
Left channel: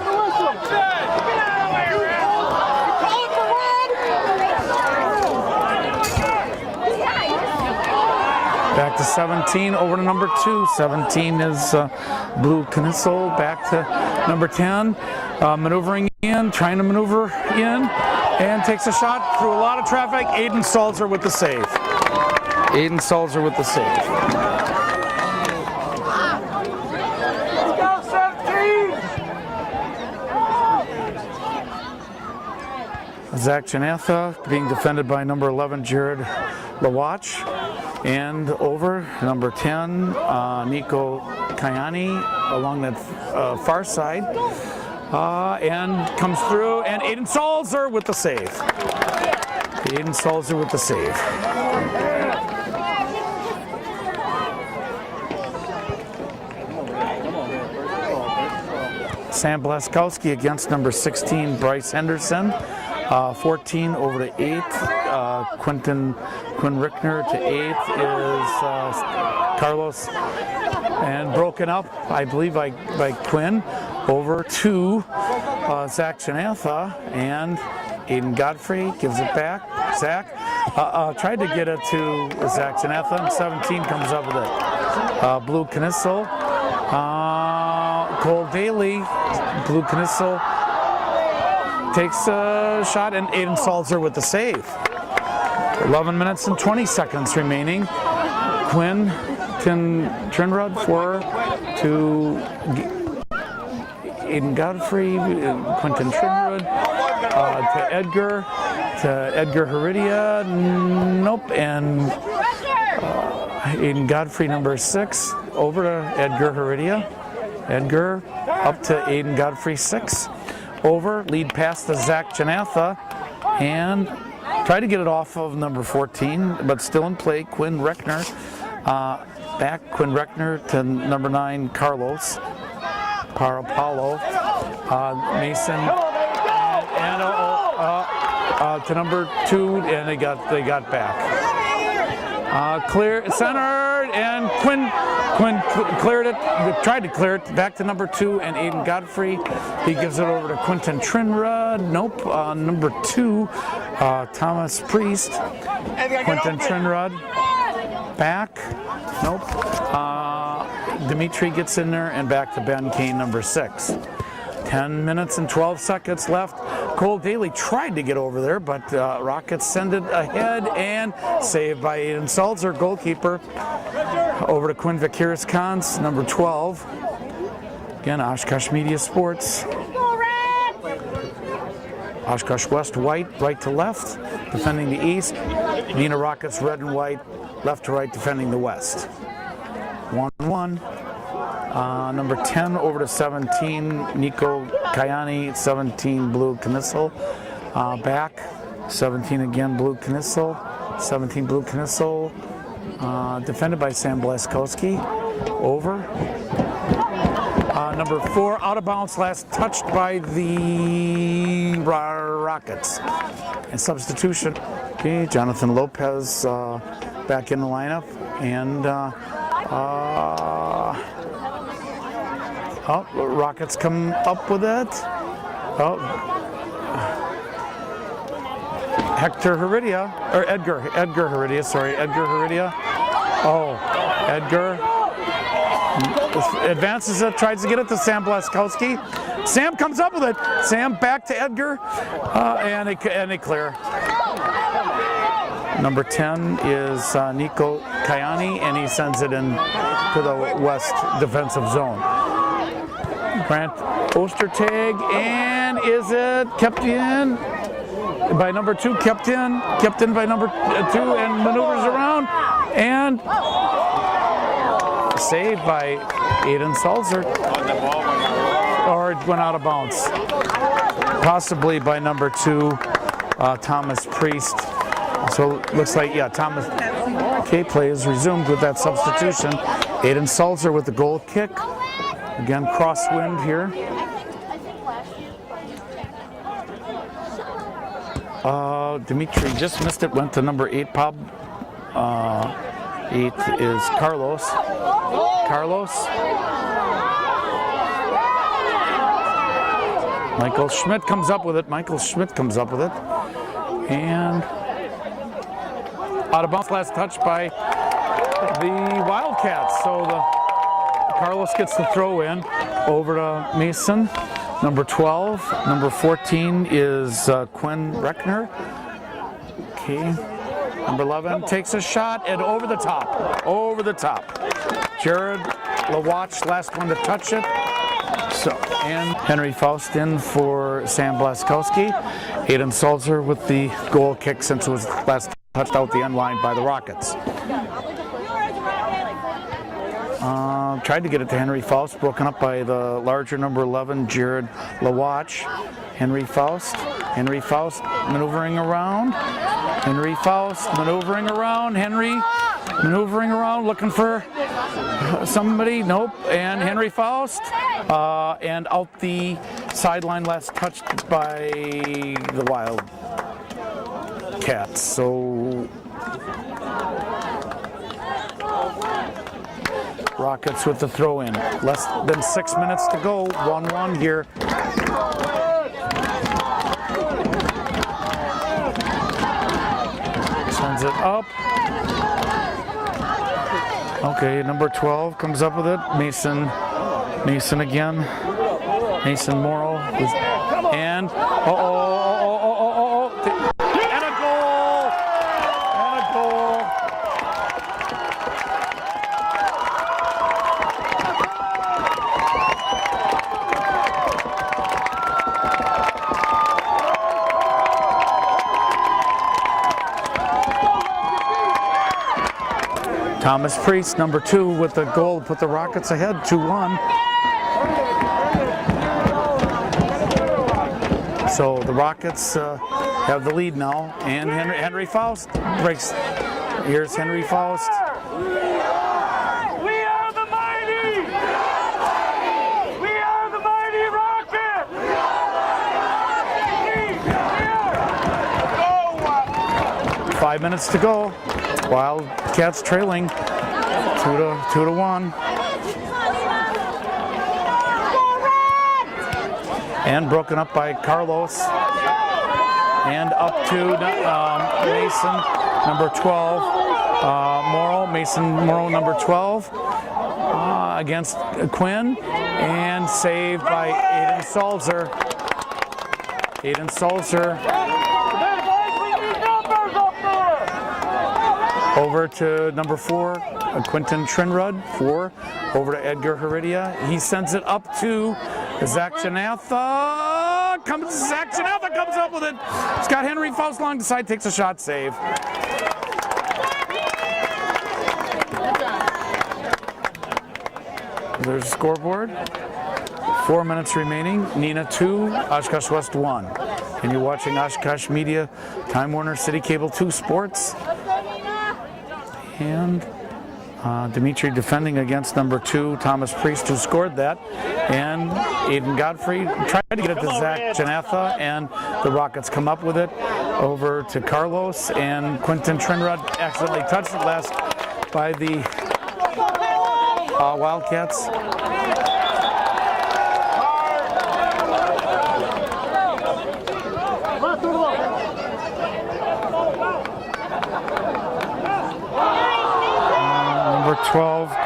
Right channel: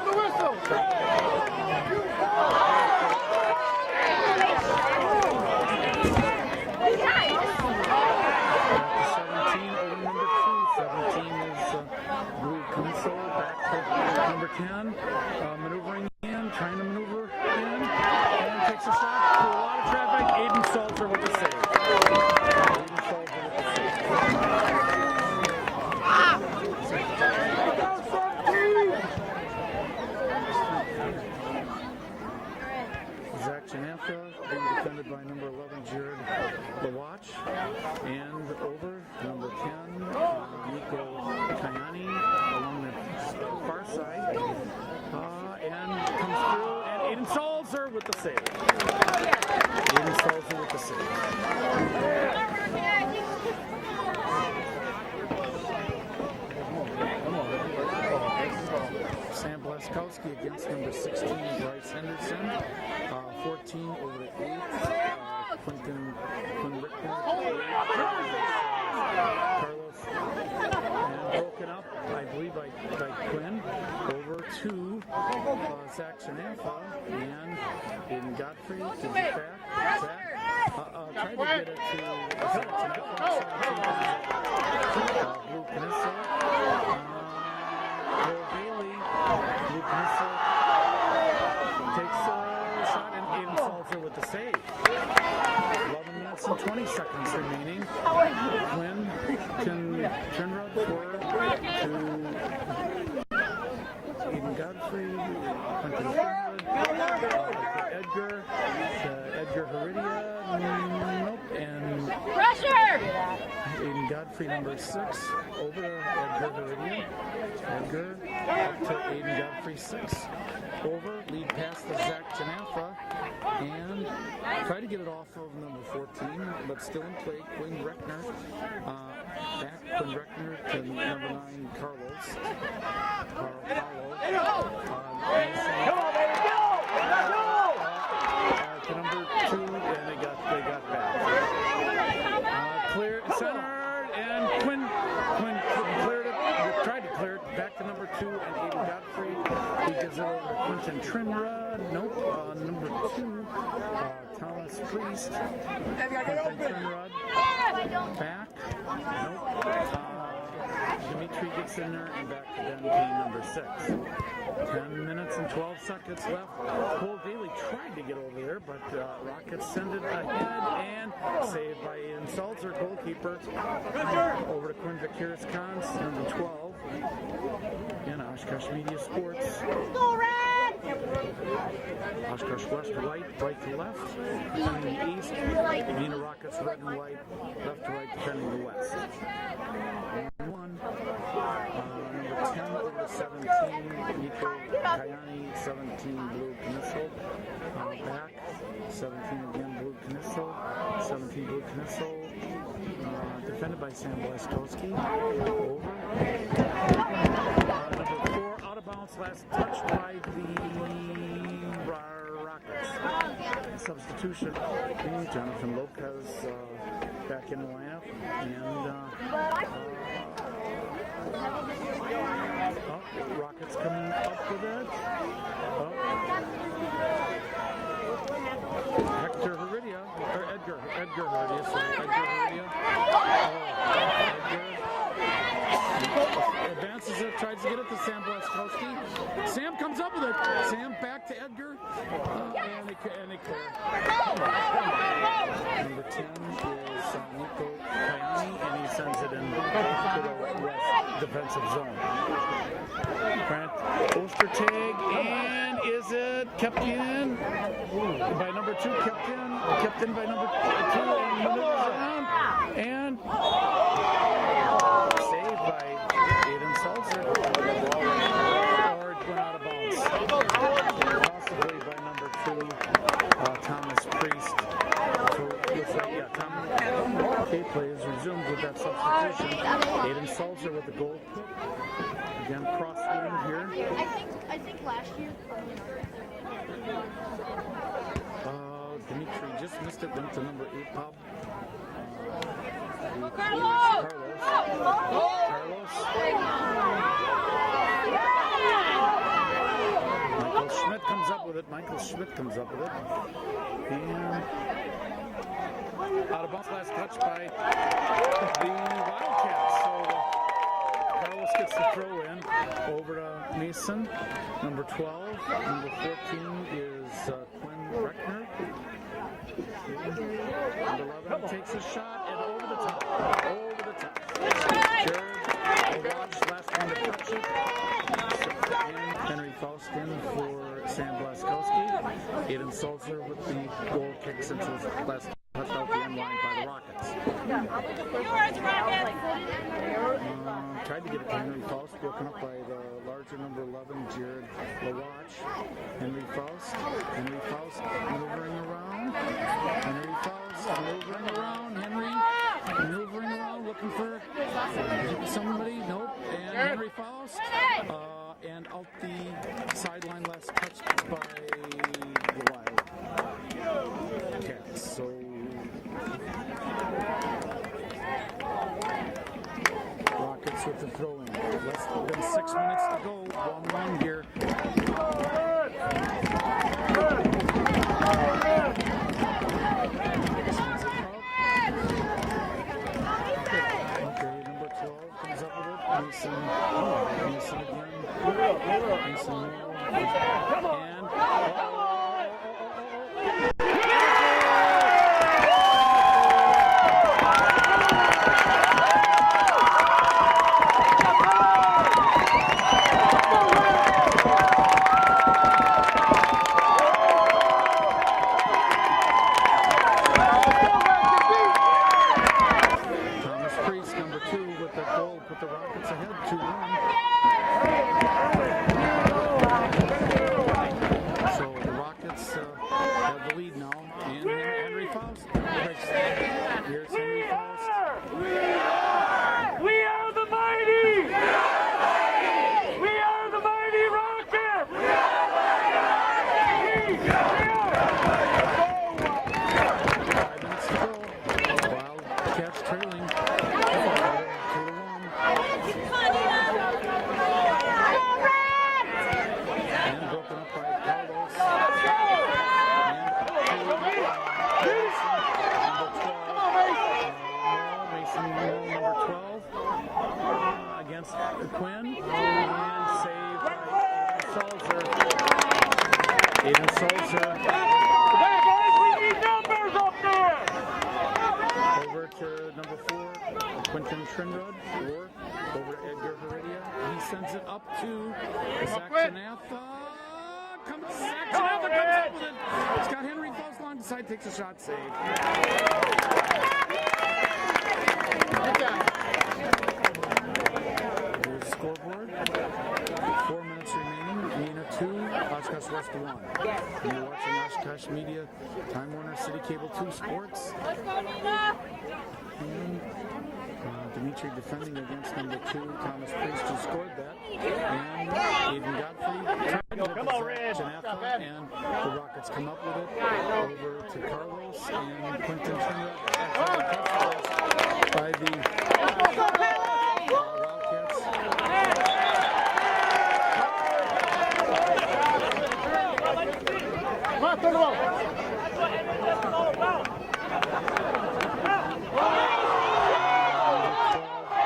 Back to 17, over to number 2. 17 is Blue Knisel, back to number 10. Maneuvering in, trying to maneuver in, and takes a shot through a lot of traffic. Aiden Salzer with the save. Aiden Salzer with the save. Zach Janatha being defended by number 11, Jared Lawatch. And over number 10, Nico Kayani along that far side. And comes through, and Aiden Salzer with the save. Aiden Salzer with the save. Sam Blaskowski against number 16, Bryce Henderson. 14 over to 8. Quinn Rickner to 8 is Carlos, and broken up, I believe, by Quinn. Over to Zach Janatha, and Aiden Godfrey gives it back. Zach tried to get it to Zach Janatha, and 17 comes up with it. Blue Knisel, Cole Daly, Blue Knisel takes a shot, and Aiden Salzer with the save. 11 minutes and 20 seconds remaining. Quinn Trinrud to Aiden Godfrey, Quentin Trinrud, to Edgar Heredia, nope, and Aiden Godfrey, number 6, over to Edgar Heredia. Edgar up to Aiden Godfrey, 6. Over, lead pass to Zach Janatha, and try to get it off of number 14, but still in play, Quinn Reckner. Back, Quinn Reckner to number 9, Carlos Parapalo. Mason, and to number 2, and they got back. Clear, centered, and Quinn cleared it, tried to clear it, back to number 2, and Aiden Godfrey. He gives it over to Quentin Trinrud. Nope. Number 2, Thomas Priest. Quentin Trinrud. Back. Nope. Dimitri gets in there, and back to Ben Kane, number 6. 10 minutes and 12 seconds left. Cole Daly tried to get over there, but Rockets send it ahead, and saved by Aiden Salzer, goalkeeper. Over to Quinn Vakiris-Kans, number 12. Again, Oshkosh Media Sports. Oshkosh West white, right to left, defending the east. Neenah Rockets red and white, left to right, defending the west. 1-1. Number 10 over to 17, Nico Kayani, 17, Blue Knisel. Back, 17 again, Blue Knisel. 17, Blue Knisel. Defended by Sam Blaskowski. Over. Number 4, out of bounds, last touched by the Rockets. And substitution. Okay, Jonathan Lopez back in the lineup. And Rockets come up with it. Hector Heredia, or Edgar Heredia, sorry, Edgar Heredia. Edgar advances it, tries to get it to Sam Blaskowski. Sam comes up with it. Sam back to Edgar, and they clear. Number 10 is Nico Kayani, and he sends it in to the west defensive zone. Grant Ostertag, and is it kept in by number 2? Kept in by number 2, and maneuvers around. and saved by Aiden Salzer. Or it went out of bounds. Possibly by number 2, Thomas Priest. So looks like, yeah, Thomas K play is resumed with that substitution. Aiden Salzer with the goal kick. Again, crosswind here. Dimitri just missed it, went to number 8, 8 is Carlos. Michael Schmidt comes up with it. And out of bounds, last touch by the Wildcats. So Carlos gets the throw in over to Mason. Number 12. Number 14 is Quinn Reckner. Okay. Number 11 takes a shot and over the top. Jared LaWatch, last one to touch it. So, and Henry Faust in for Sam Blaskowski. Aiden Salzer with the goal kick since it was last touched out the end line by the Rockets. Tried to get it to Henry Faust, broken up by the larger number 11, Jared LaWatch. Henry Faust maneuvering around. Henry maneuvering around, looking for somebody. Nope. And Henry Faust. And out the sideline, last touched by the Wildcats. So Rockets with the throw in. Less than 6 minutes to go. 1-1 here. Sends it up. Okay, number 12 comes up with it. Mason again. Mason Morrow. And Thomas Priest, number 2, with the goal, put the Rockets ahead, 2-1. So the Rockets have the lead now, and Henry Faust breaks. Here's Henry Faust. We are the mighty! We are the mighty Rockets! 5 minutes to go. Wildcats trailing 2-1. And broken up by Carlos. And up to Mason, number 12. Mason Morrow, number 12. Against Quinn. And saved by Aiden Salzer. Over to number 4, Quentin Trinrud, 4. Over to Edgar Heredia. He sends it up to Zach Janatha. Zach Janatha comes up with it. It's got Henry Faust along the side, takes a shot, save. There's a scoreboard. 4 minutes remaining. Neenah 2, Oshkosh West 1. And you're watching Oshkosh Media, Time Warner City Cable 2 Sports. And Dimitri defending against number 2, Thomas Priest, who scored that. And Aiden Godfrey tried to get it to Zach Janatha, and the Rockets come up with it. Over to Carlos, and Quentin Trinrud accidentally touched it last by the Wildcats. Number 12,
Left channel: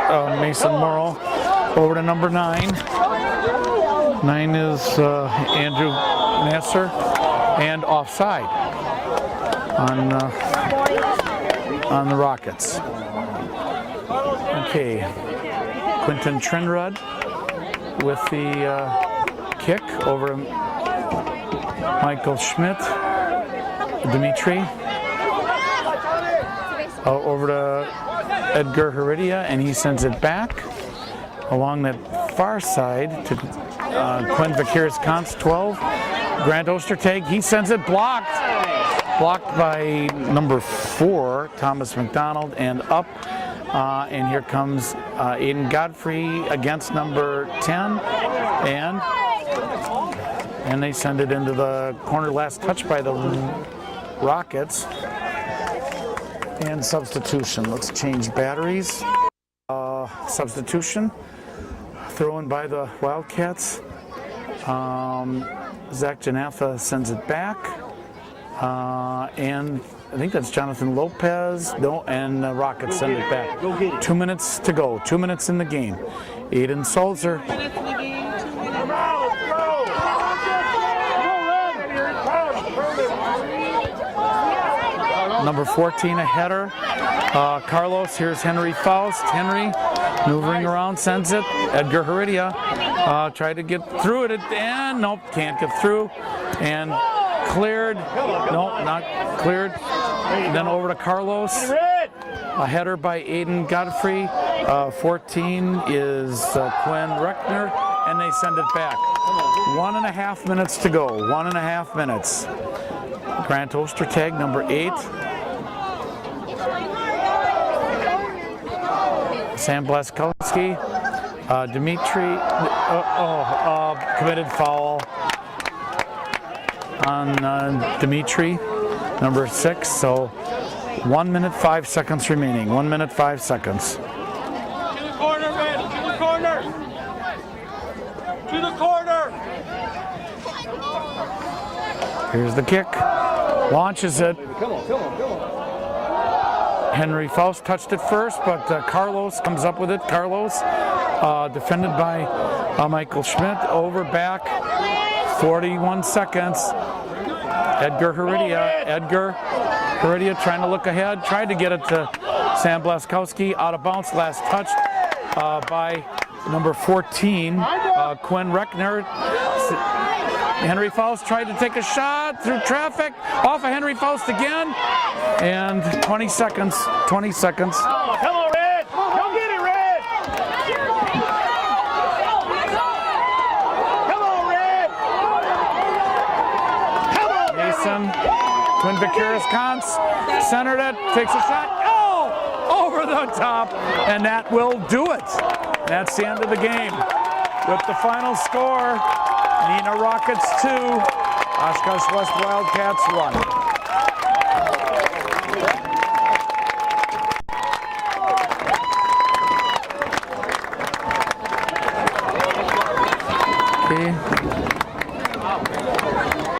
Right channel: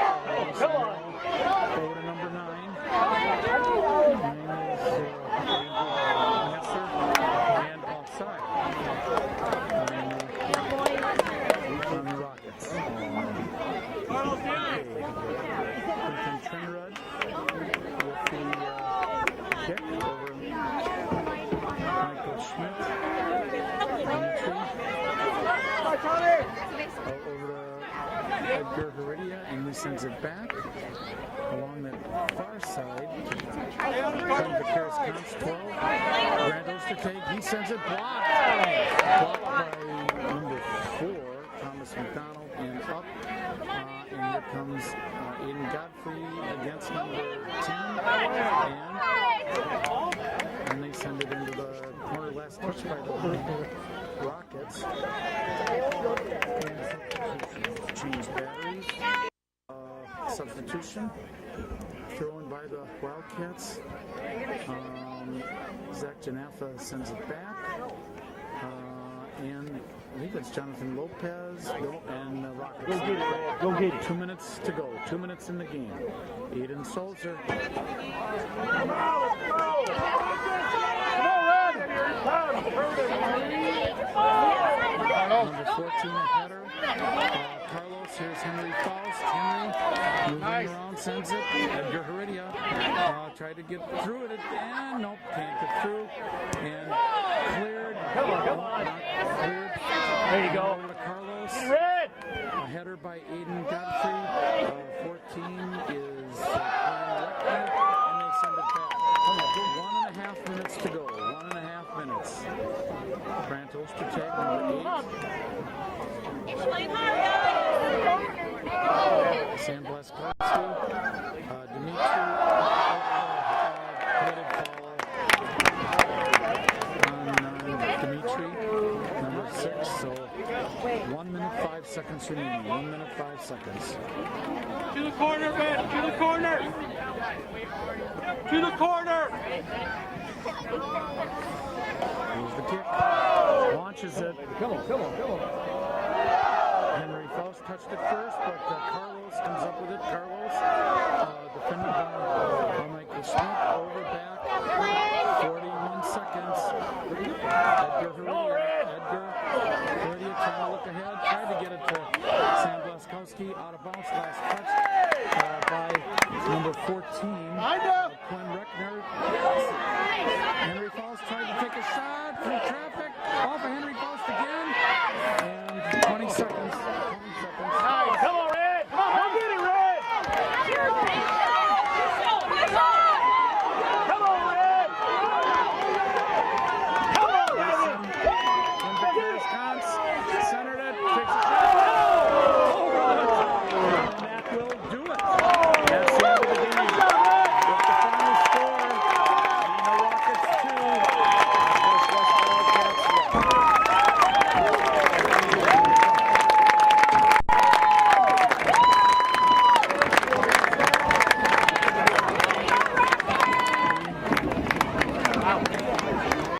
Mason Morrow, over to number 9. 9 is Andrew Nasser, and offside on the Rockets. Okay, Quentin Trinrud with the kick over Michael Schmidt, Dimitri. Over to Edgar Heredia, and he sends it back along that far side to Quinn Vaqueros-Kantz, 12. Grant Ostertag, he sends it blocked. Blocked by number 4, Thomas McDonald, and up. And here comes Aiden Godfrey against number 10. And they send it into the corner. Last touch by the Rockets. And substitution. Let's change batteries. Substitution. Thrown by the Wildcats. Zach Janatha sends it back. And I think that's Jonathan Lopez. No, and the Rockets send it back. 2 minutes to go. 2 minutes in the game. Aiden Sulzer. Number 14, a header. Carlos, here's Henry Faust. Henry moving around, sends it. Edgar Heredia tried to get through it, and nope, can't get through. And cleared. Nope, not cleared. And then over to Carlos. A header by Aiden Godfrey. 14 is Quinn Reckner, and they send it back. 1.5 minutes to go. 1.5 minutes. Grant Ostertag, number 8. Sam Blaskowski. Dimitri. Committed foul on Dimitri, number 6. So 1 minute 5 seconds remaining. 1 minute 5 seconds. To the corner, man. To the corner. To the corner. Here's the kick. Launches it. Henry Faust touched it first, but Carlos comes up with it. Carlos, defended by Michael Schmidt. Over, back. 41 seconds. Edgar Heredia. Edgar Heredia trying to look ahead. Tried to get it to Sam Blaskowski. Out of bounds. Last touch by number 14, Quinn Reckner. Henry Faust tried to take a shot through traffic. Off of Henry Faust again. And 20 seconds. 20 seconds. Come on, Red. Go get it, Red. Come on, Red. Come on, Mason, Quinn Vaqueros-Kantz, centered it, takes a shot. Oh! Over the top. And that will do it. That's the end of the game. With the final score, Neenah Rockets 2, Oshkosh West Wildcats 1. Okay.